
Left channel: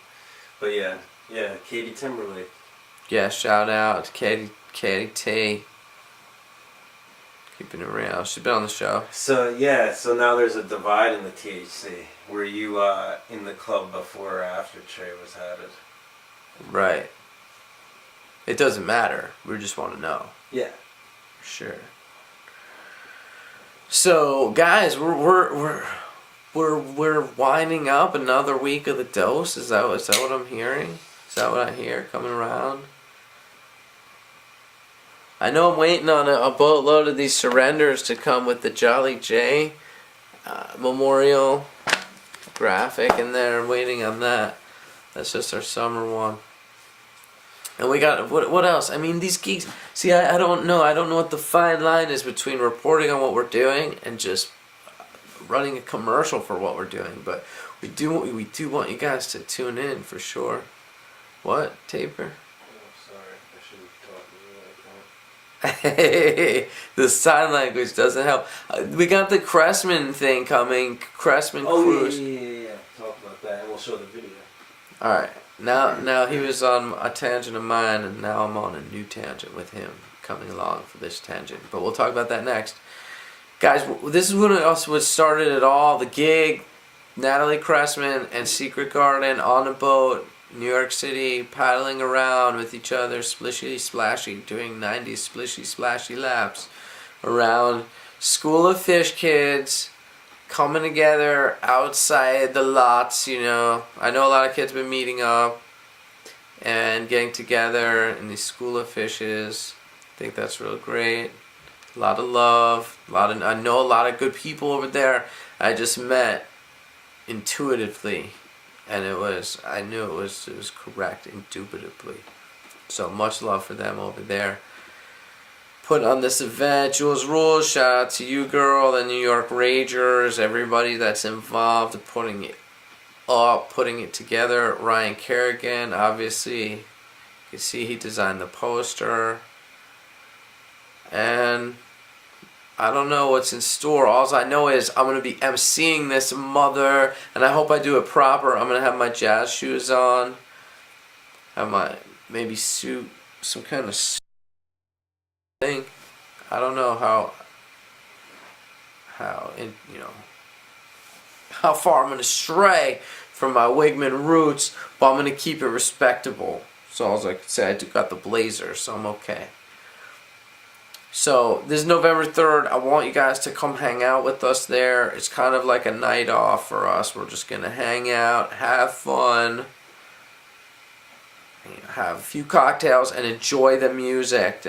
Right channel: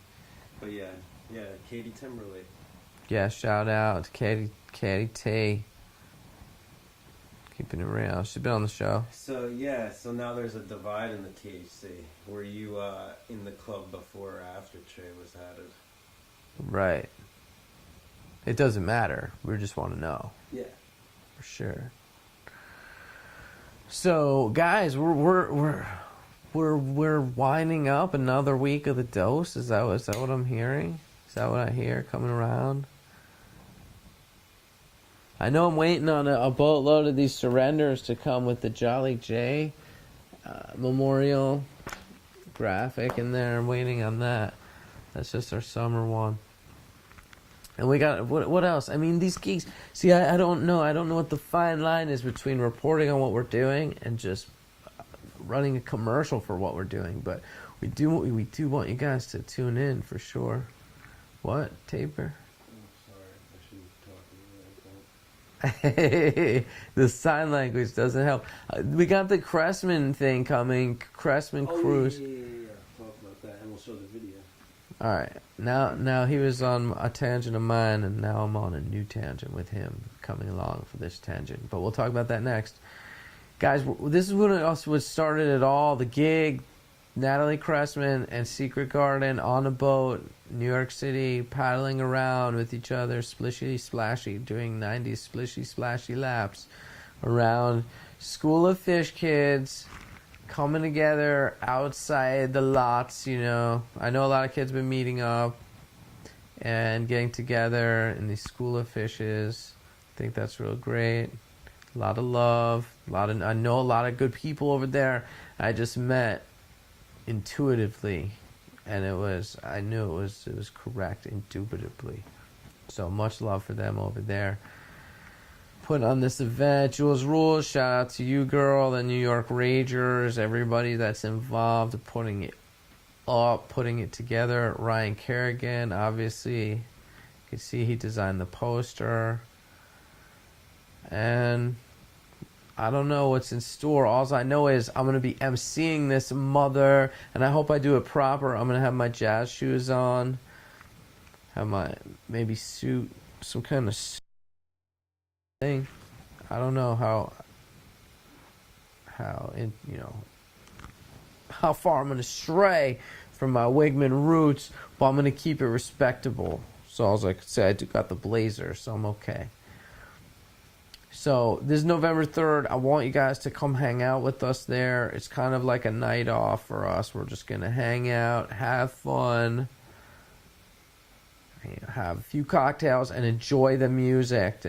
But yeah, Katie Timberlake. Yeah, shout out to Katie T. Keeping it real. She's been on the show. So now there's a divide in the THC. Were you in the club before or after Trey was had it? Right. It doesn't matter. We just want to know. Yeah. For sure. So, guys, we're winding up another week of the dose. Is that what I'm hearing? Is that what I hear coming around? I know I'm waiting on a boatload of these surrenders to come with the Jolly J memorial graphic in there. I'm waiting on that. That's just our summer one. And we got, what else? I mean, these gigs, see, I don't know. I don't know what the fine line is between reporting on what we're doing and just running a commercial for what we're doing. But we do want you guys to tune in for sure. What, Taper? Hey, the sign language doesn't help. We got the Cressman thing coming. Cressman Cruise. Yeah. Talk about that, and we'll show the video. All right. Now he was on a tangent of mine, and now I'm on a new tangent with him coming along for this tangent. But we'll talk about that next, guys. This is what started it all. The gig, Natalie Cressman and Secret Garden on a boat. New York City, paddling around with each other, splishy splashy, doing 90s splishy splashy laps around School of Fish kids coming together outside the lots, you know. I know a lot of kids have been meeting up and getting together in these School of Fishes. I think that's real great. A lot of love, I know a lot of good people over there I just met intuitively. And I knew it was correct, indubitably. So much love for them over there. Putting on this event, Jules Rules, shout out to you, girl, the New York Ragers, everybody that's involved, putting it up, putting it together. Ryan Kerrigan, obviously, you can see he designed the poster. And I don't know what's in store. All I know is I'm going to be emceeing this mother, and I hope I do it proper. I'm going to have my jazz shoes on, have my maybe suit, some kind of thing. I don't know how far I'm going to stray from my Wigman roots, but I'm going to keep it respectable. So all I could say, I got the blazer, so I'm okay. So, this is November 3rd. I want you guys to come hang out with us there. It's kind of like a night off for us. We're just going to hang out, have fun, have a few cocktails, and enjoy the music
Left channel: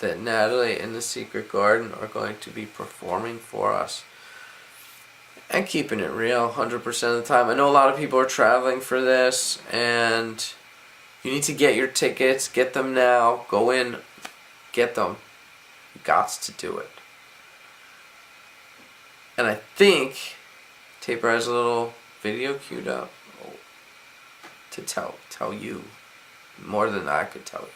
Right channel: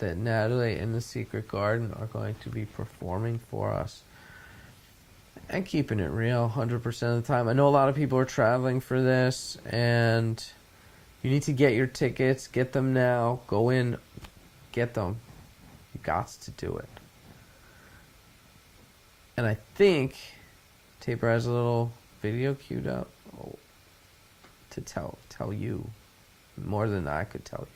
that Natalie and the Secret Garden are going to be performing for us. And keeping it real 100% of the time. I know a lot of people are traveling for this, and you need to get your tickets. Get them now. Go in, get them. Gots to do it. And I think Taper has a little video queued up to tell you more than I could tell you.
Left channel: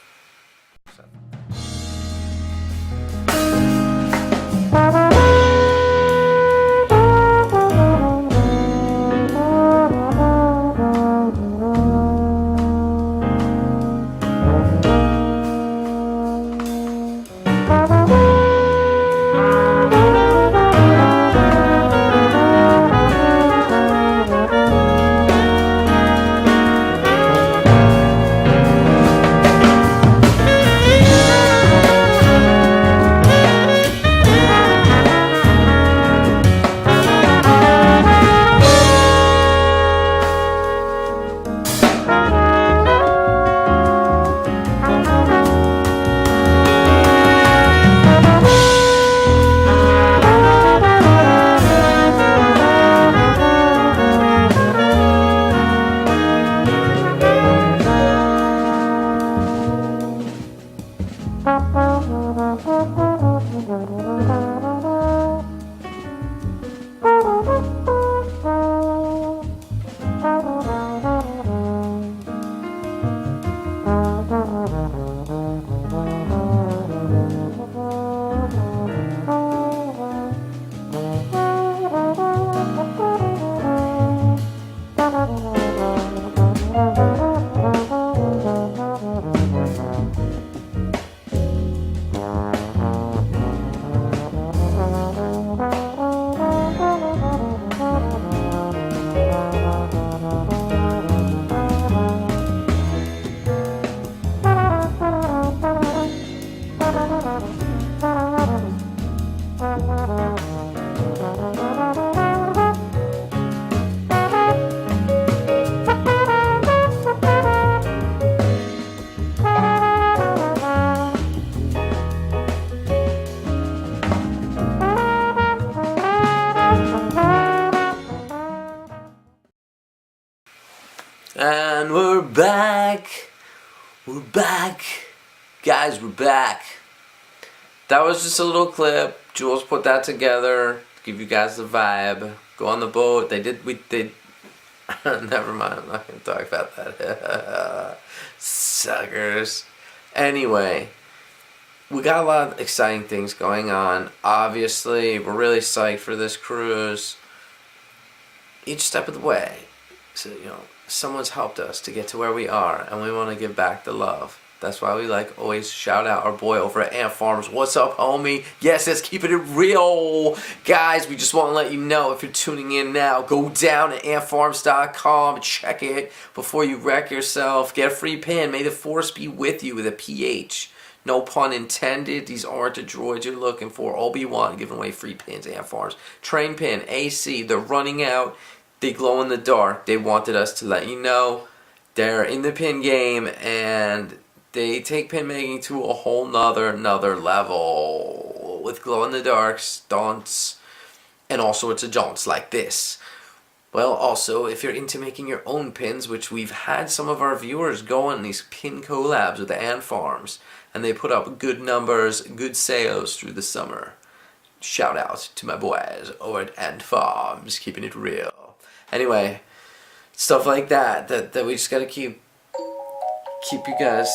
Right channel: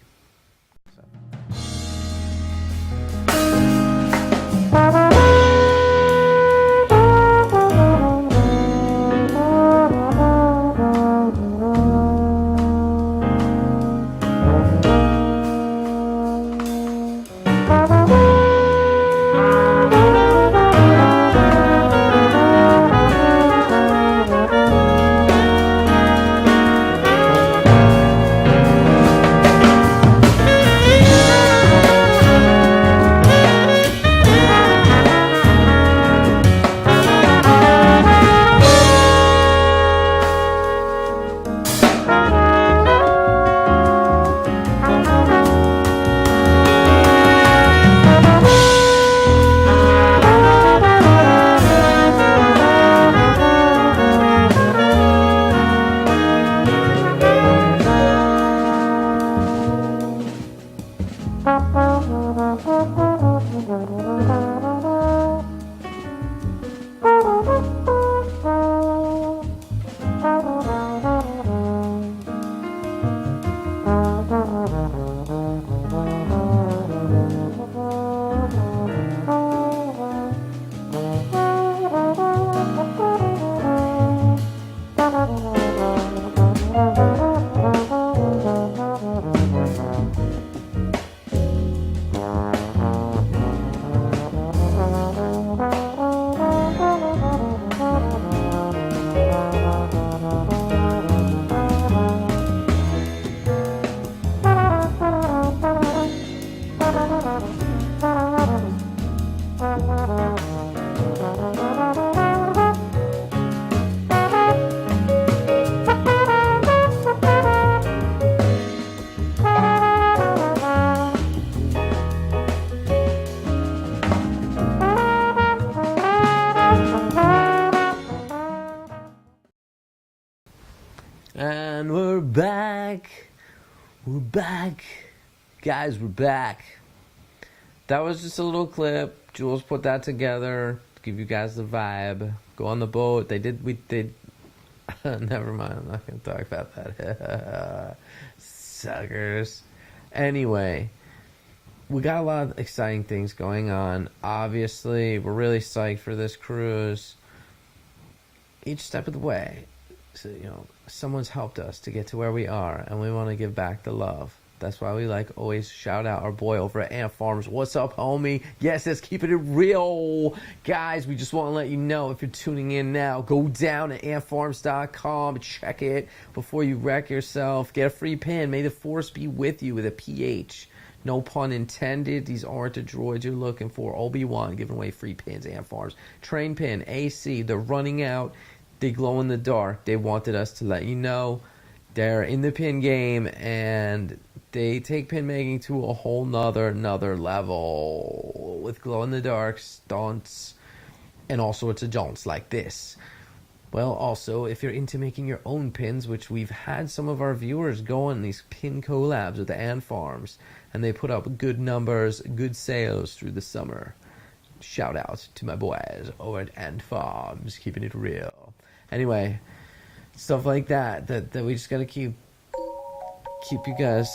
And we're back. We're back. Guys, we're back. That was just a little clip. Jules put that together to give you guys the vibe. Go on the boat. They did. Never mind. I'm not going to talk about that. Suckers. Anyway, we got a lot of exciting things going on. Obviously, we're really psyched for this cruise. Each step of the way. So, someone's helped us to get to where we are, and we want to give back the love. That's why we always shout out our boy over at Ant Farms. What's up, homie? Yes, it's keeping it real. Guys, we just want to let you know, if you're tuning in now, go down to antfarms.com, check it before you wreck yourself. Get a free pin. May the force be with you with a PH. No pun intended. These aren't the droids you're looking for. Obi-Wan giving away free pins, Ant Farms. Train pin, AC, they're running out. They glow in the dark. They wanted us to let you know they're in the pin game, and they take pin making to a whole nother level with glow in the dark stunts and all sorts of jaunts like this. Well, also, if you're into making your own pins, which we've had some of our viewers go on these pin collabs with the Ant Farms, and they put up good numbers, good sales through the summer. Shout out to my boys over at Ant Farms, keeping it real. Anyway, stuff like that we just gotta keep you guys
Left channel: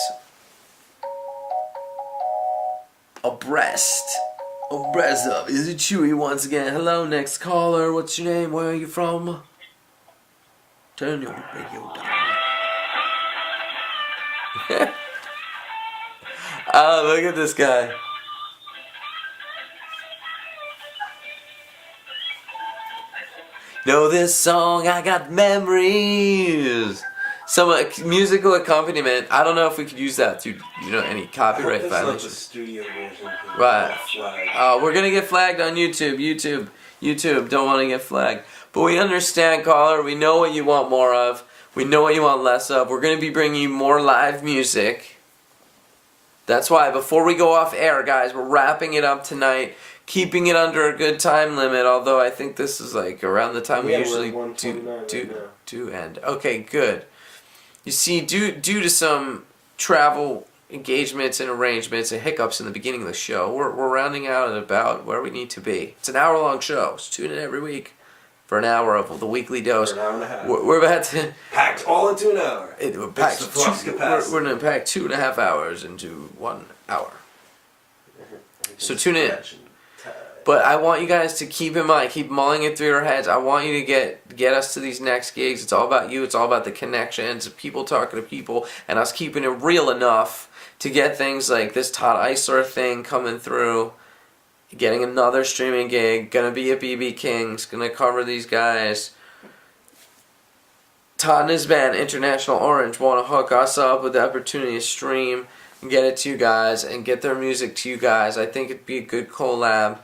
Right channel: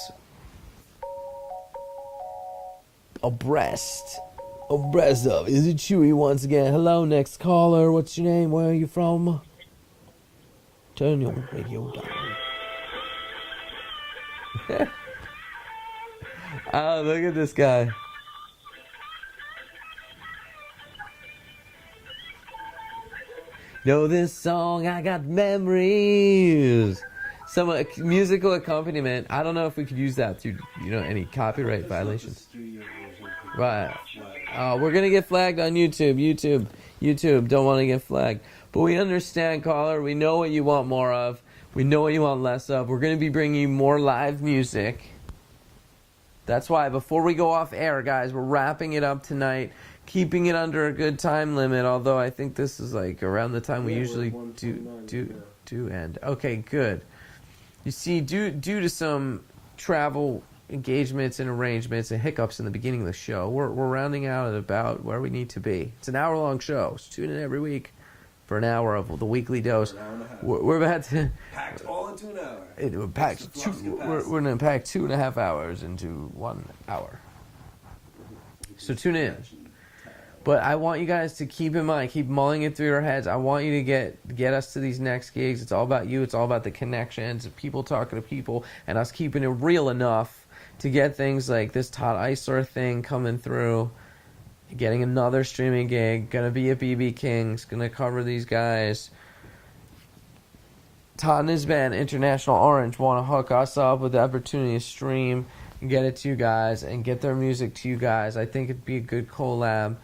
abreast of. Is it Chewy once again? Hello, next caller. What's your name? Where are you from? Turn your radio down. Oh, look at this guy. Know this song, I got memories. Some musical accompaniment. I don't know if we could use that to, any copyright violations. Right. We're gonna get flagged on YouTube. YouTube don't want to get flagged. But we understand, caller. We know what you want more of. We know what you want less of. We're gonna be bringing you more live music. That's why before we go off air, guys, we're wrapping it up tonight. Keeping it under a good time limit, although I think this is around the time we usually do end. Okay, good. You see, due to some travel engagements and arrangements and hiccups in the beginning of the show, we're rounding out at about where we need to be. It's an hour-long show. So tune in every week for an hour of the weekly dose. For an hour and a half. We're about to Packed all into an hour. we're packed. It's the flux capacity. We're gonna pack 2.5 hours into 1 hour. So tune in. But I want you guys to keep in mind, keep mulling it through your heads. I want you to get us to these next gigs. It's all about you. It's all about the connections, people talking to people, and us keeping it real enough to get things like this Todd Eisler thing coming through, getting another streaming gig, gonna be at BB King's, gonna cover these guys. Todd and his band, International Orange, want to hook us up with the opportunity to stream and get it to you guys and get their music to you guys. I think it'd be a good collab.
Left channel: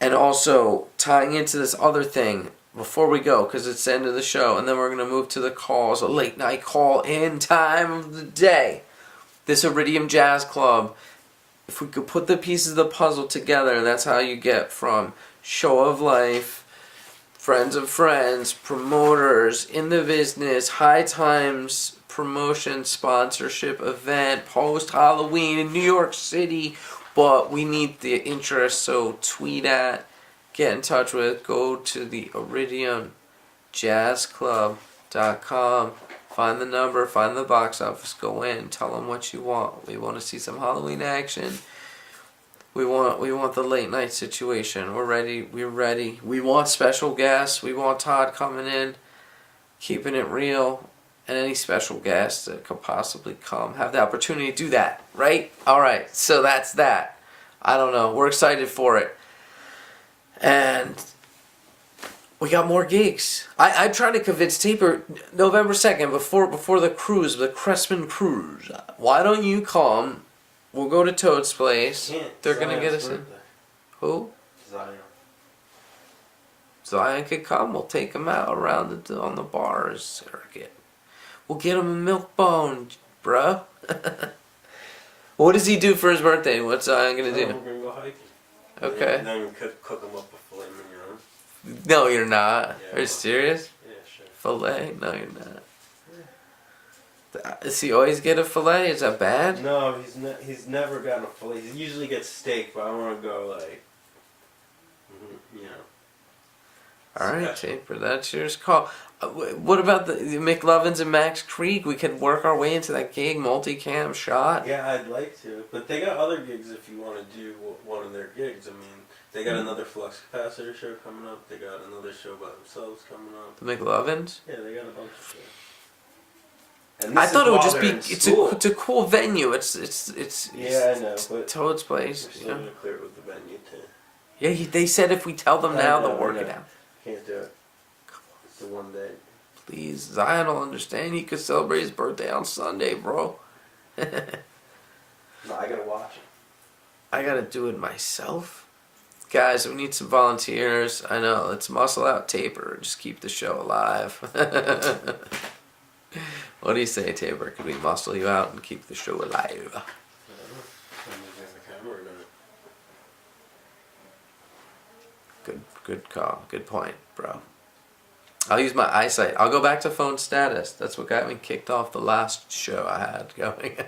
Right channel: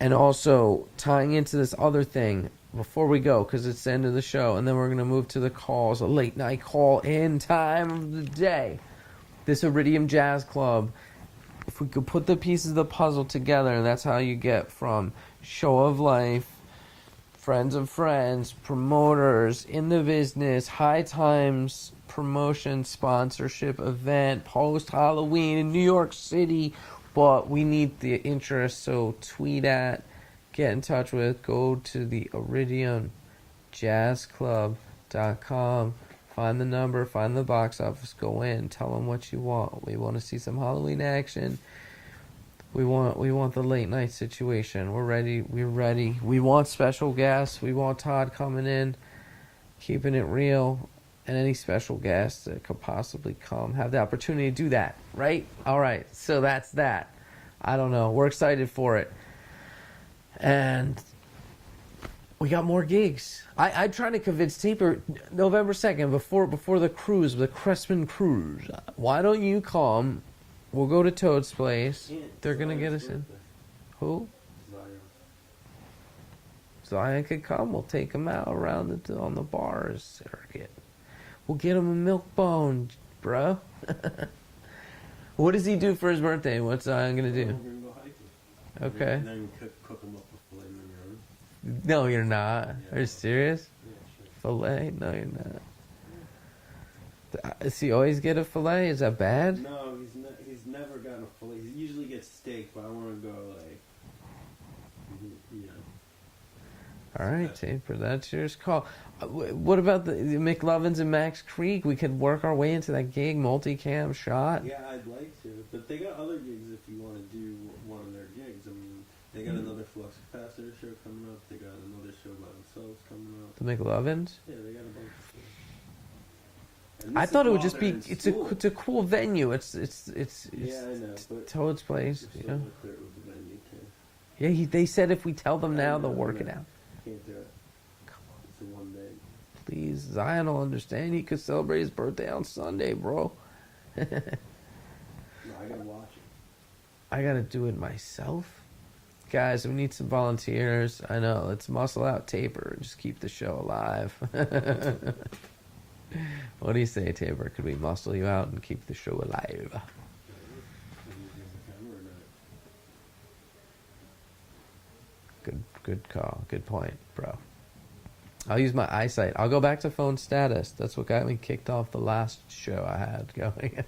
And also, tying into this other thing, before we go, because it's the end of the show, and then we're going to move to the calls, a late night call-in time of the day. This Iridium Jazz Club, if we could put the pieces of the puzzle together, that's how you get from Show of Life, friends of friends, promoters, in the business, high times, promotion, sponsorship, event, post-Halloween in New York City. But we need the interest, so tweet at, get in touch with, go to the IridiumJazzClub.com, find the number, find the box office, go in, tell them what you want. We want to see some Halloween action. We want the late night situation. We're ready. We want special guests. We want Todd coming in, keeping it real. And any special guests that could possibly come have the opportunity to do that, right? All right, so that's that. I don't know. We're excited for it. And we got more gigs. I'm trying to convince Taper November 2nd, before the cruise, the Cressman Cruise. Why don't you come? We'll go to Toad's place. They're going to get us in. Who? Zion could come. We'll take him out around on the bars circuit. We'll get him a milk bone, bruh. What does he do for his birthday? What's Zion gonna do? We're gonna go hiking. Okay. Then we cook him up a filet mignon. No, you're not. Yeah, Are you serious? Yeah, sure. Filet? No, you're not. Does he always get a filet? Is that bad? No, he's never gotten a filet. He usually gets steak, but I want to go like, you know. All right, Taper, that's yours call. What about the McLovins and Max Creek? We could work our way into that gig, multicam shot. Yeah, I'd like to, but they got other gigs if you want to do one of their gigs. I mean, they got another Flux Capacitor show coming up. They got another show by themselves coming up. The McLovins? Yeah, they got a bunch of shows. And I thought it would just be. It's It's a cool venue. It's yeah, I know. But Toad's place. we're still gonna clear it with the venue too. Yeah, they said if we tell them now, they'll work it out. Can't do it. It's the one day. Please, Zion will understand. He could celebrate his birthday on Sunday, bro. No, I gotta watch it. I gotta do it myself. Guys, we need some volunteers. I know. Let's muscle out Taper. Just keep the show alive. What do you say, Taper? Could we muscle you out and keep the show alive? Good call. Good point, bro. I'll use my eyesight. I'll go back to phone status. That's what got me kicked off the last show I had going. I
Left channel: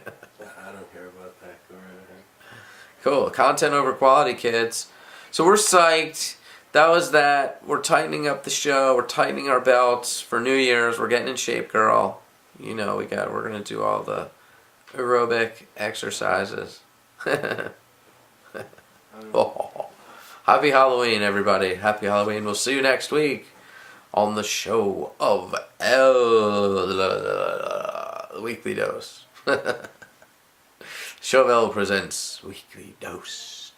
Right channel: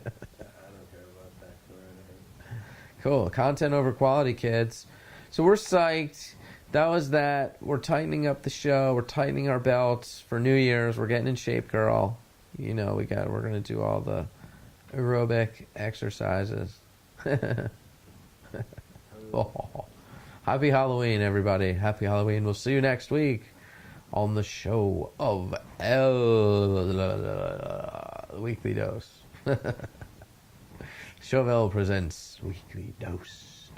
don't care about that. Cool. Content over quality, kids. So we're psyched. That was that. We're tightening up the show. We're tightening our belts for New Year's. We're getting in shape, girl. You know, we're gonna do all the aerobic exercises. Oh. Happy Halloween, everybody. Happy Halloween. We'll see you next week on the show of the Weekly Dose. Show of L presents Weekly Dose.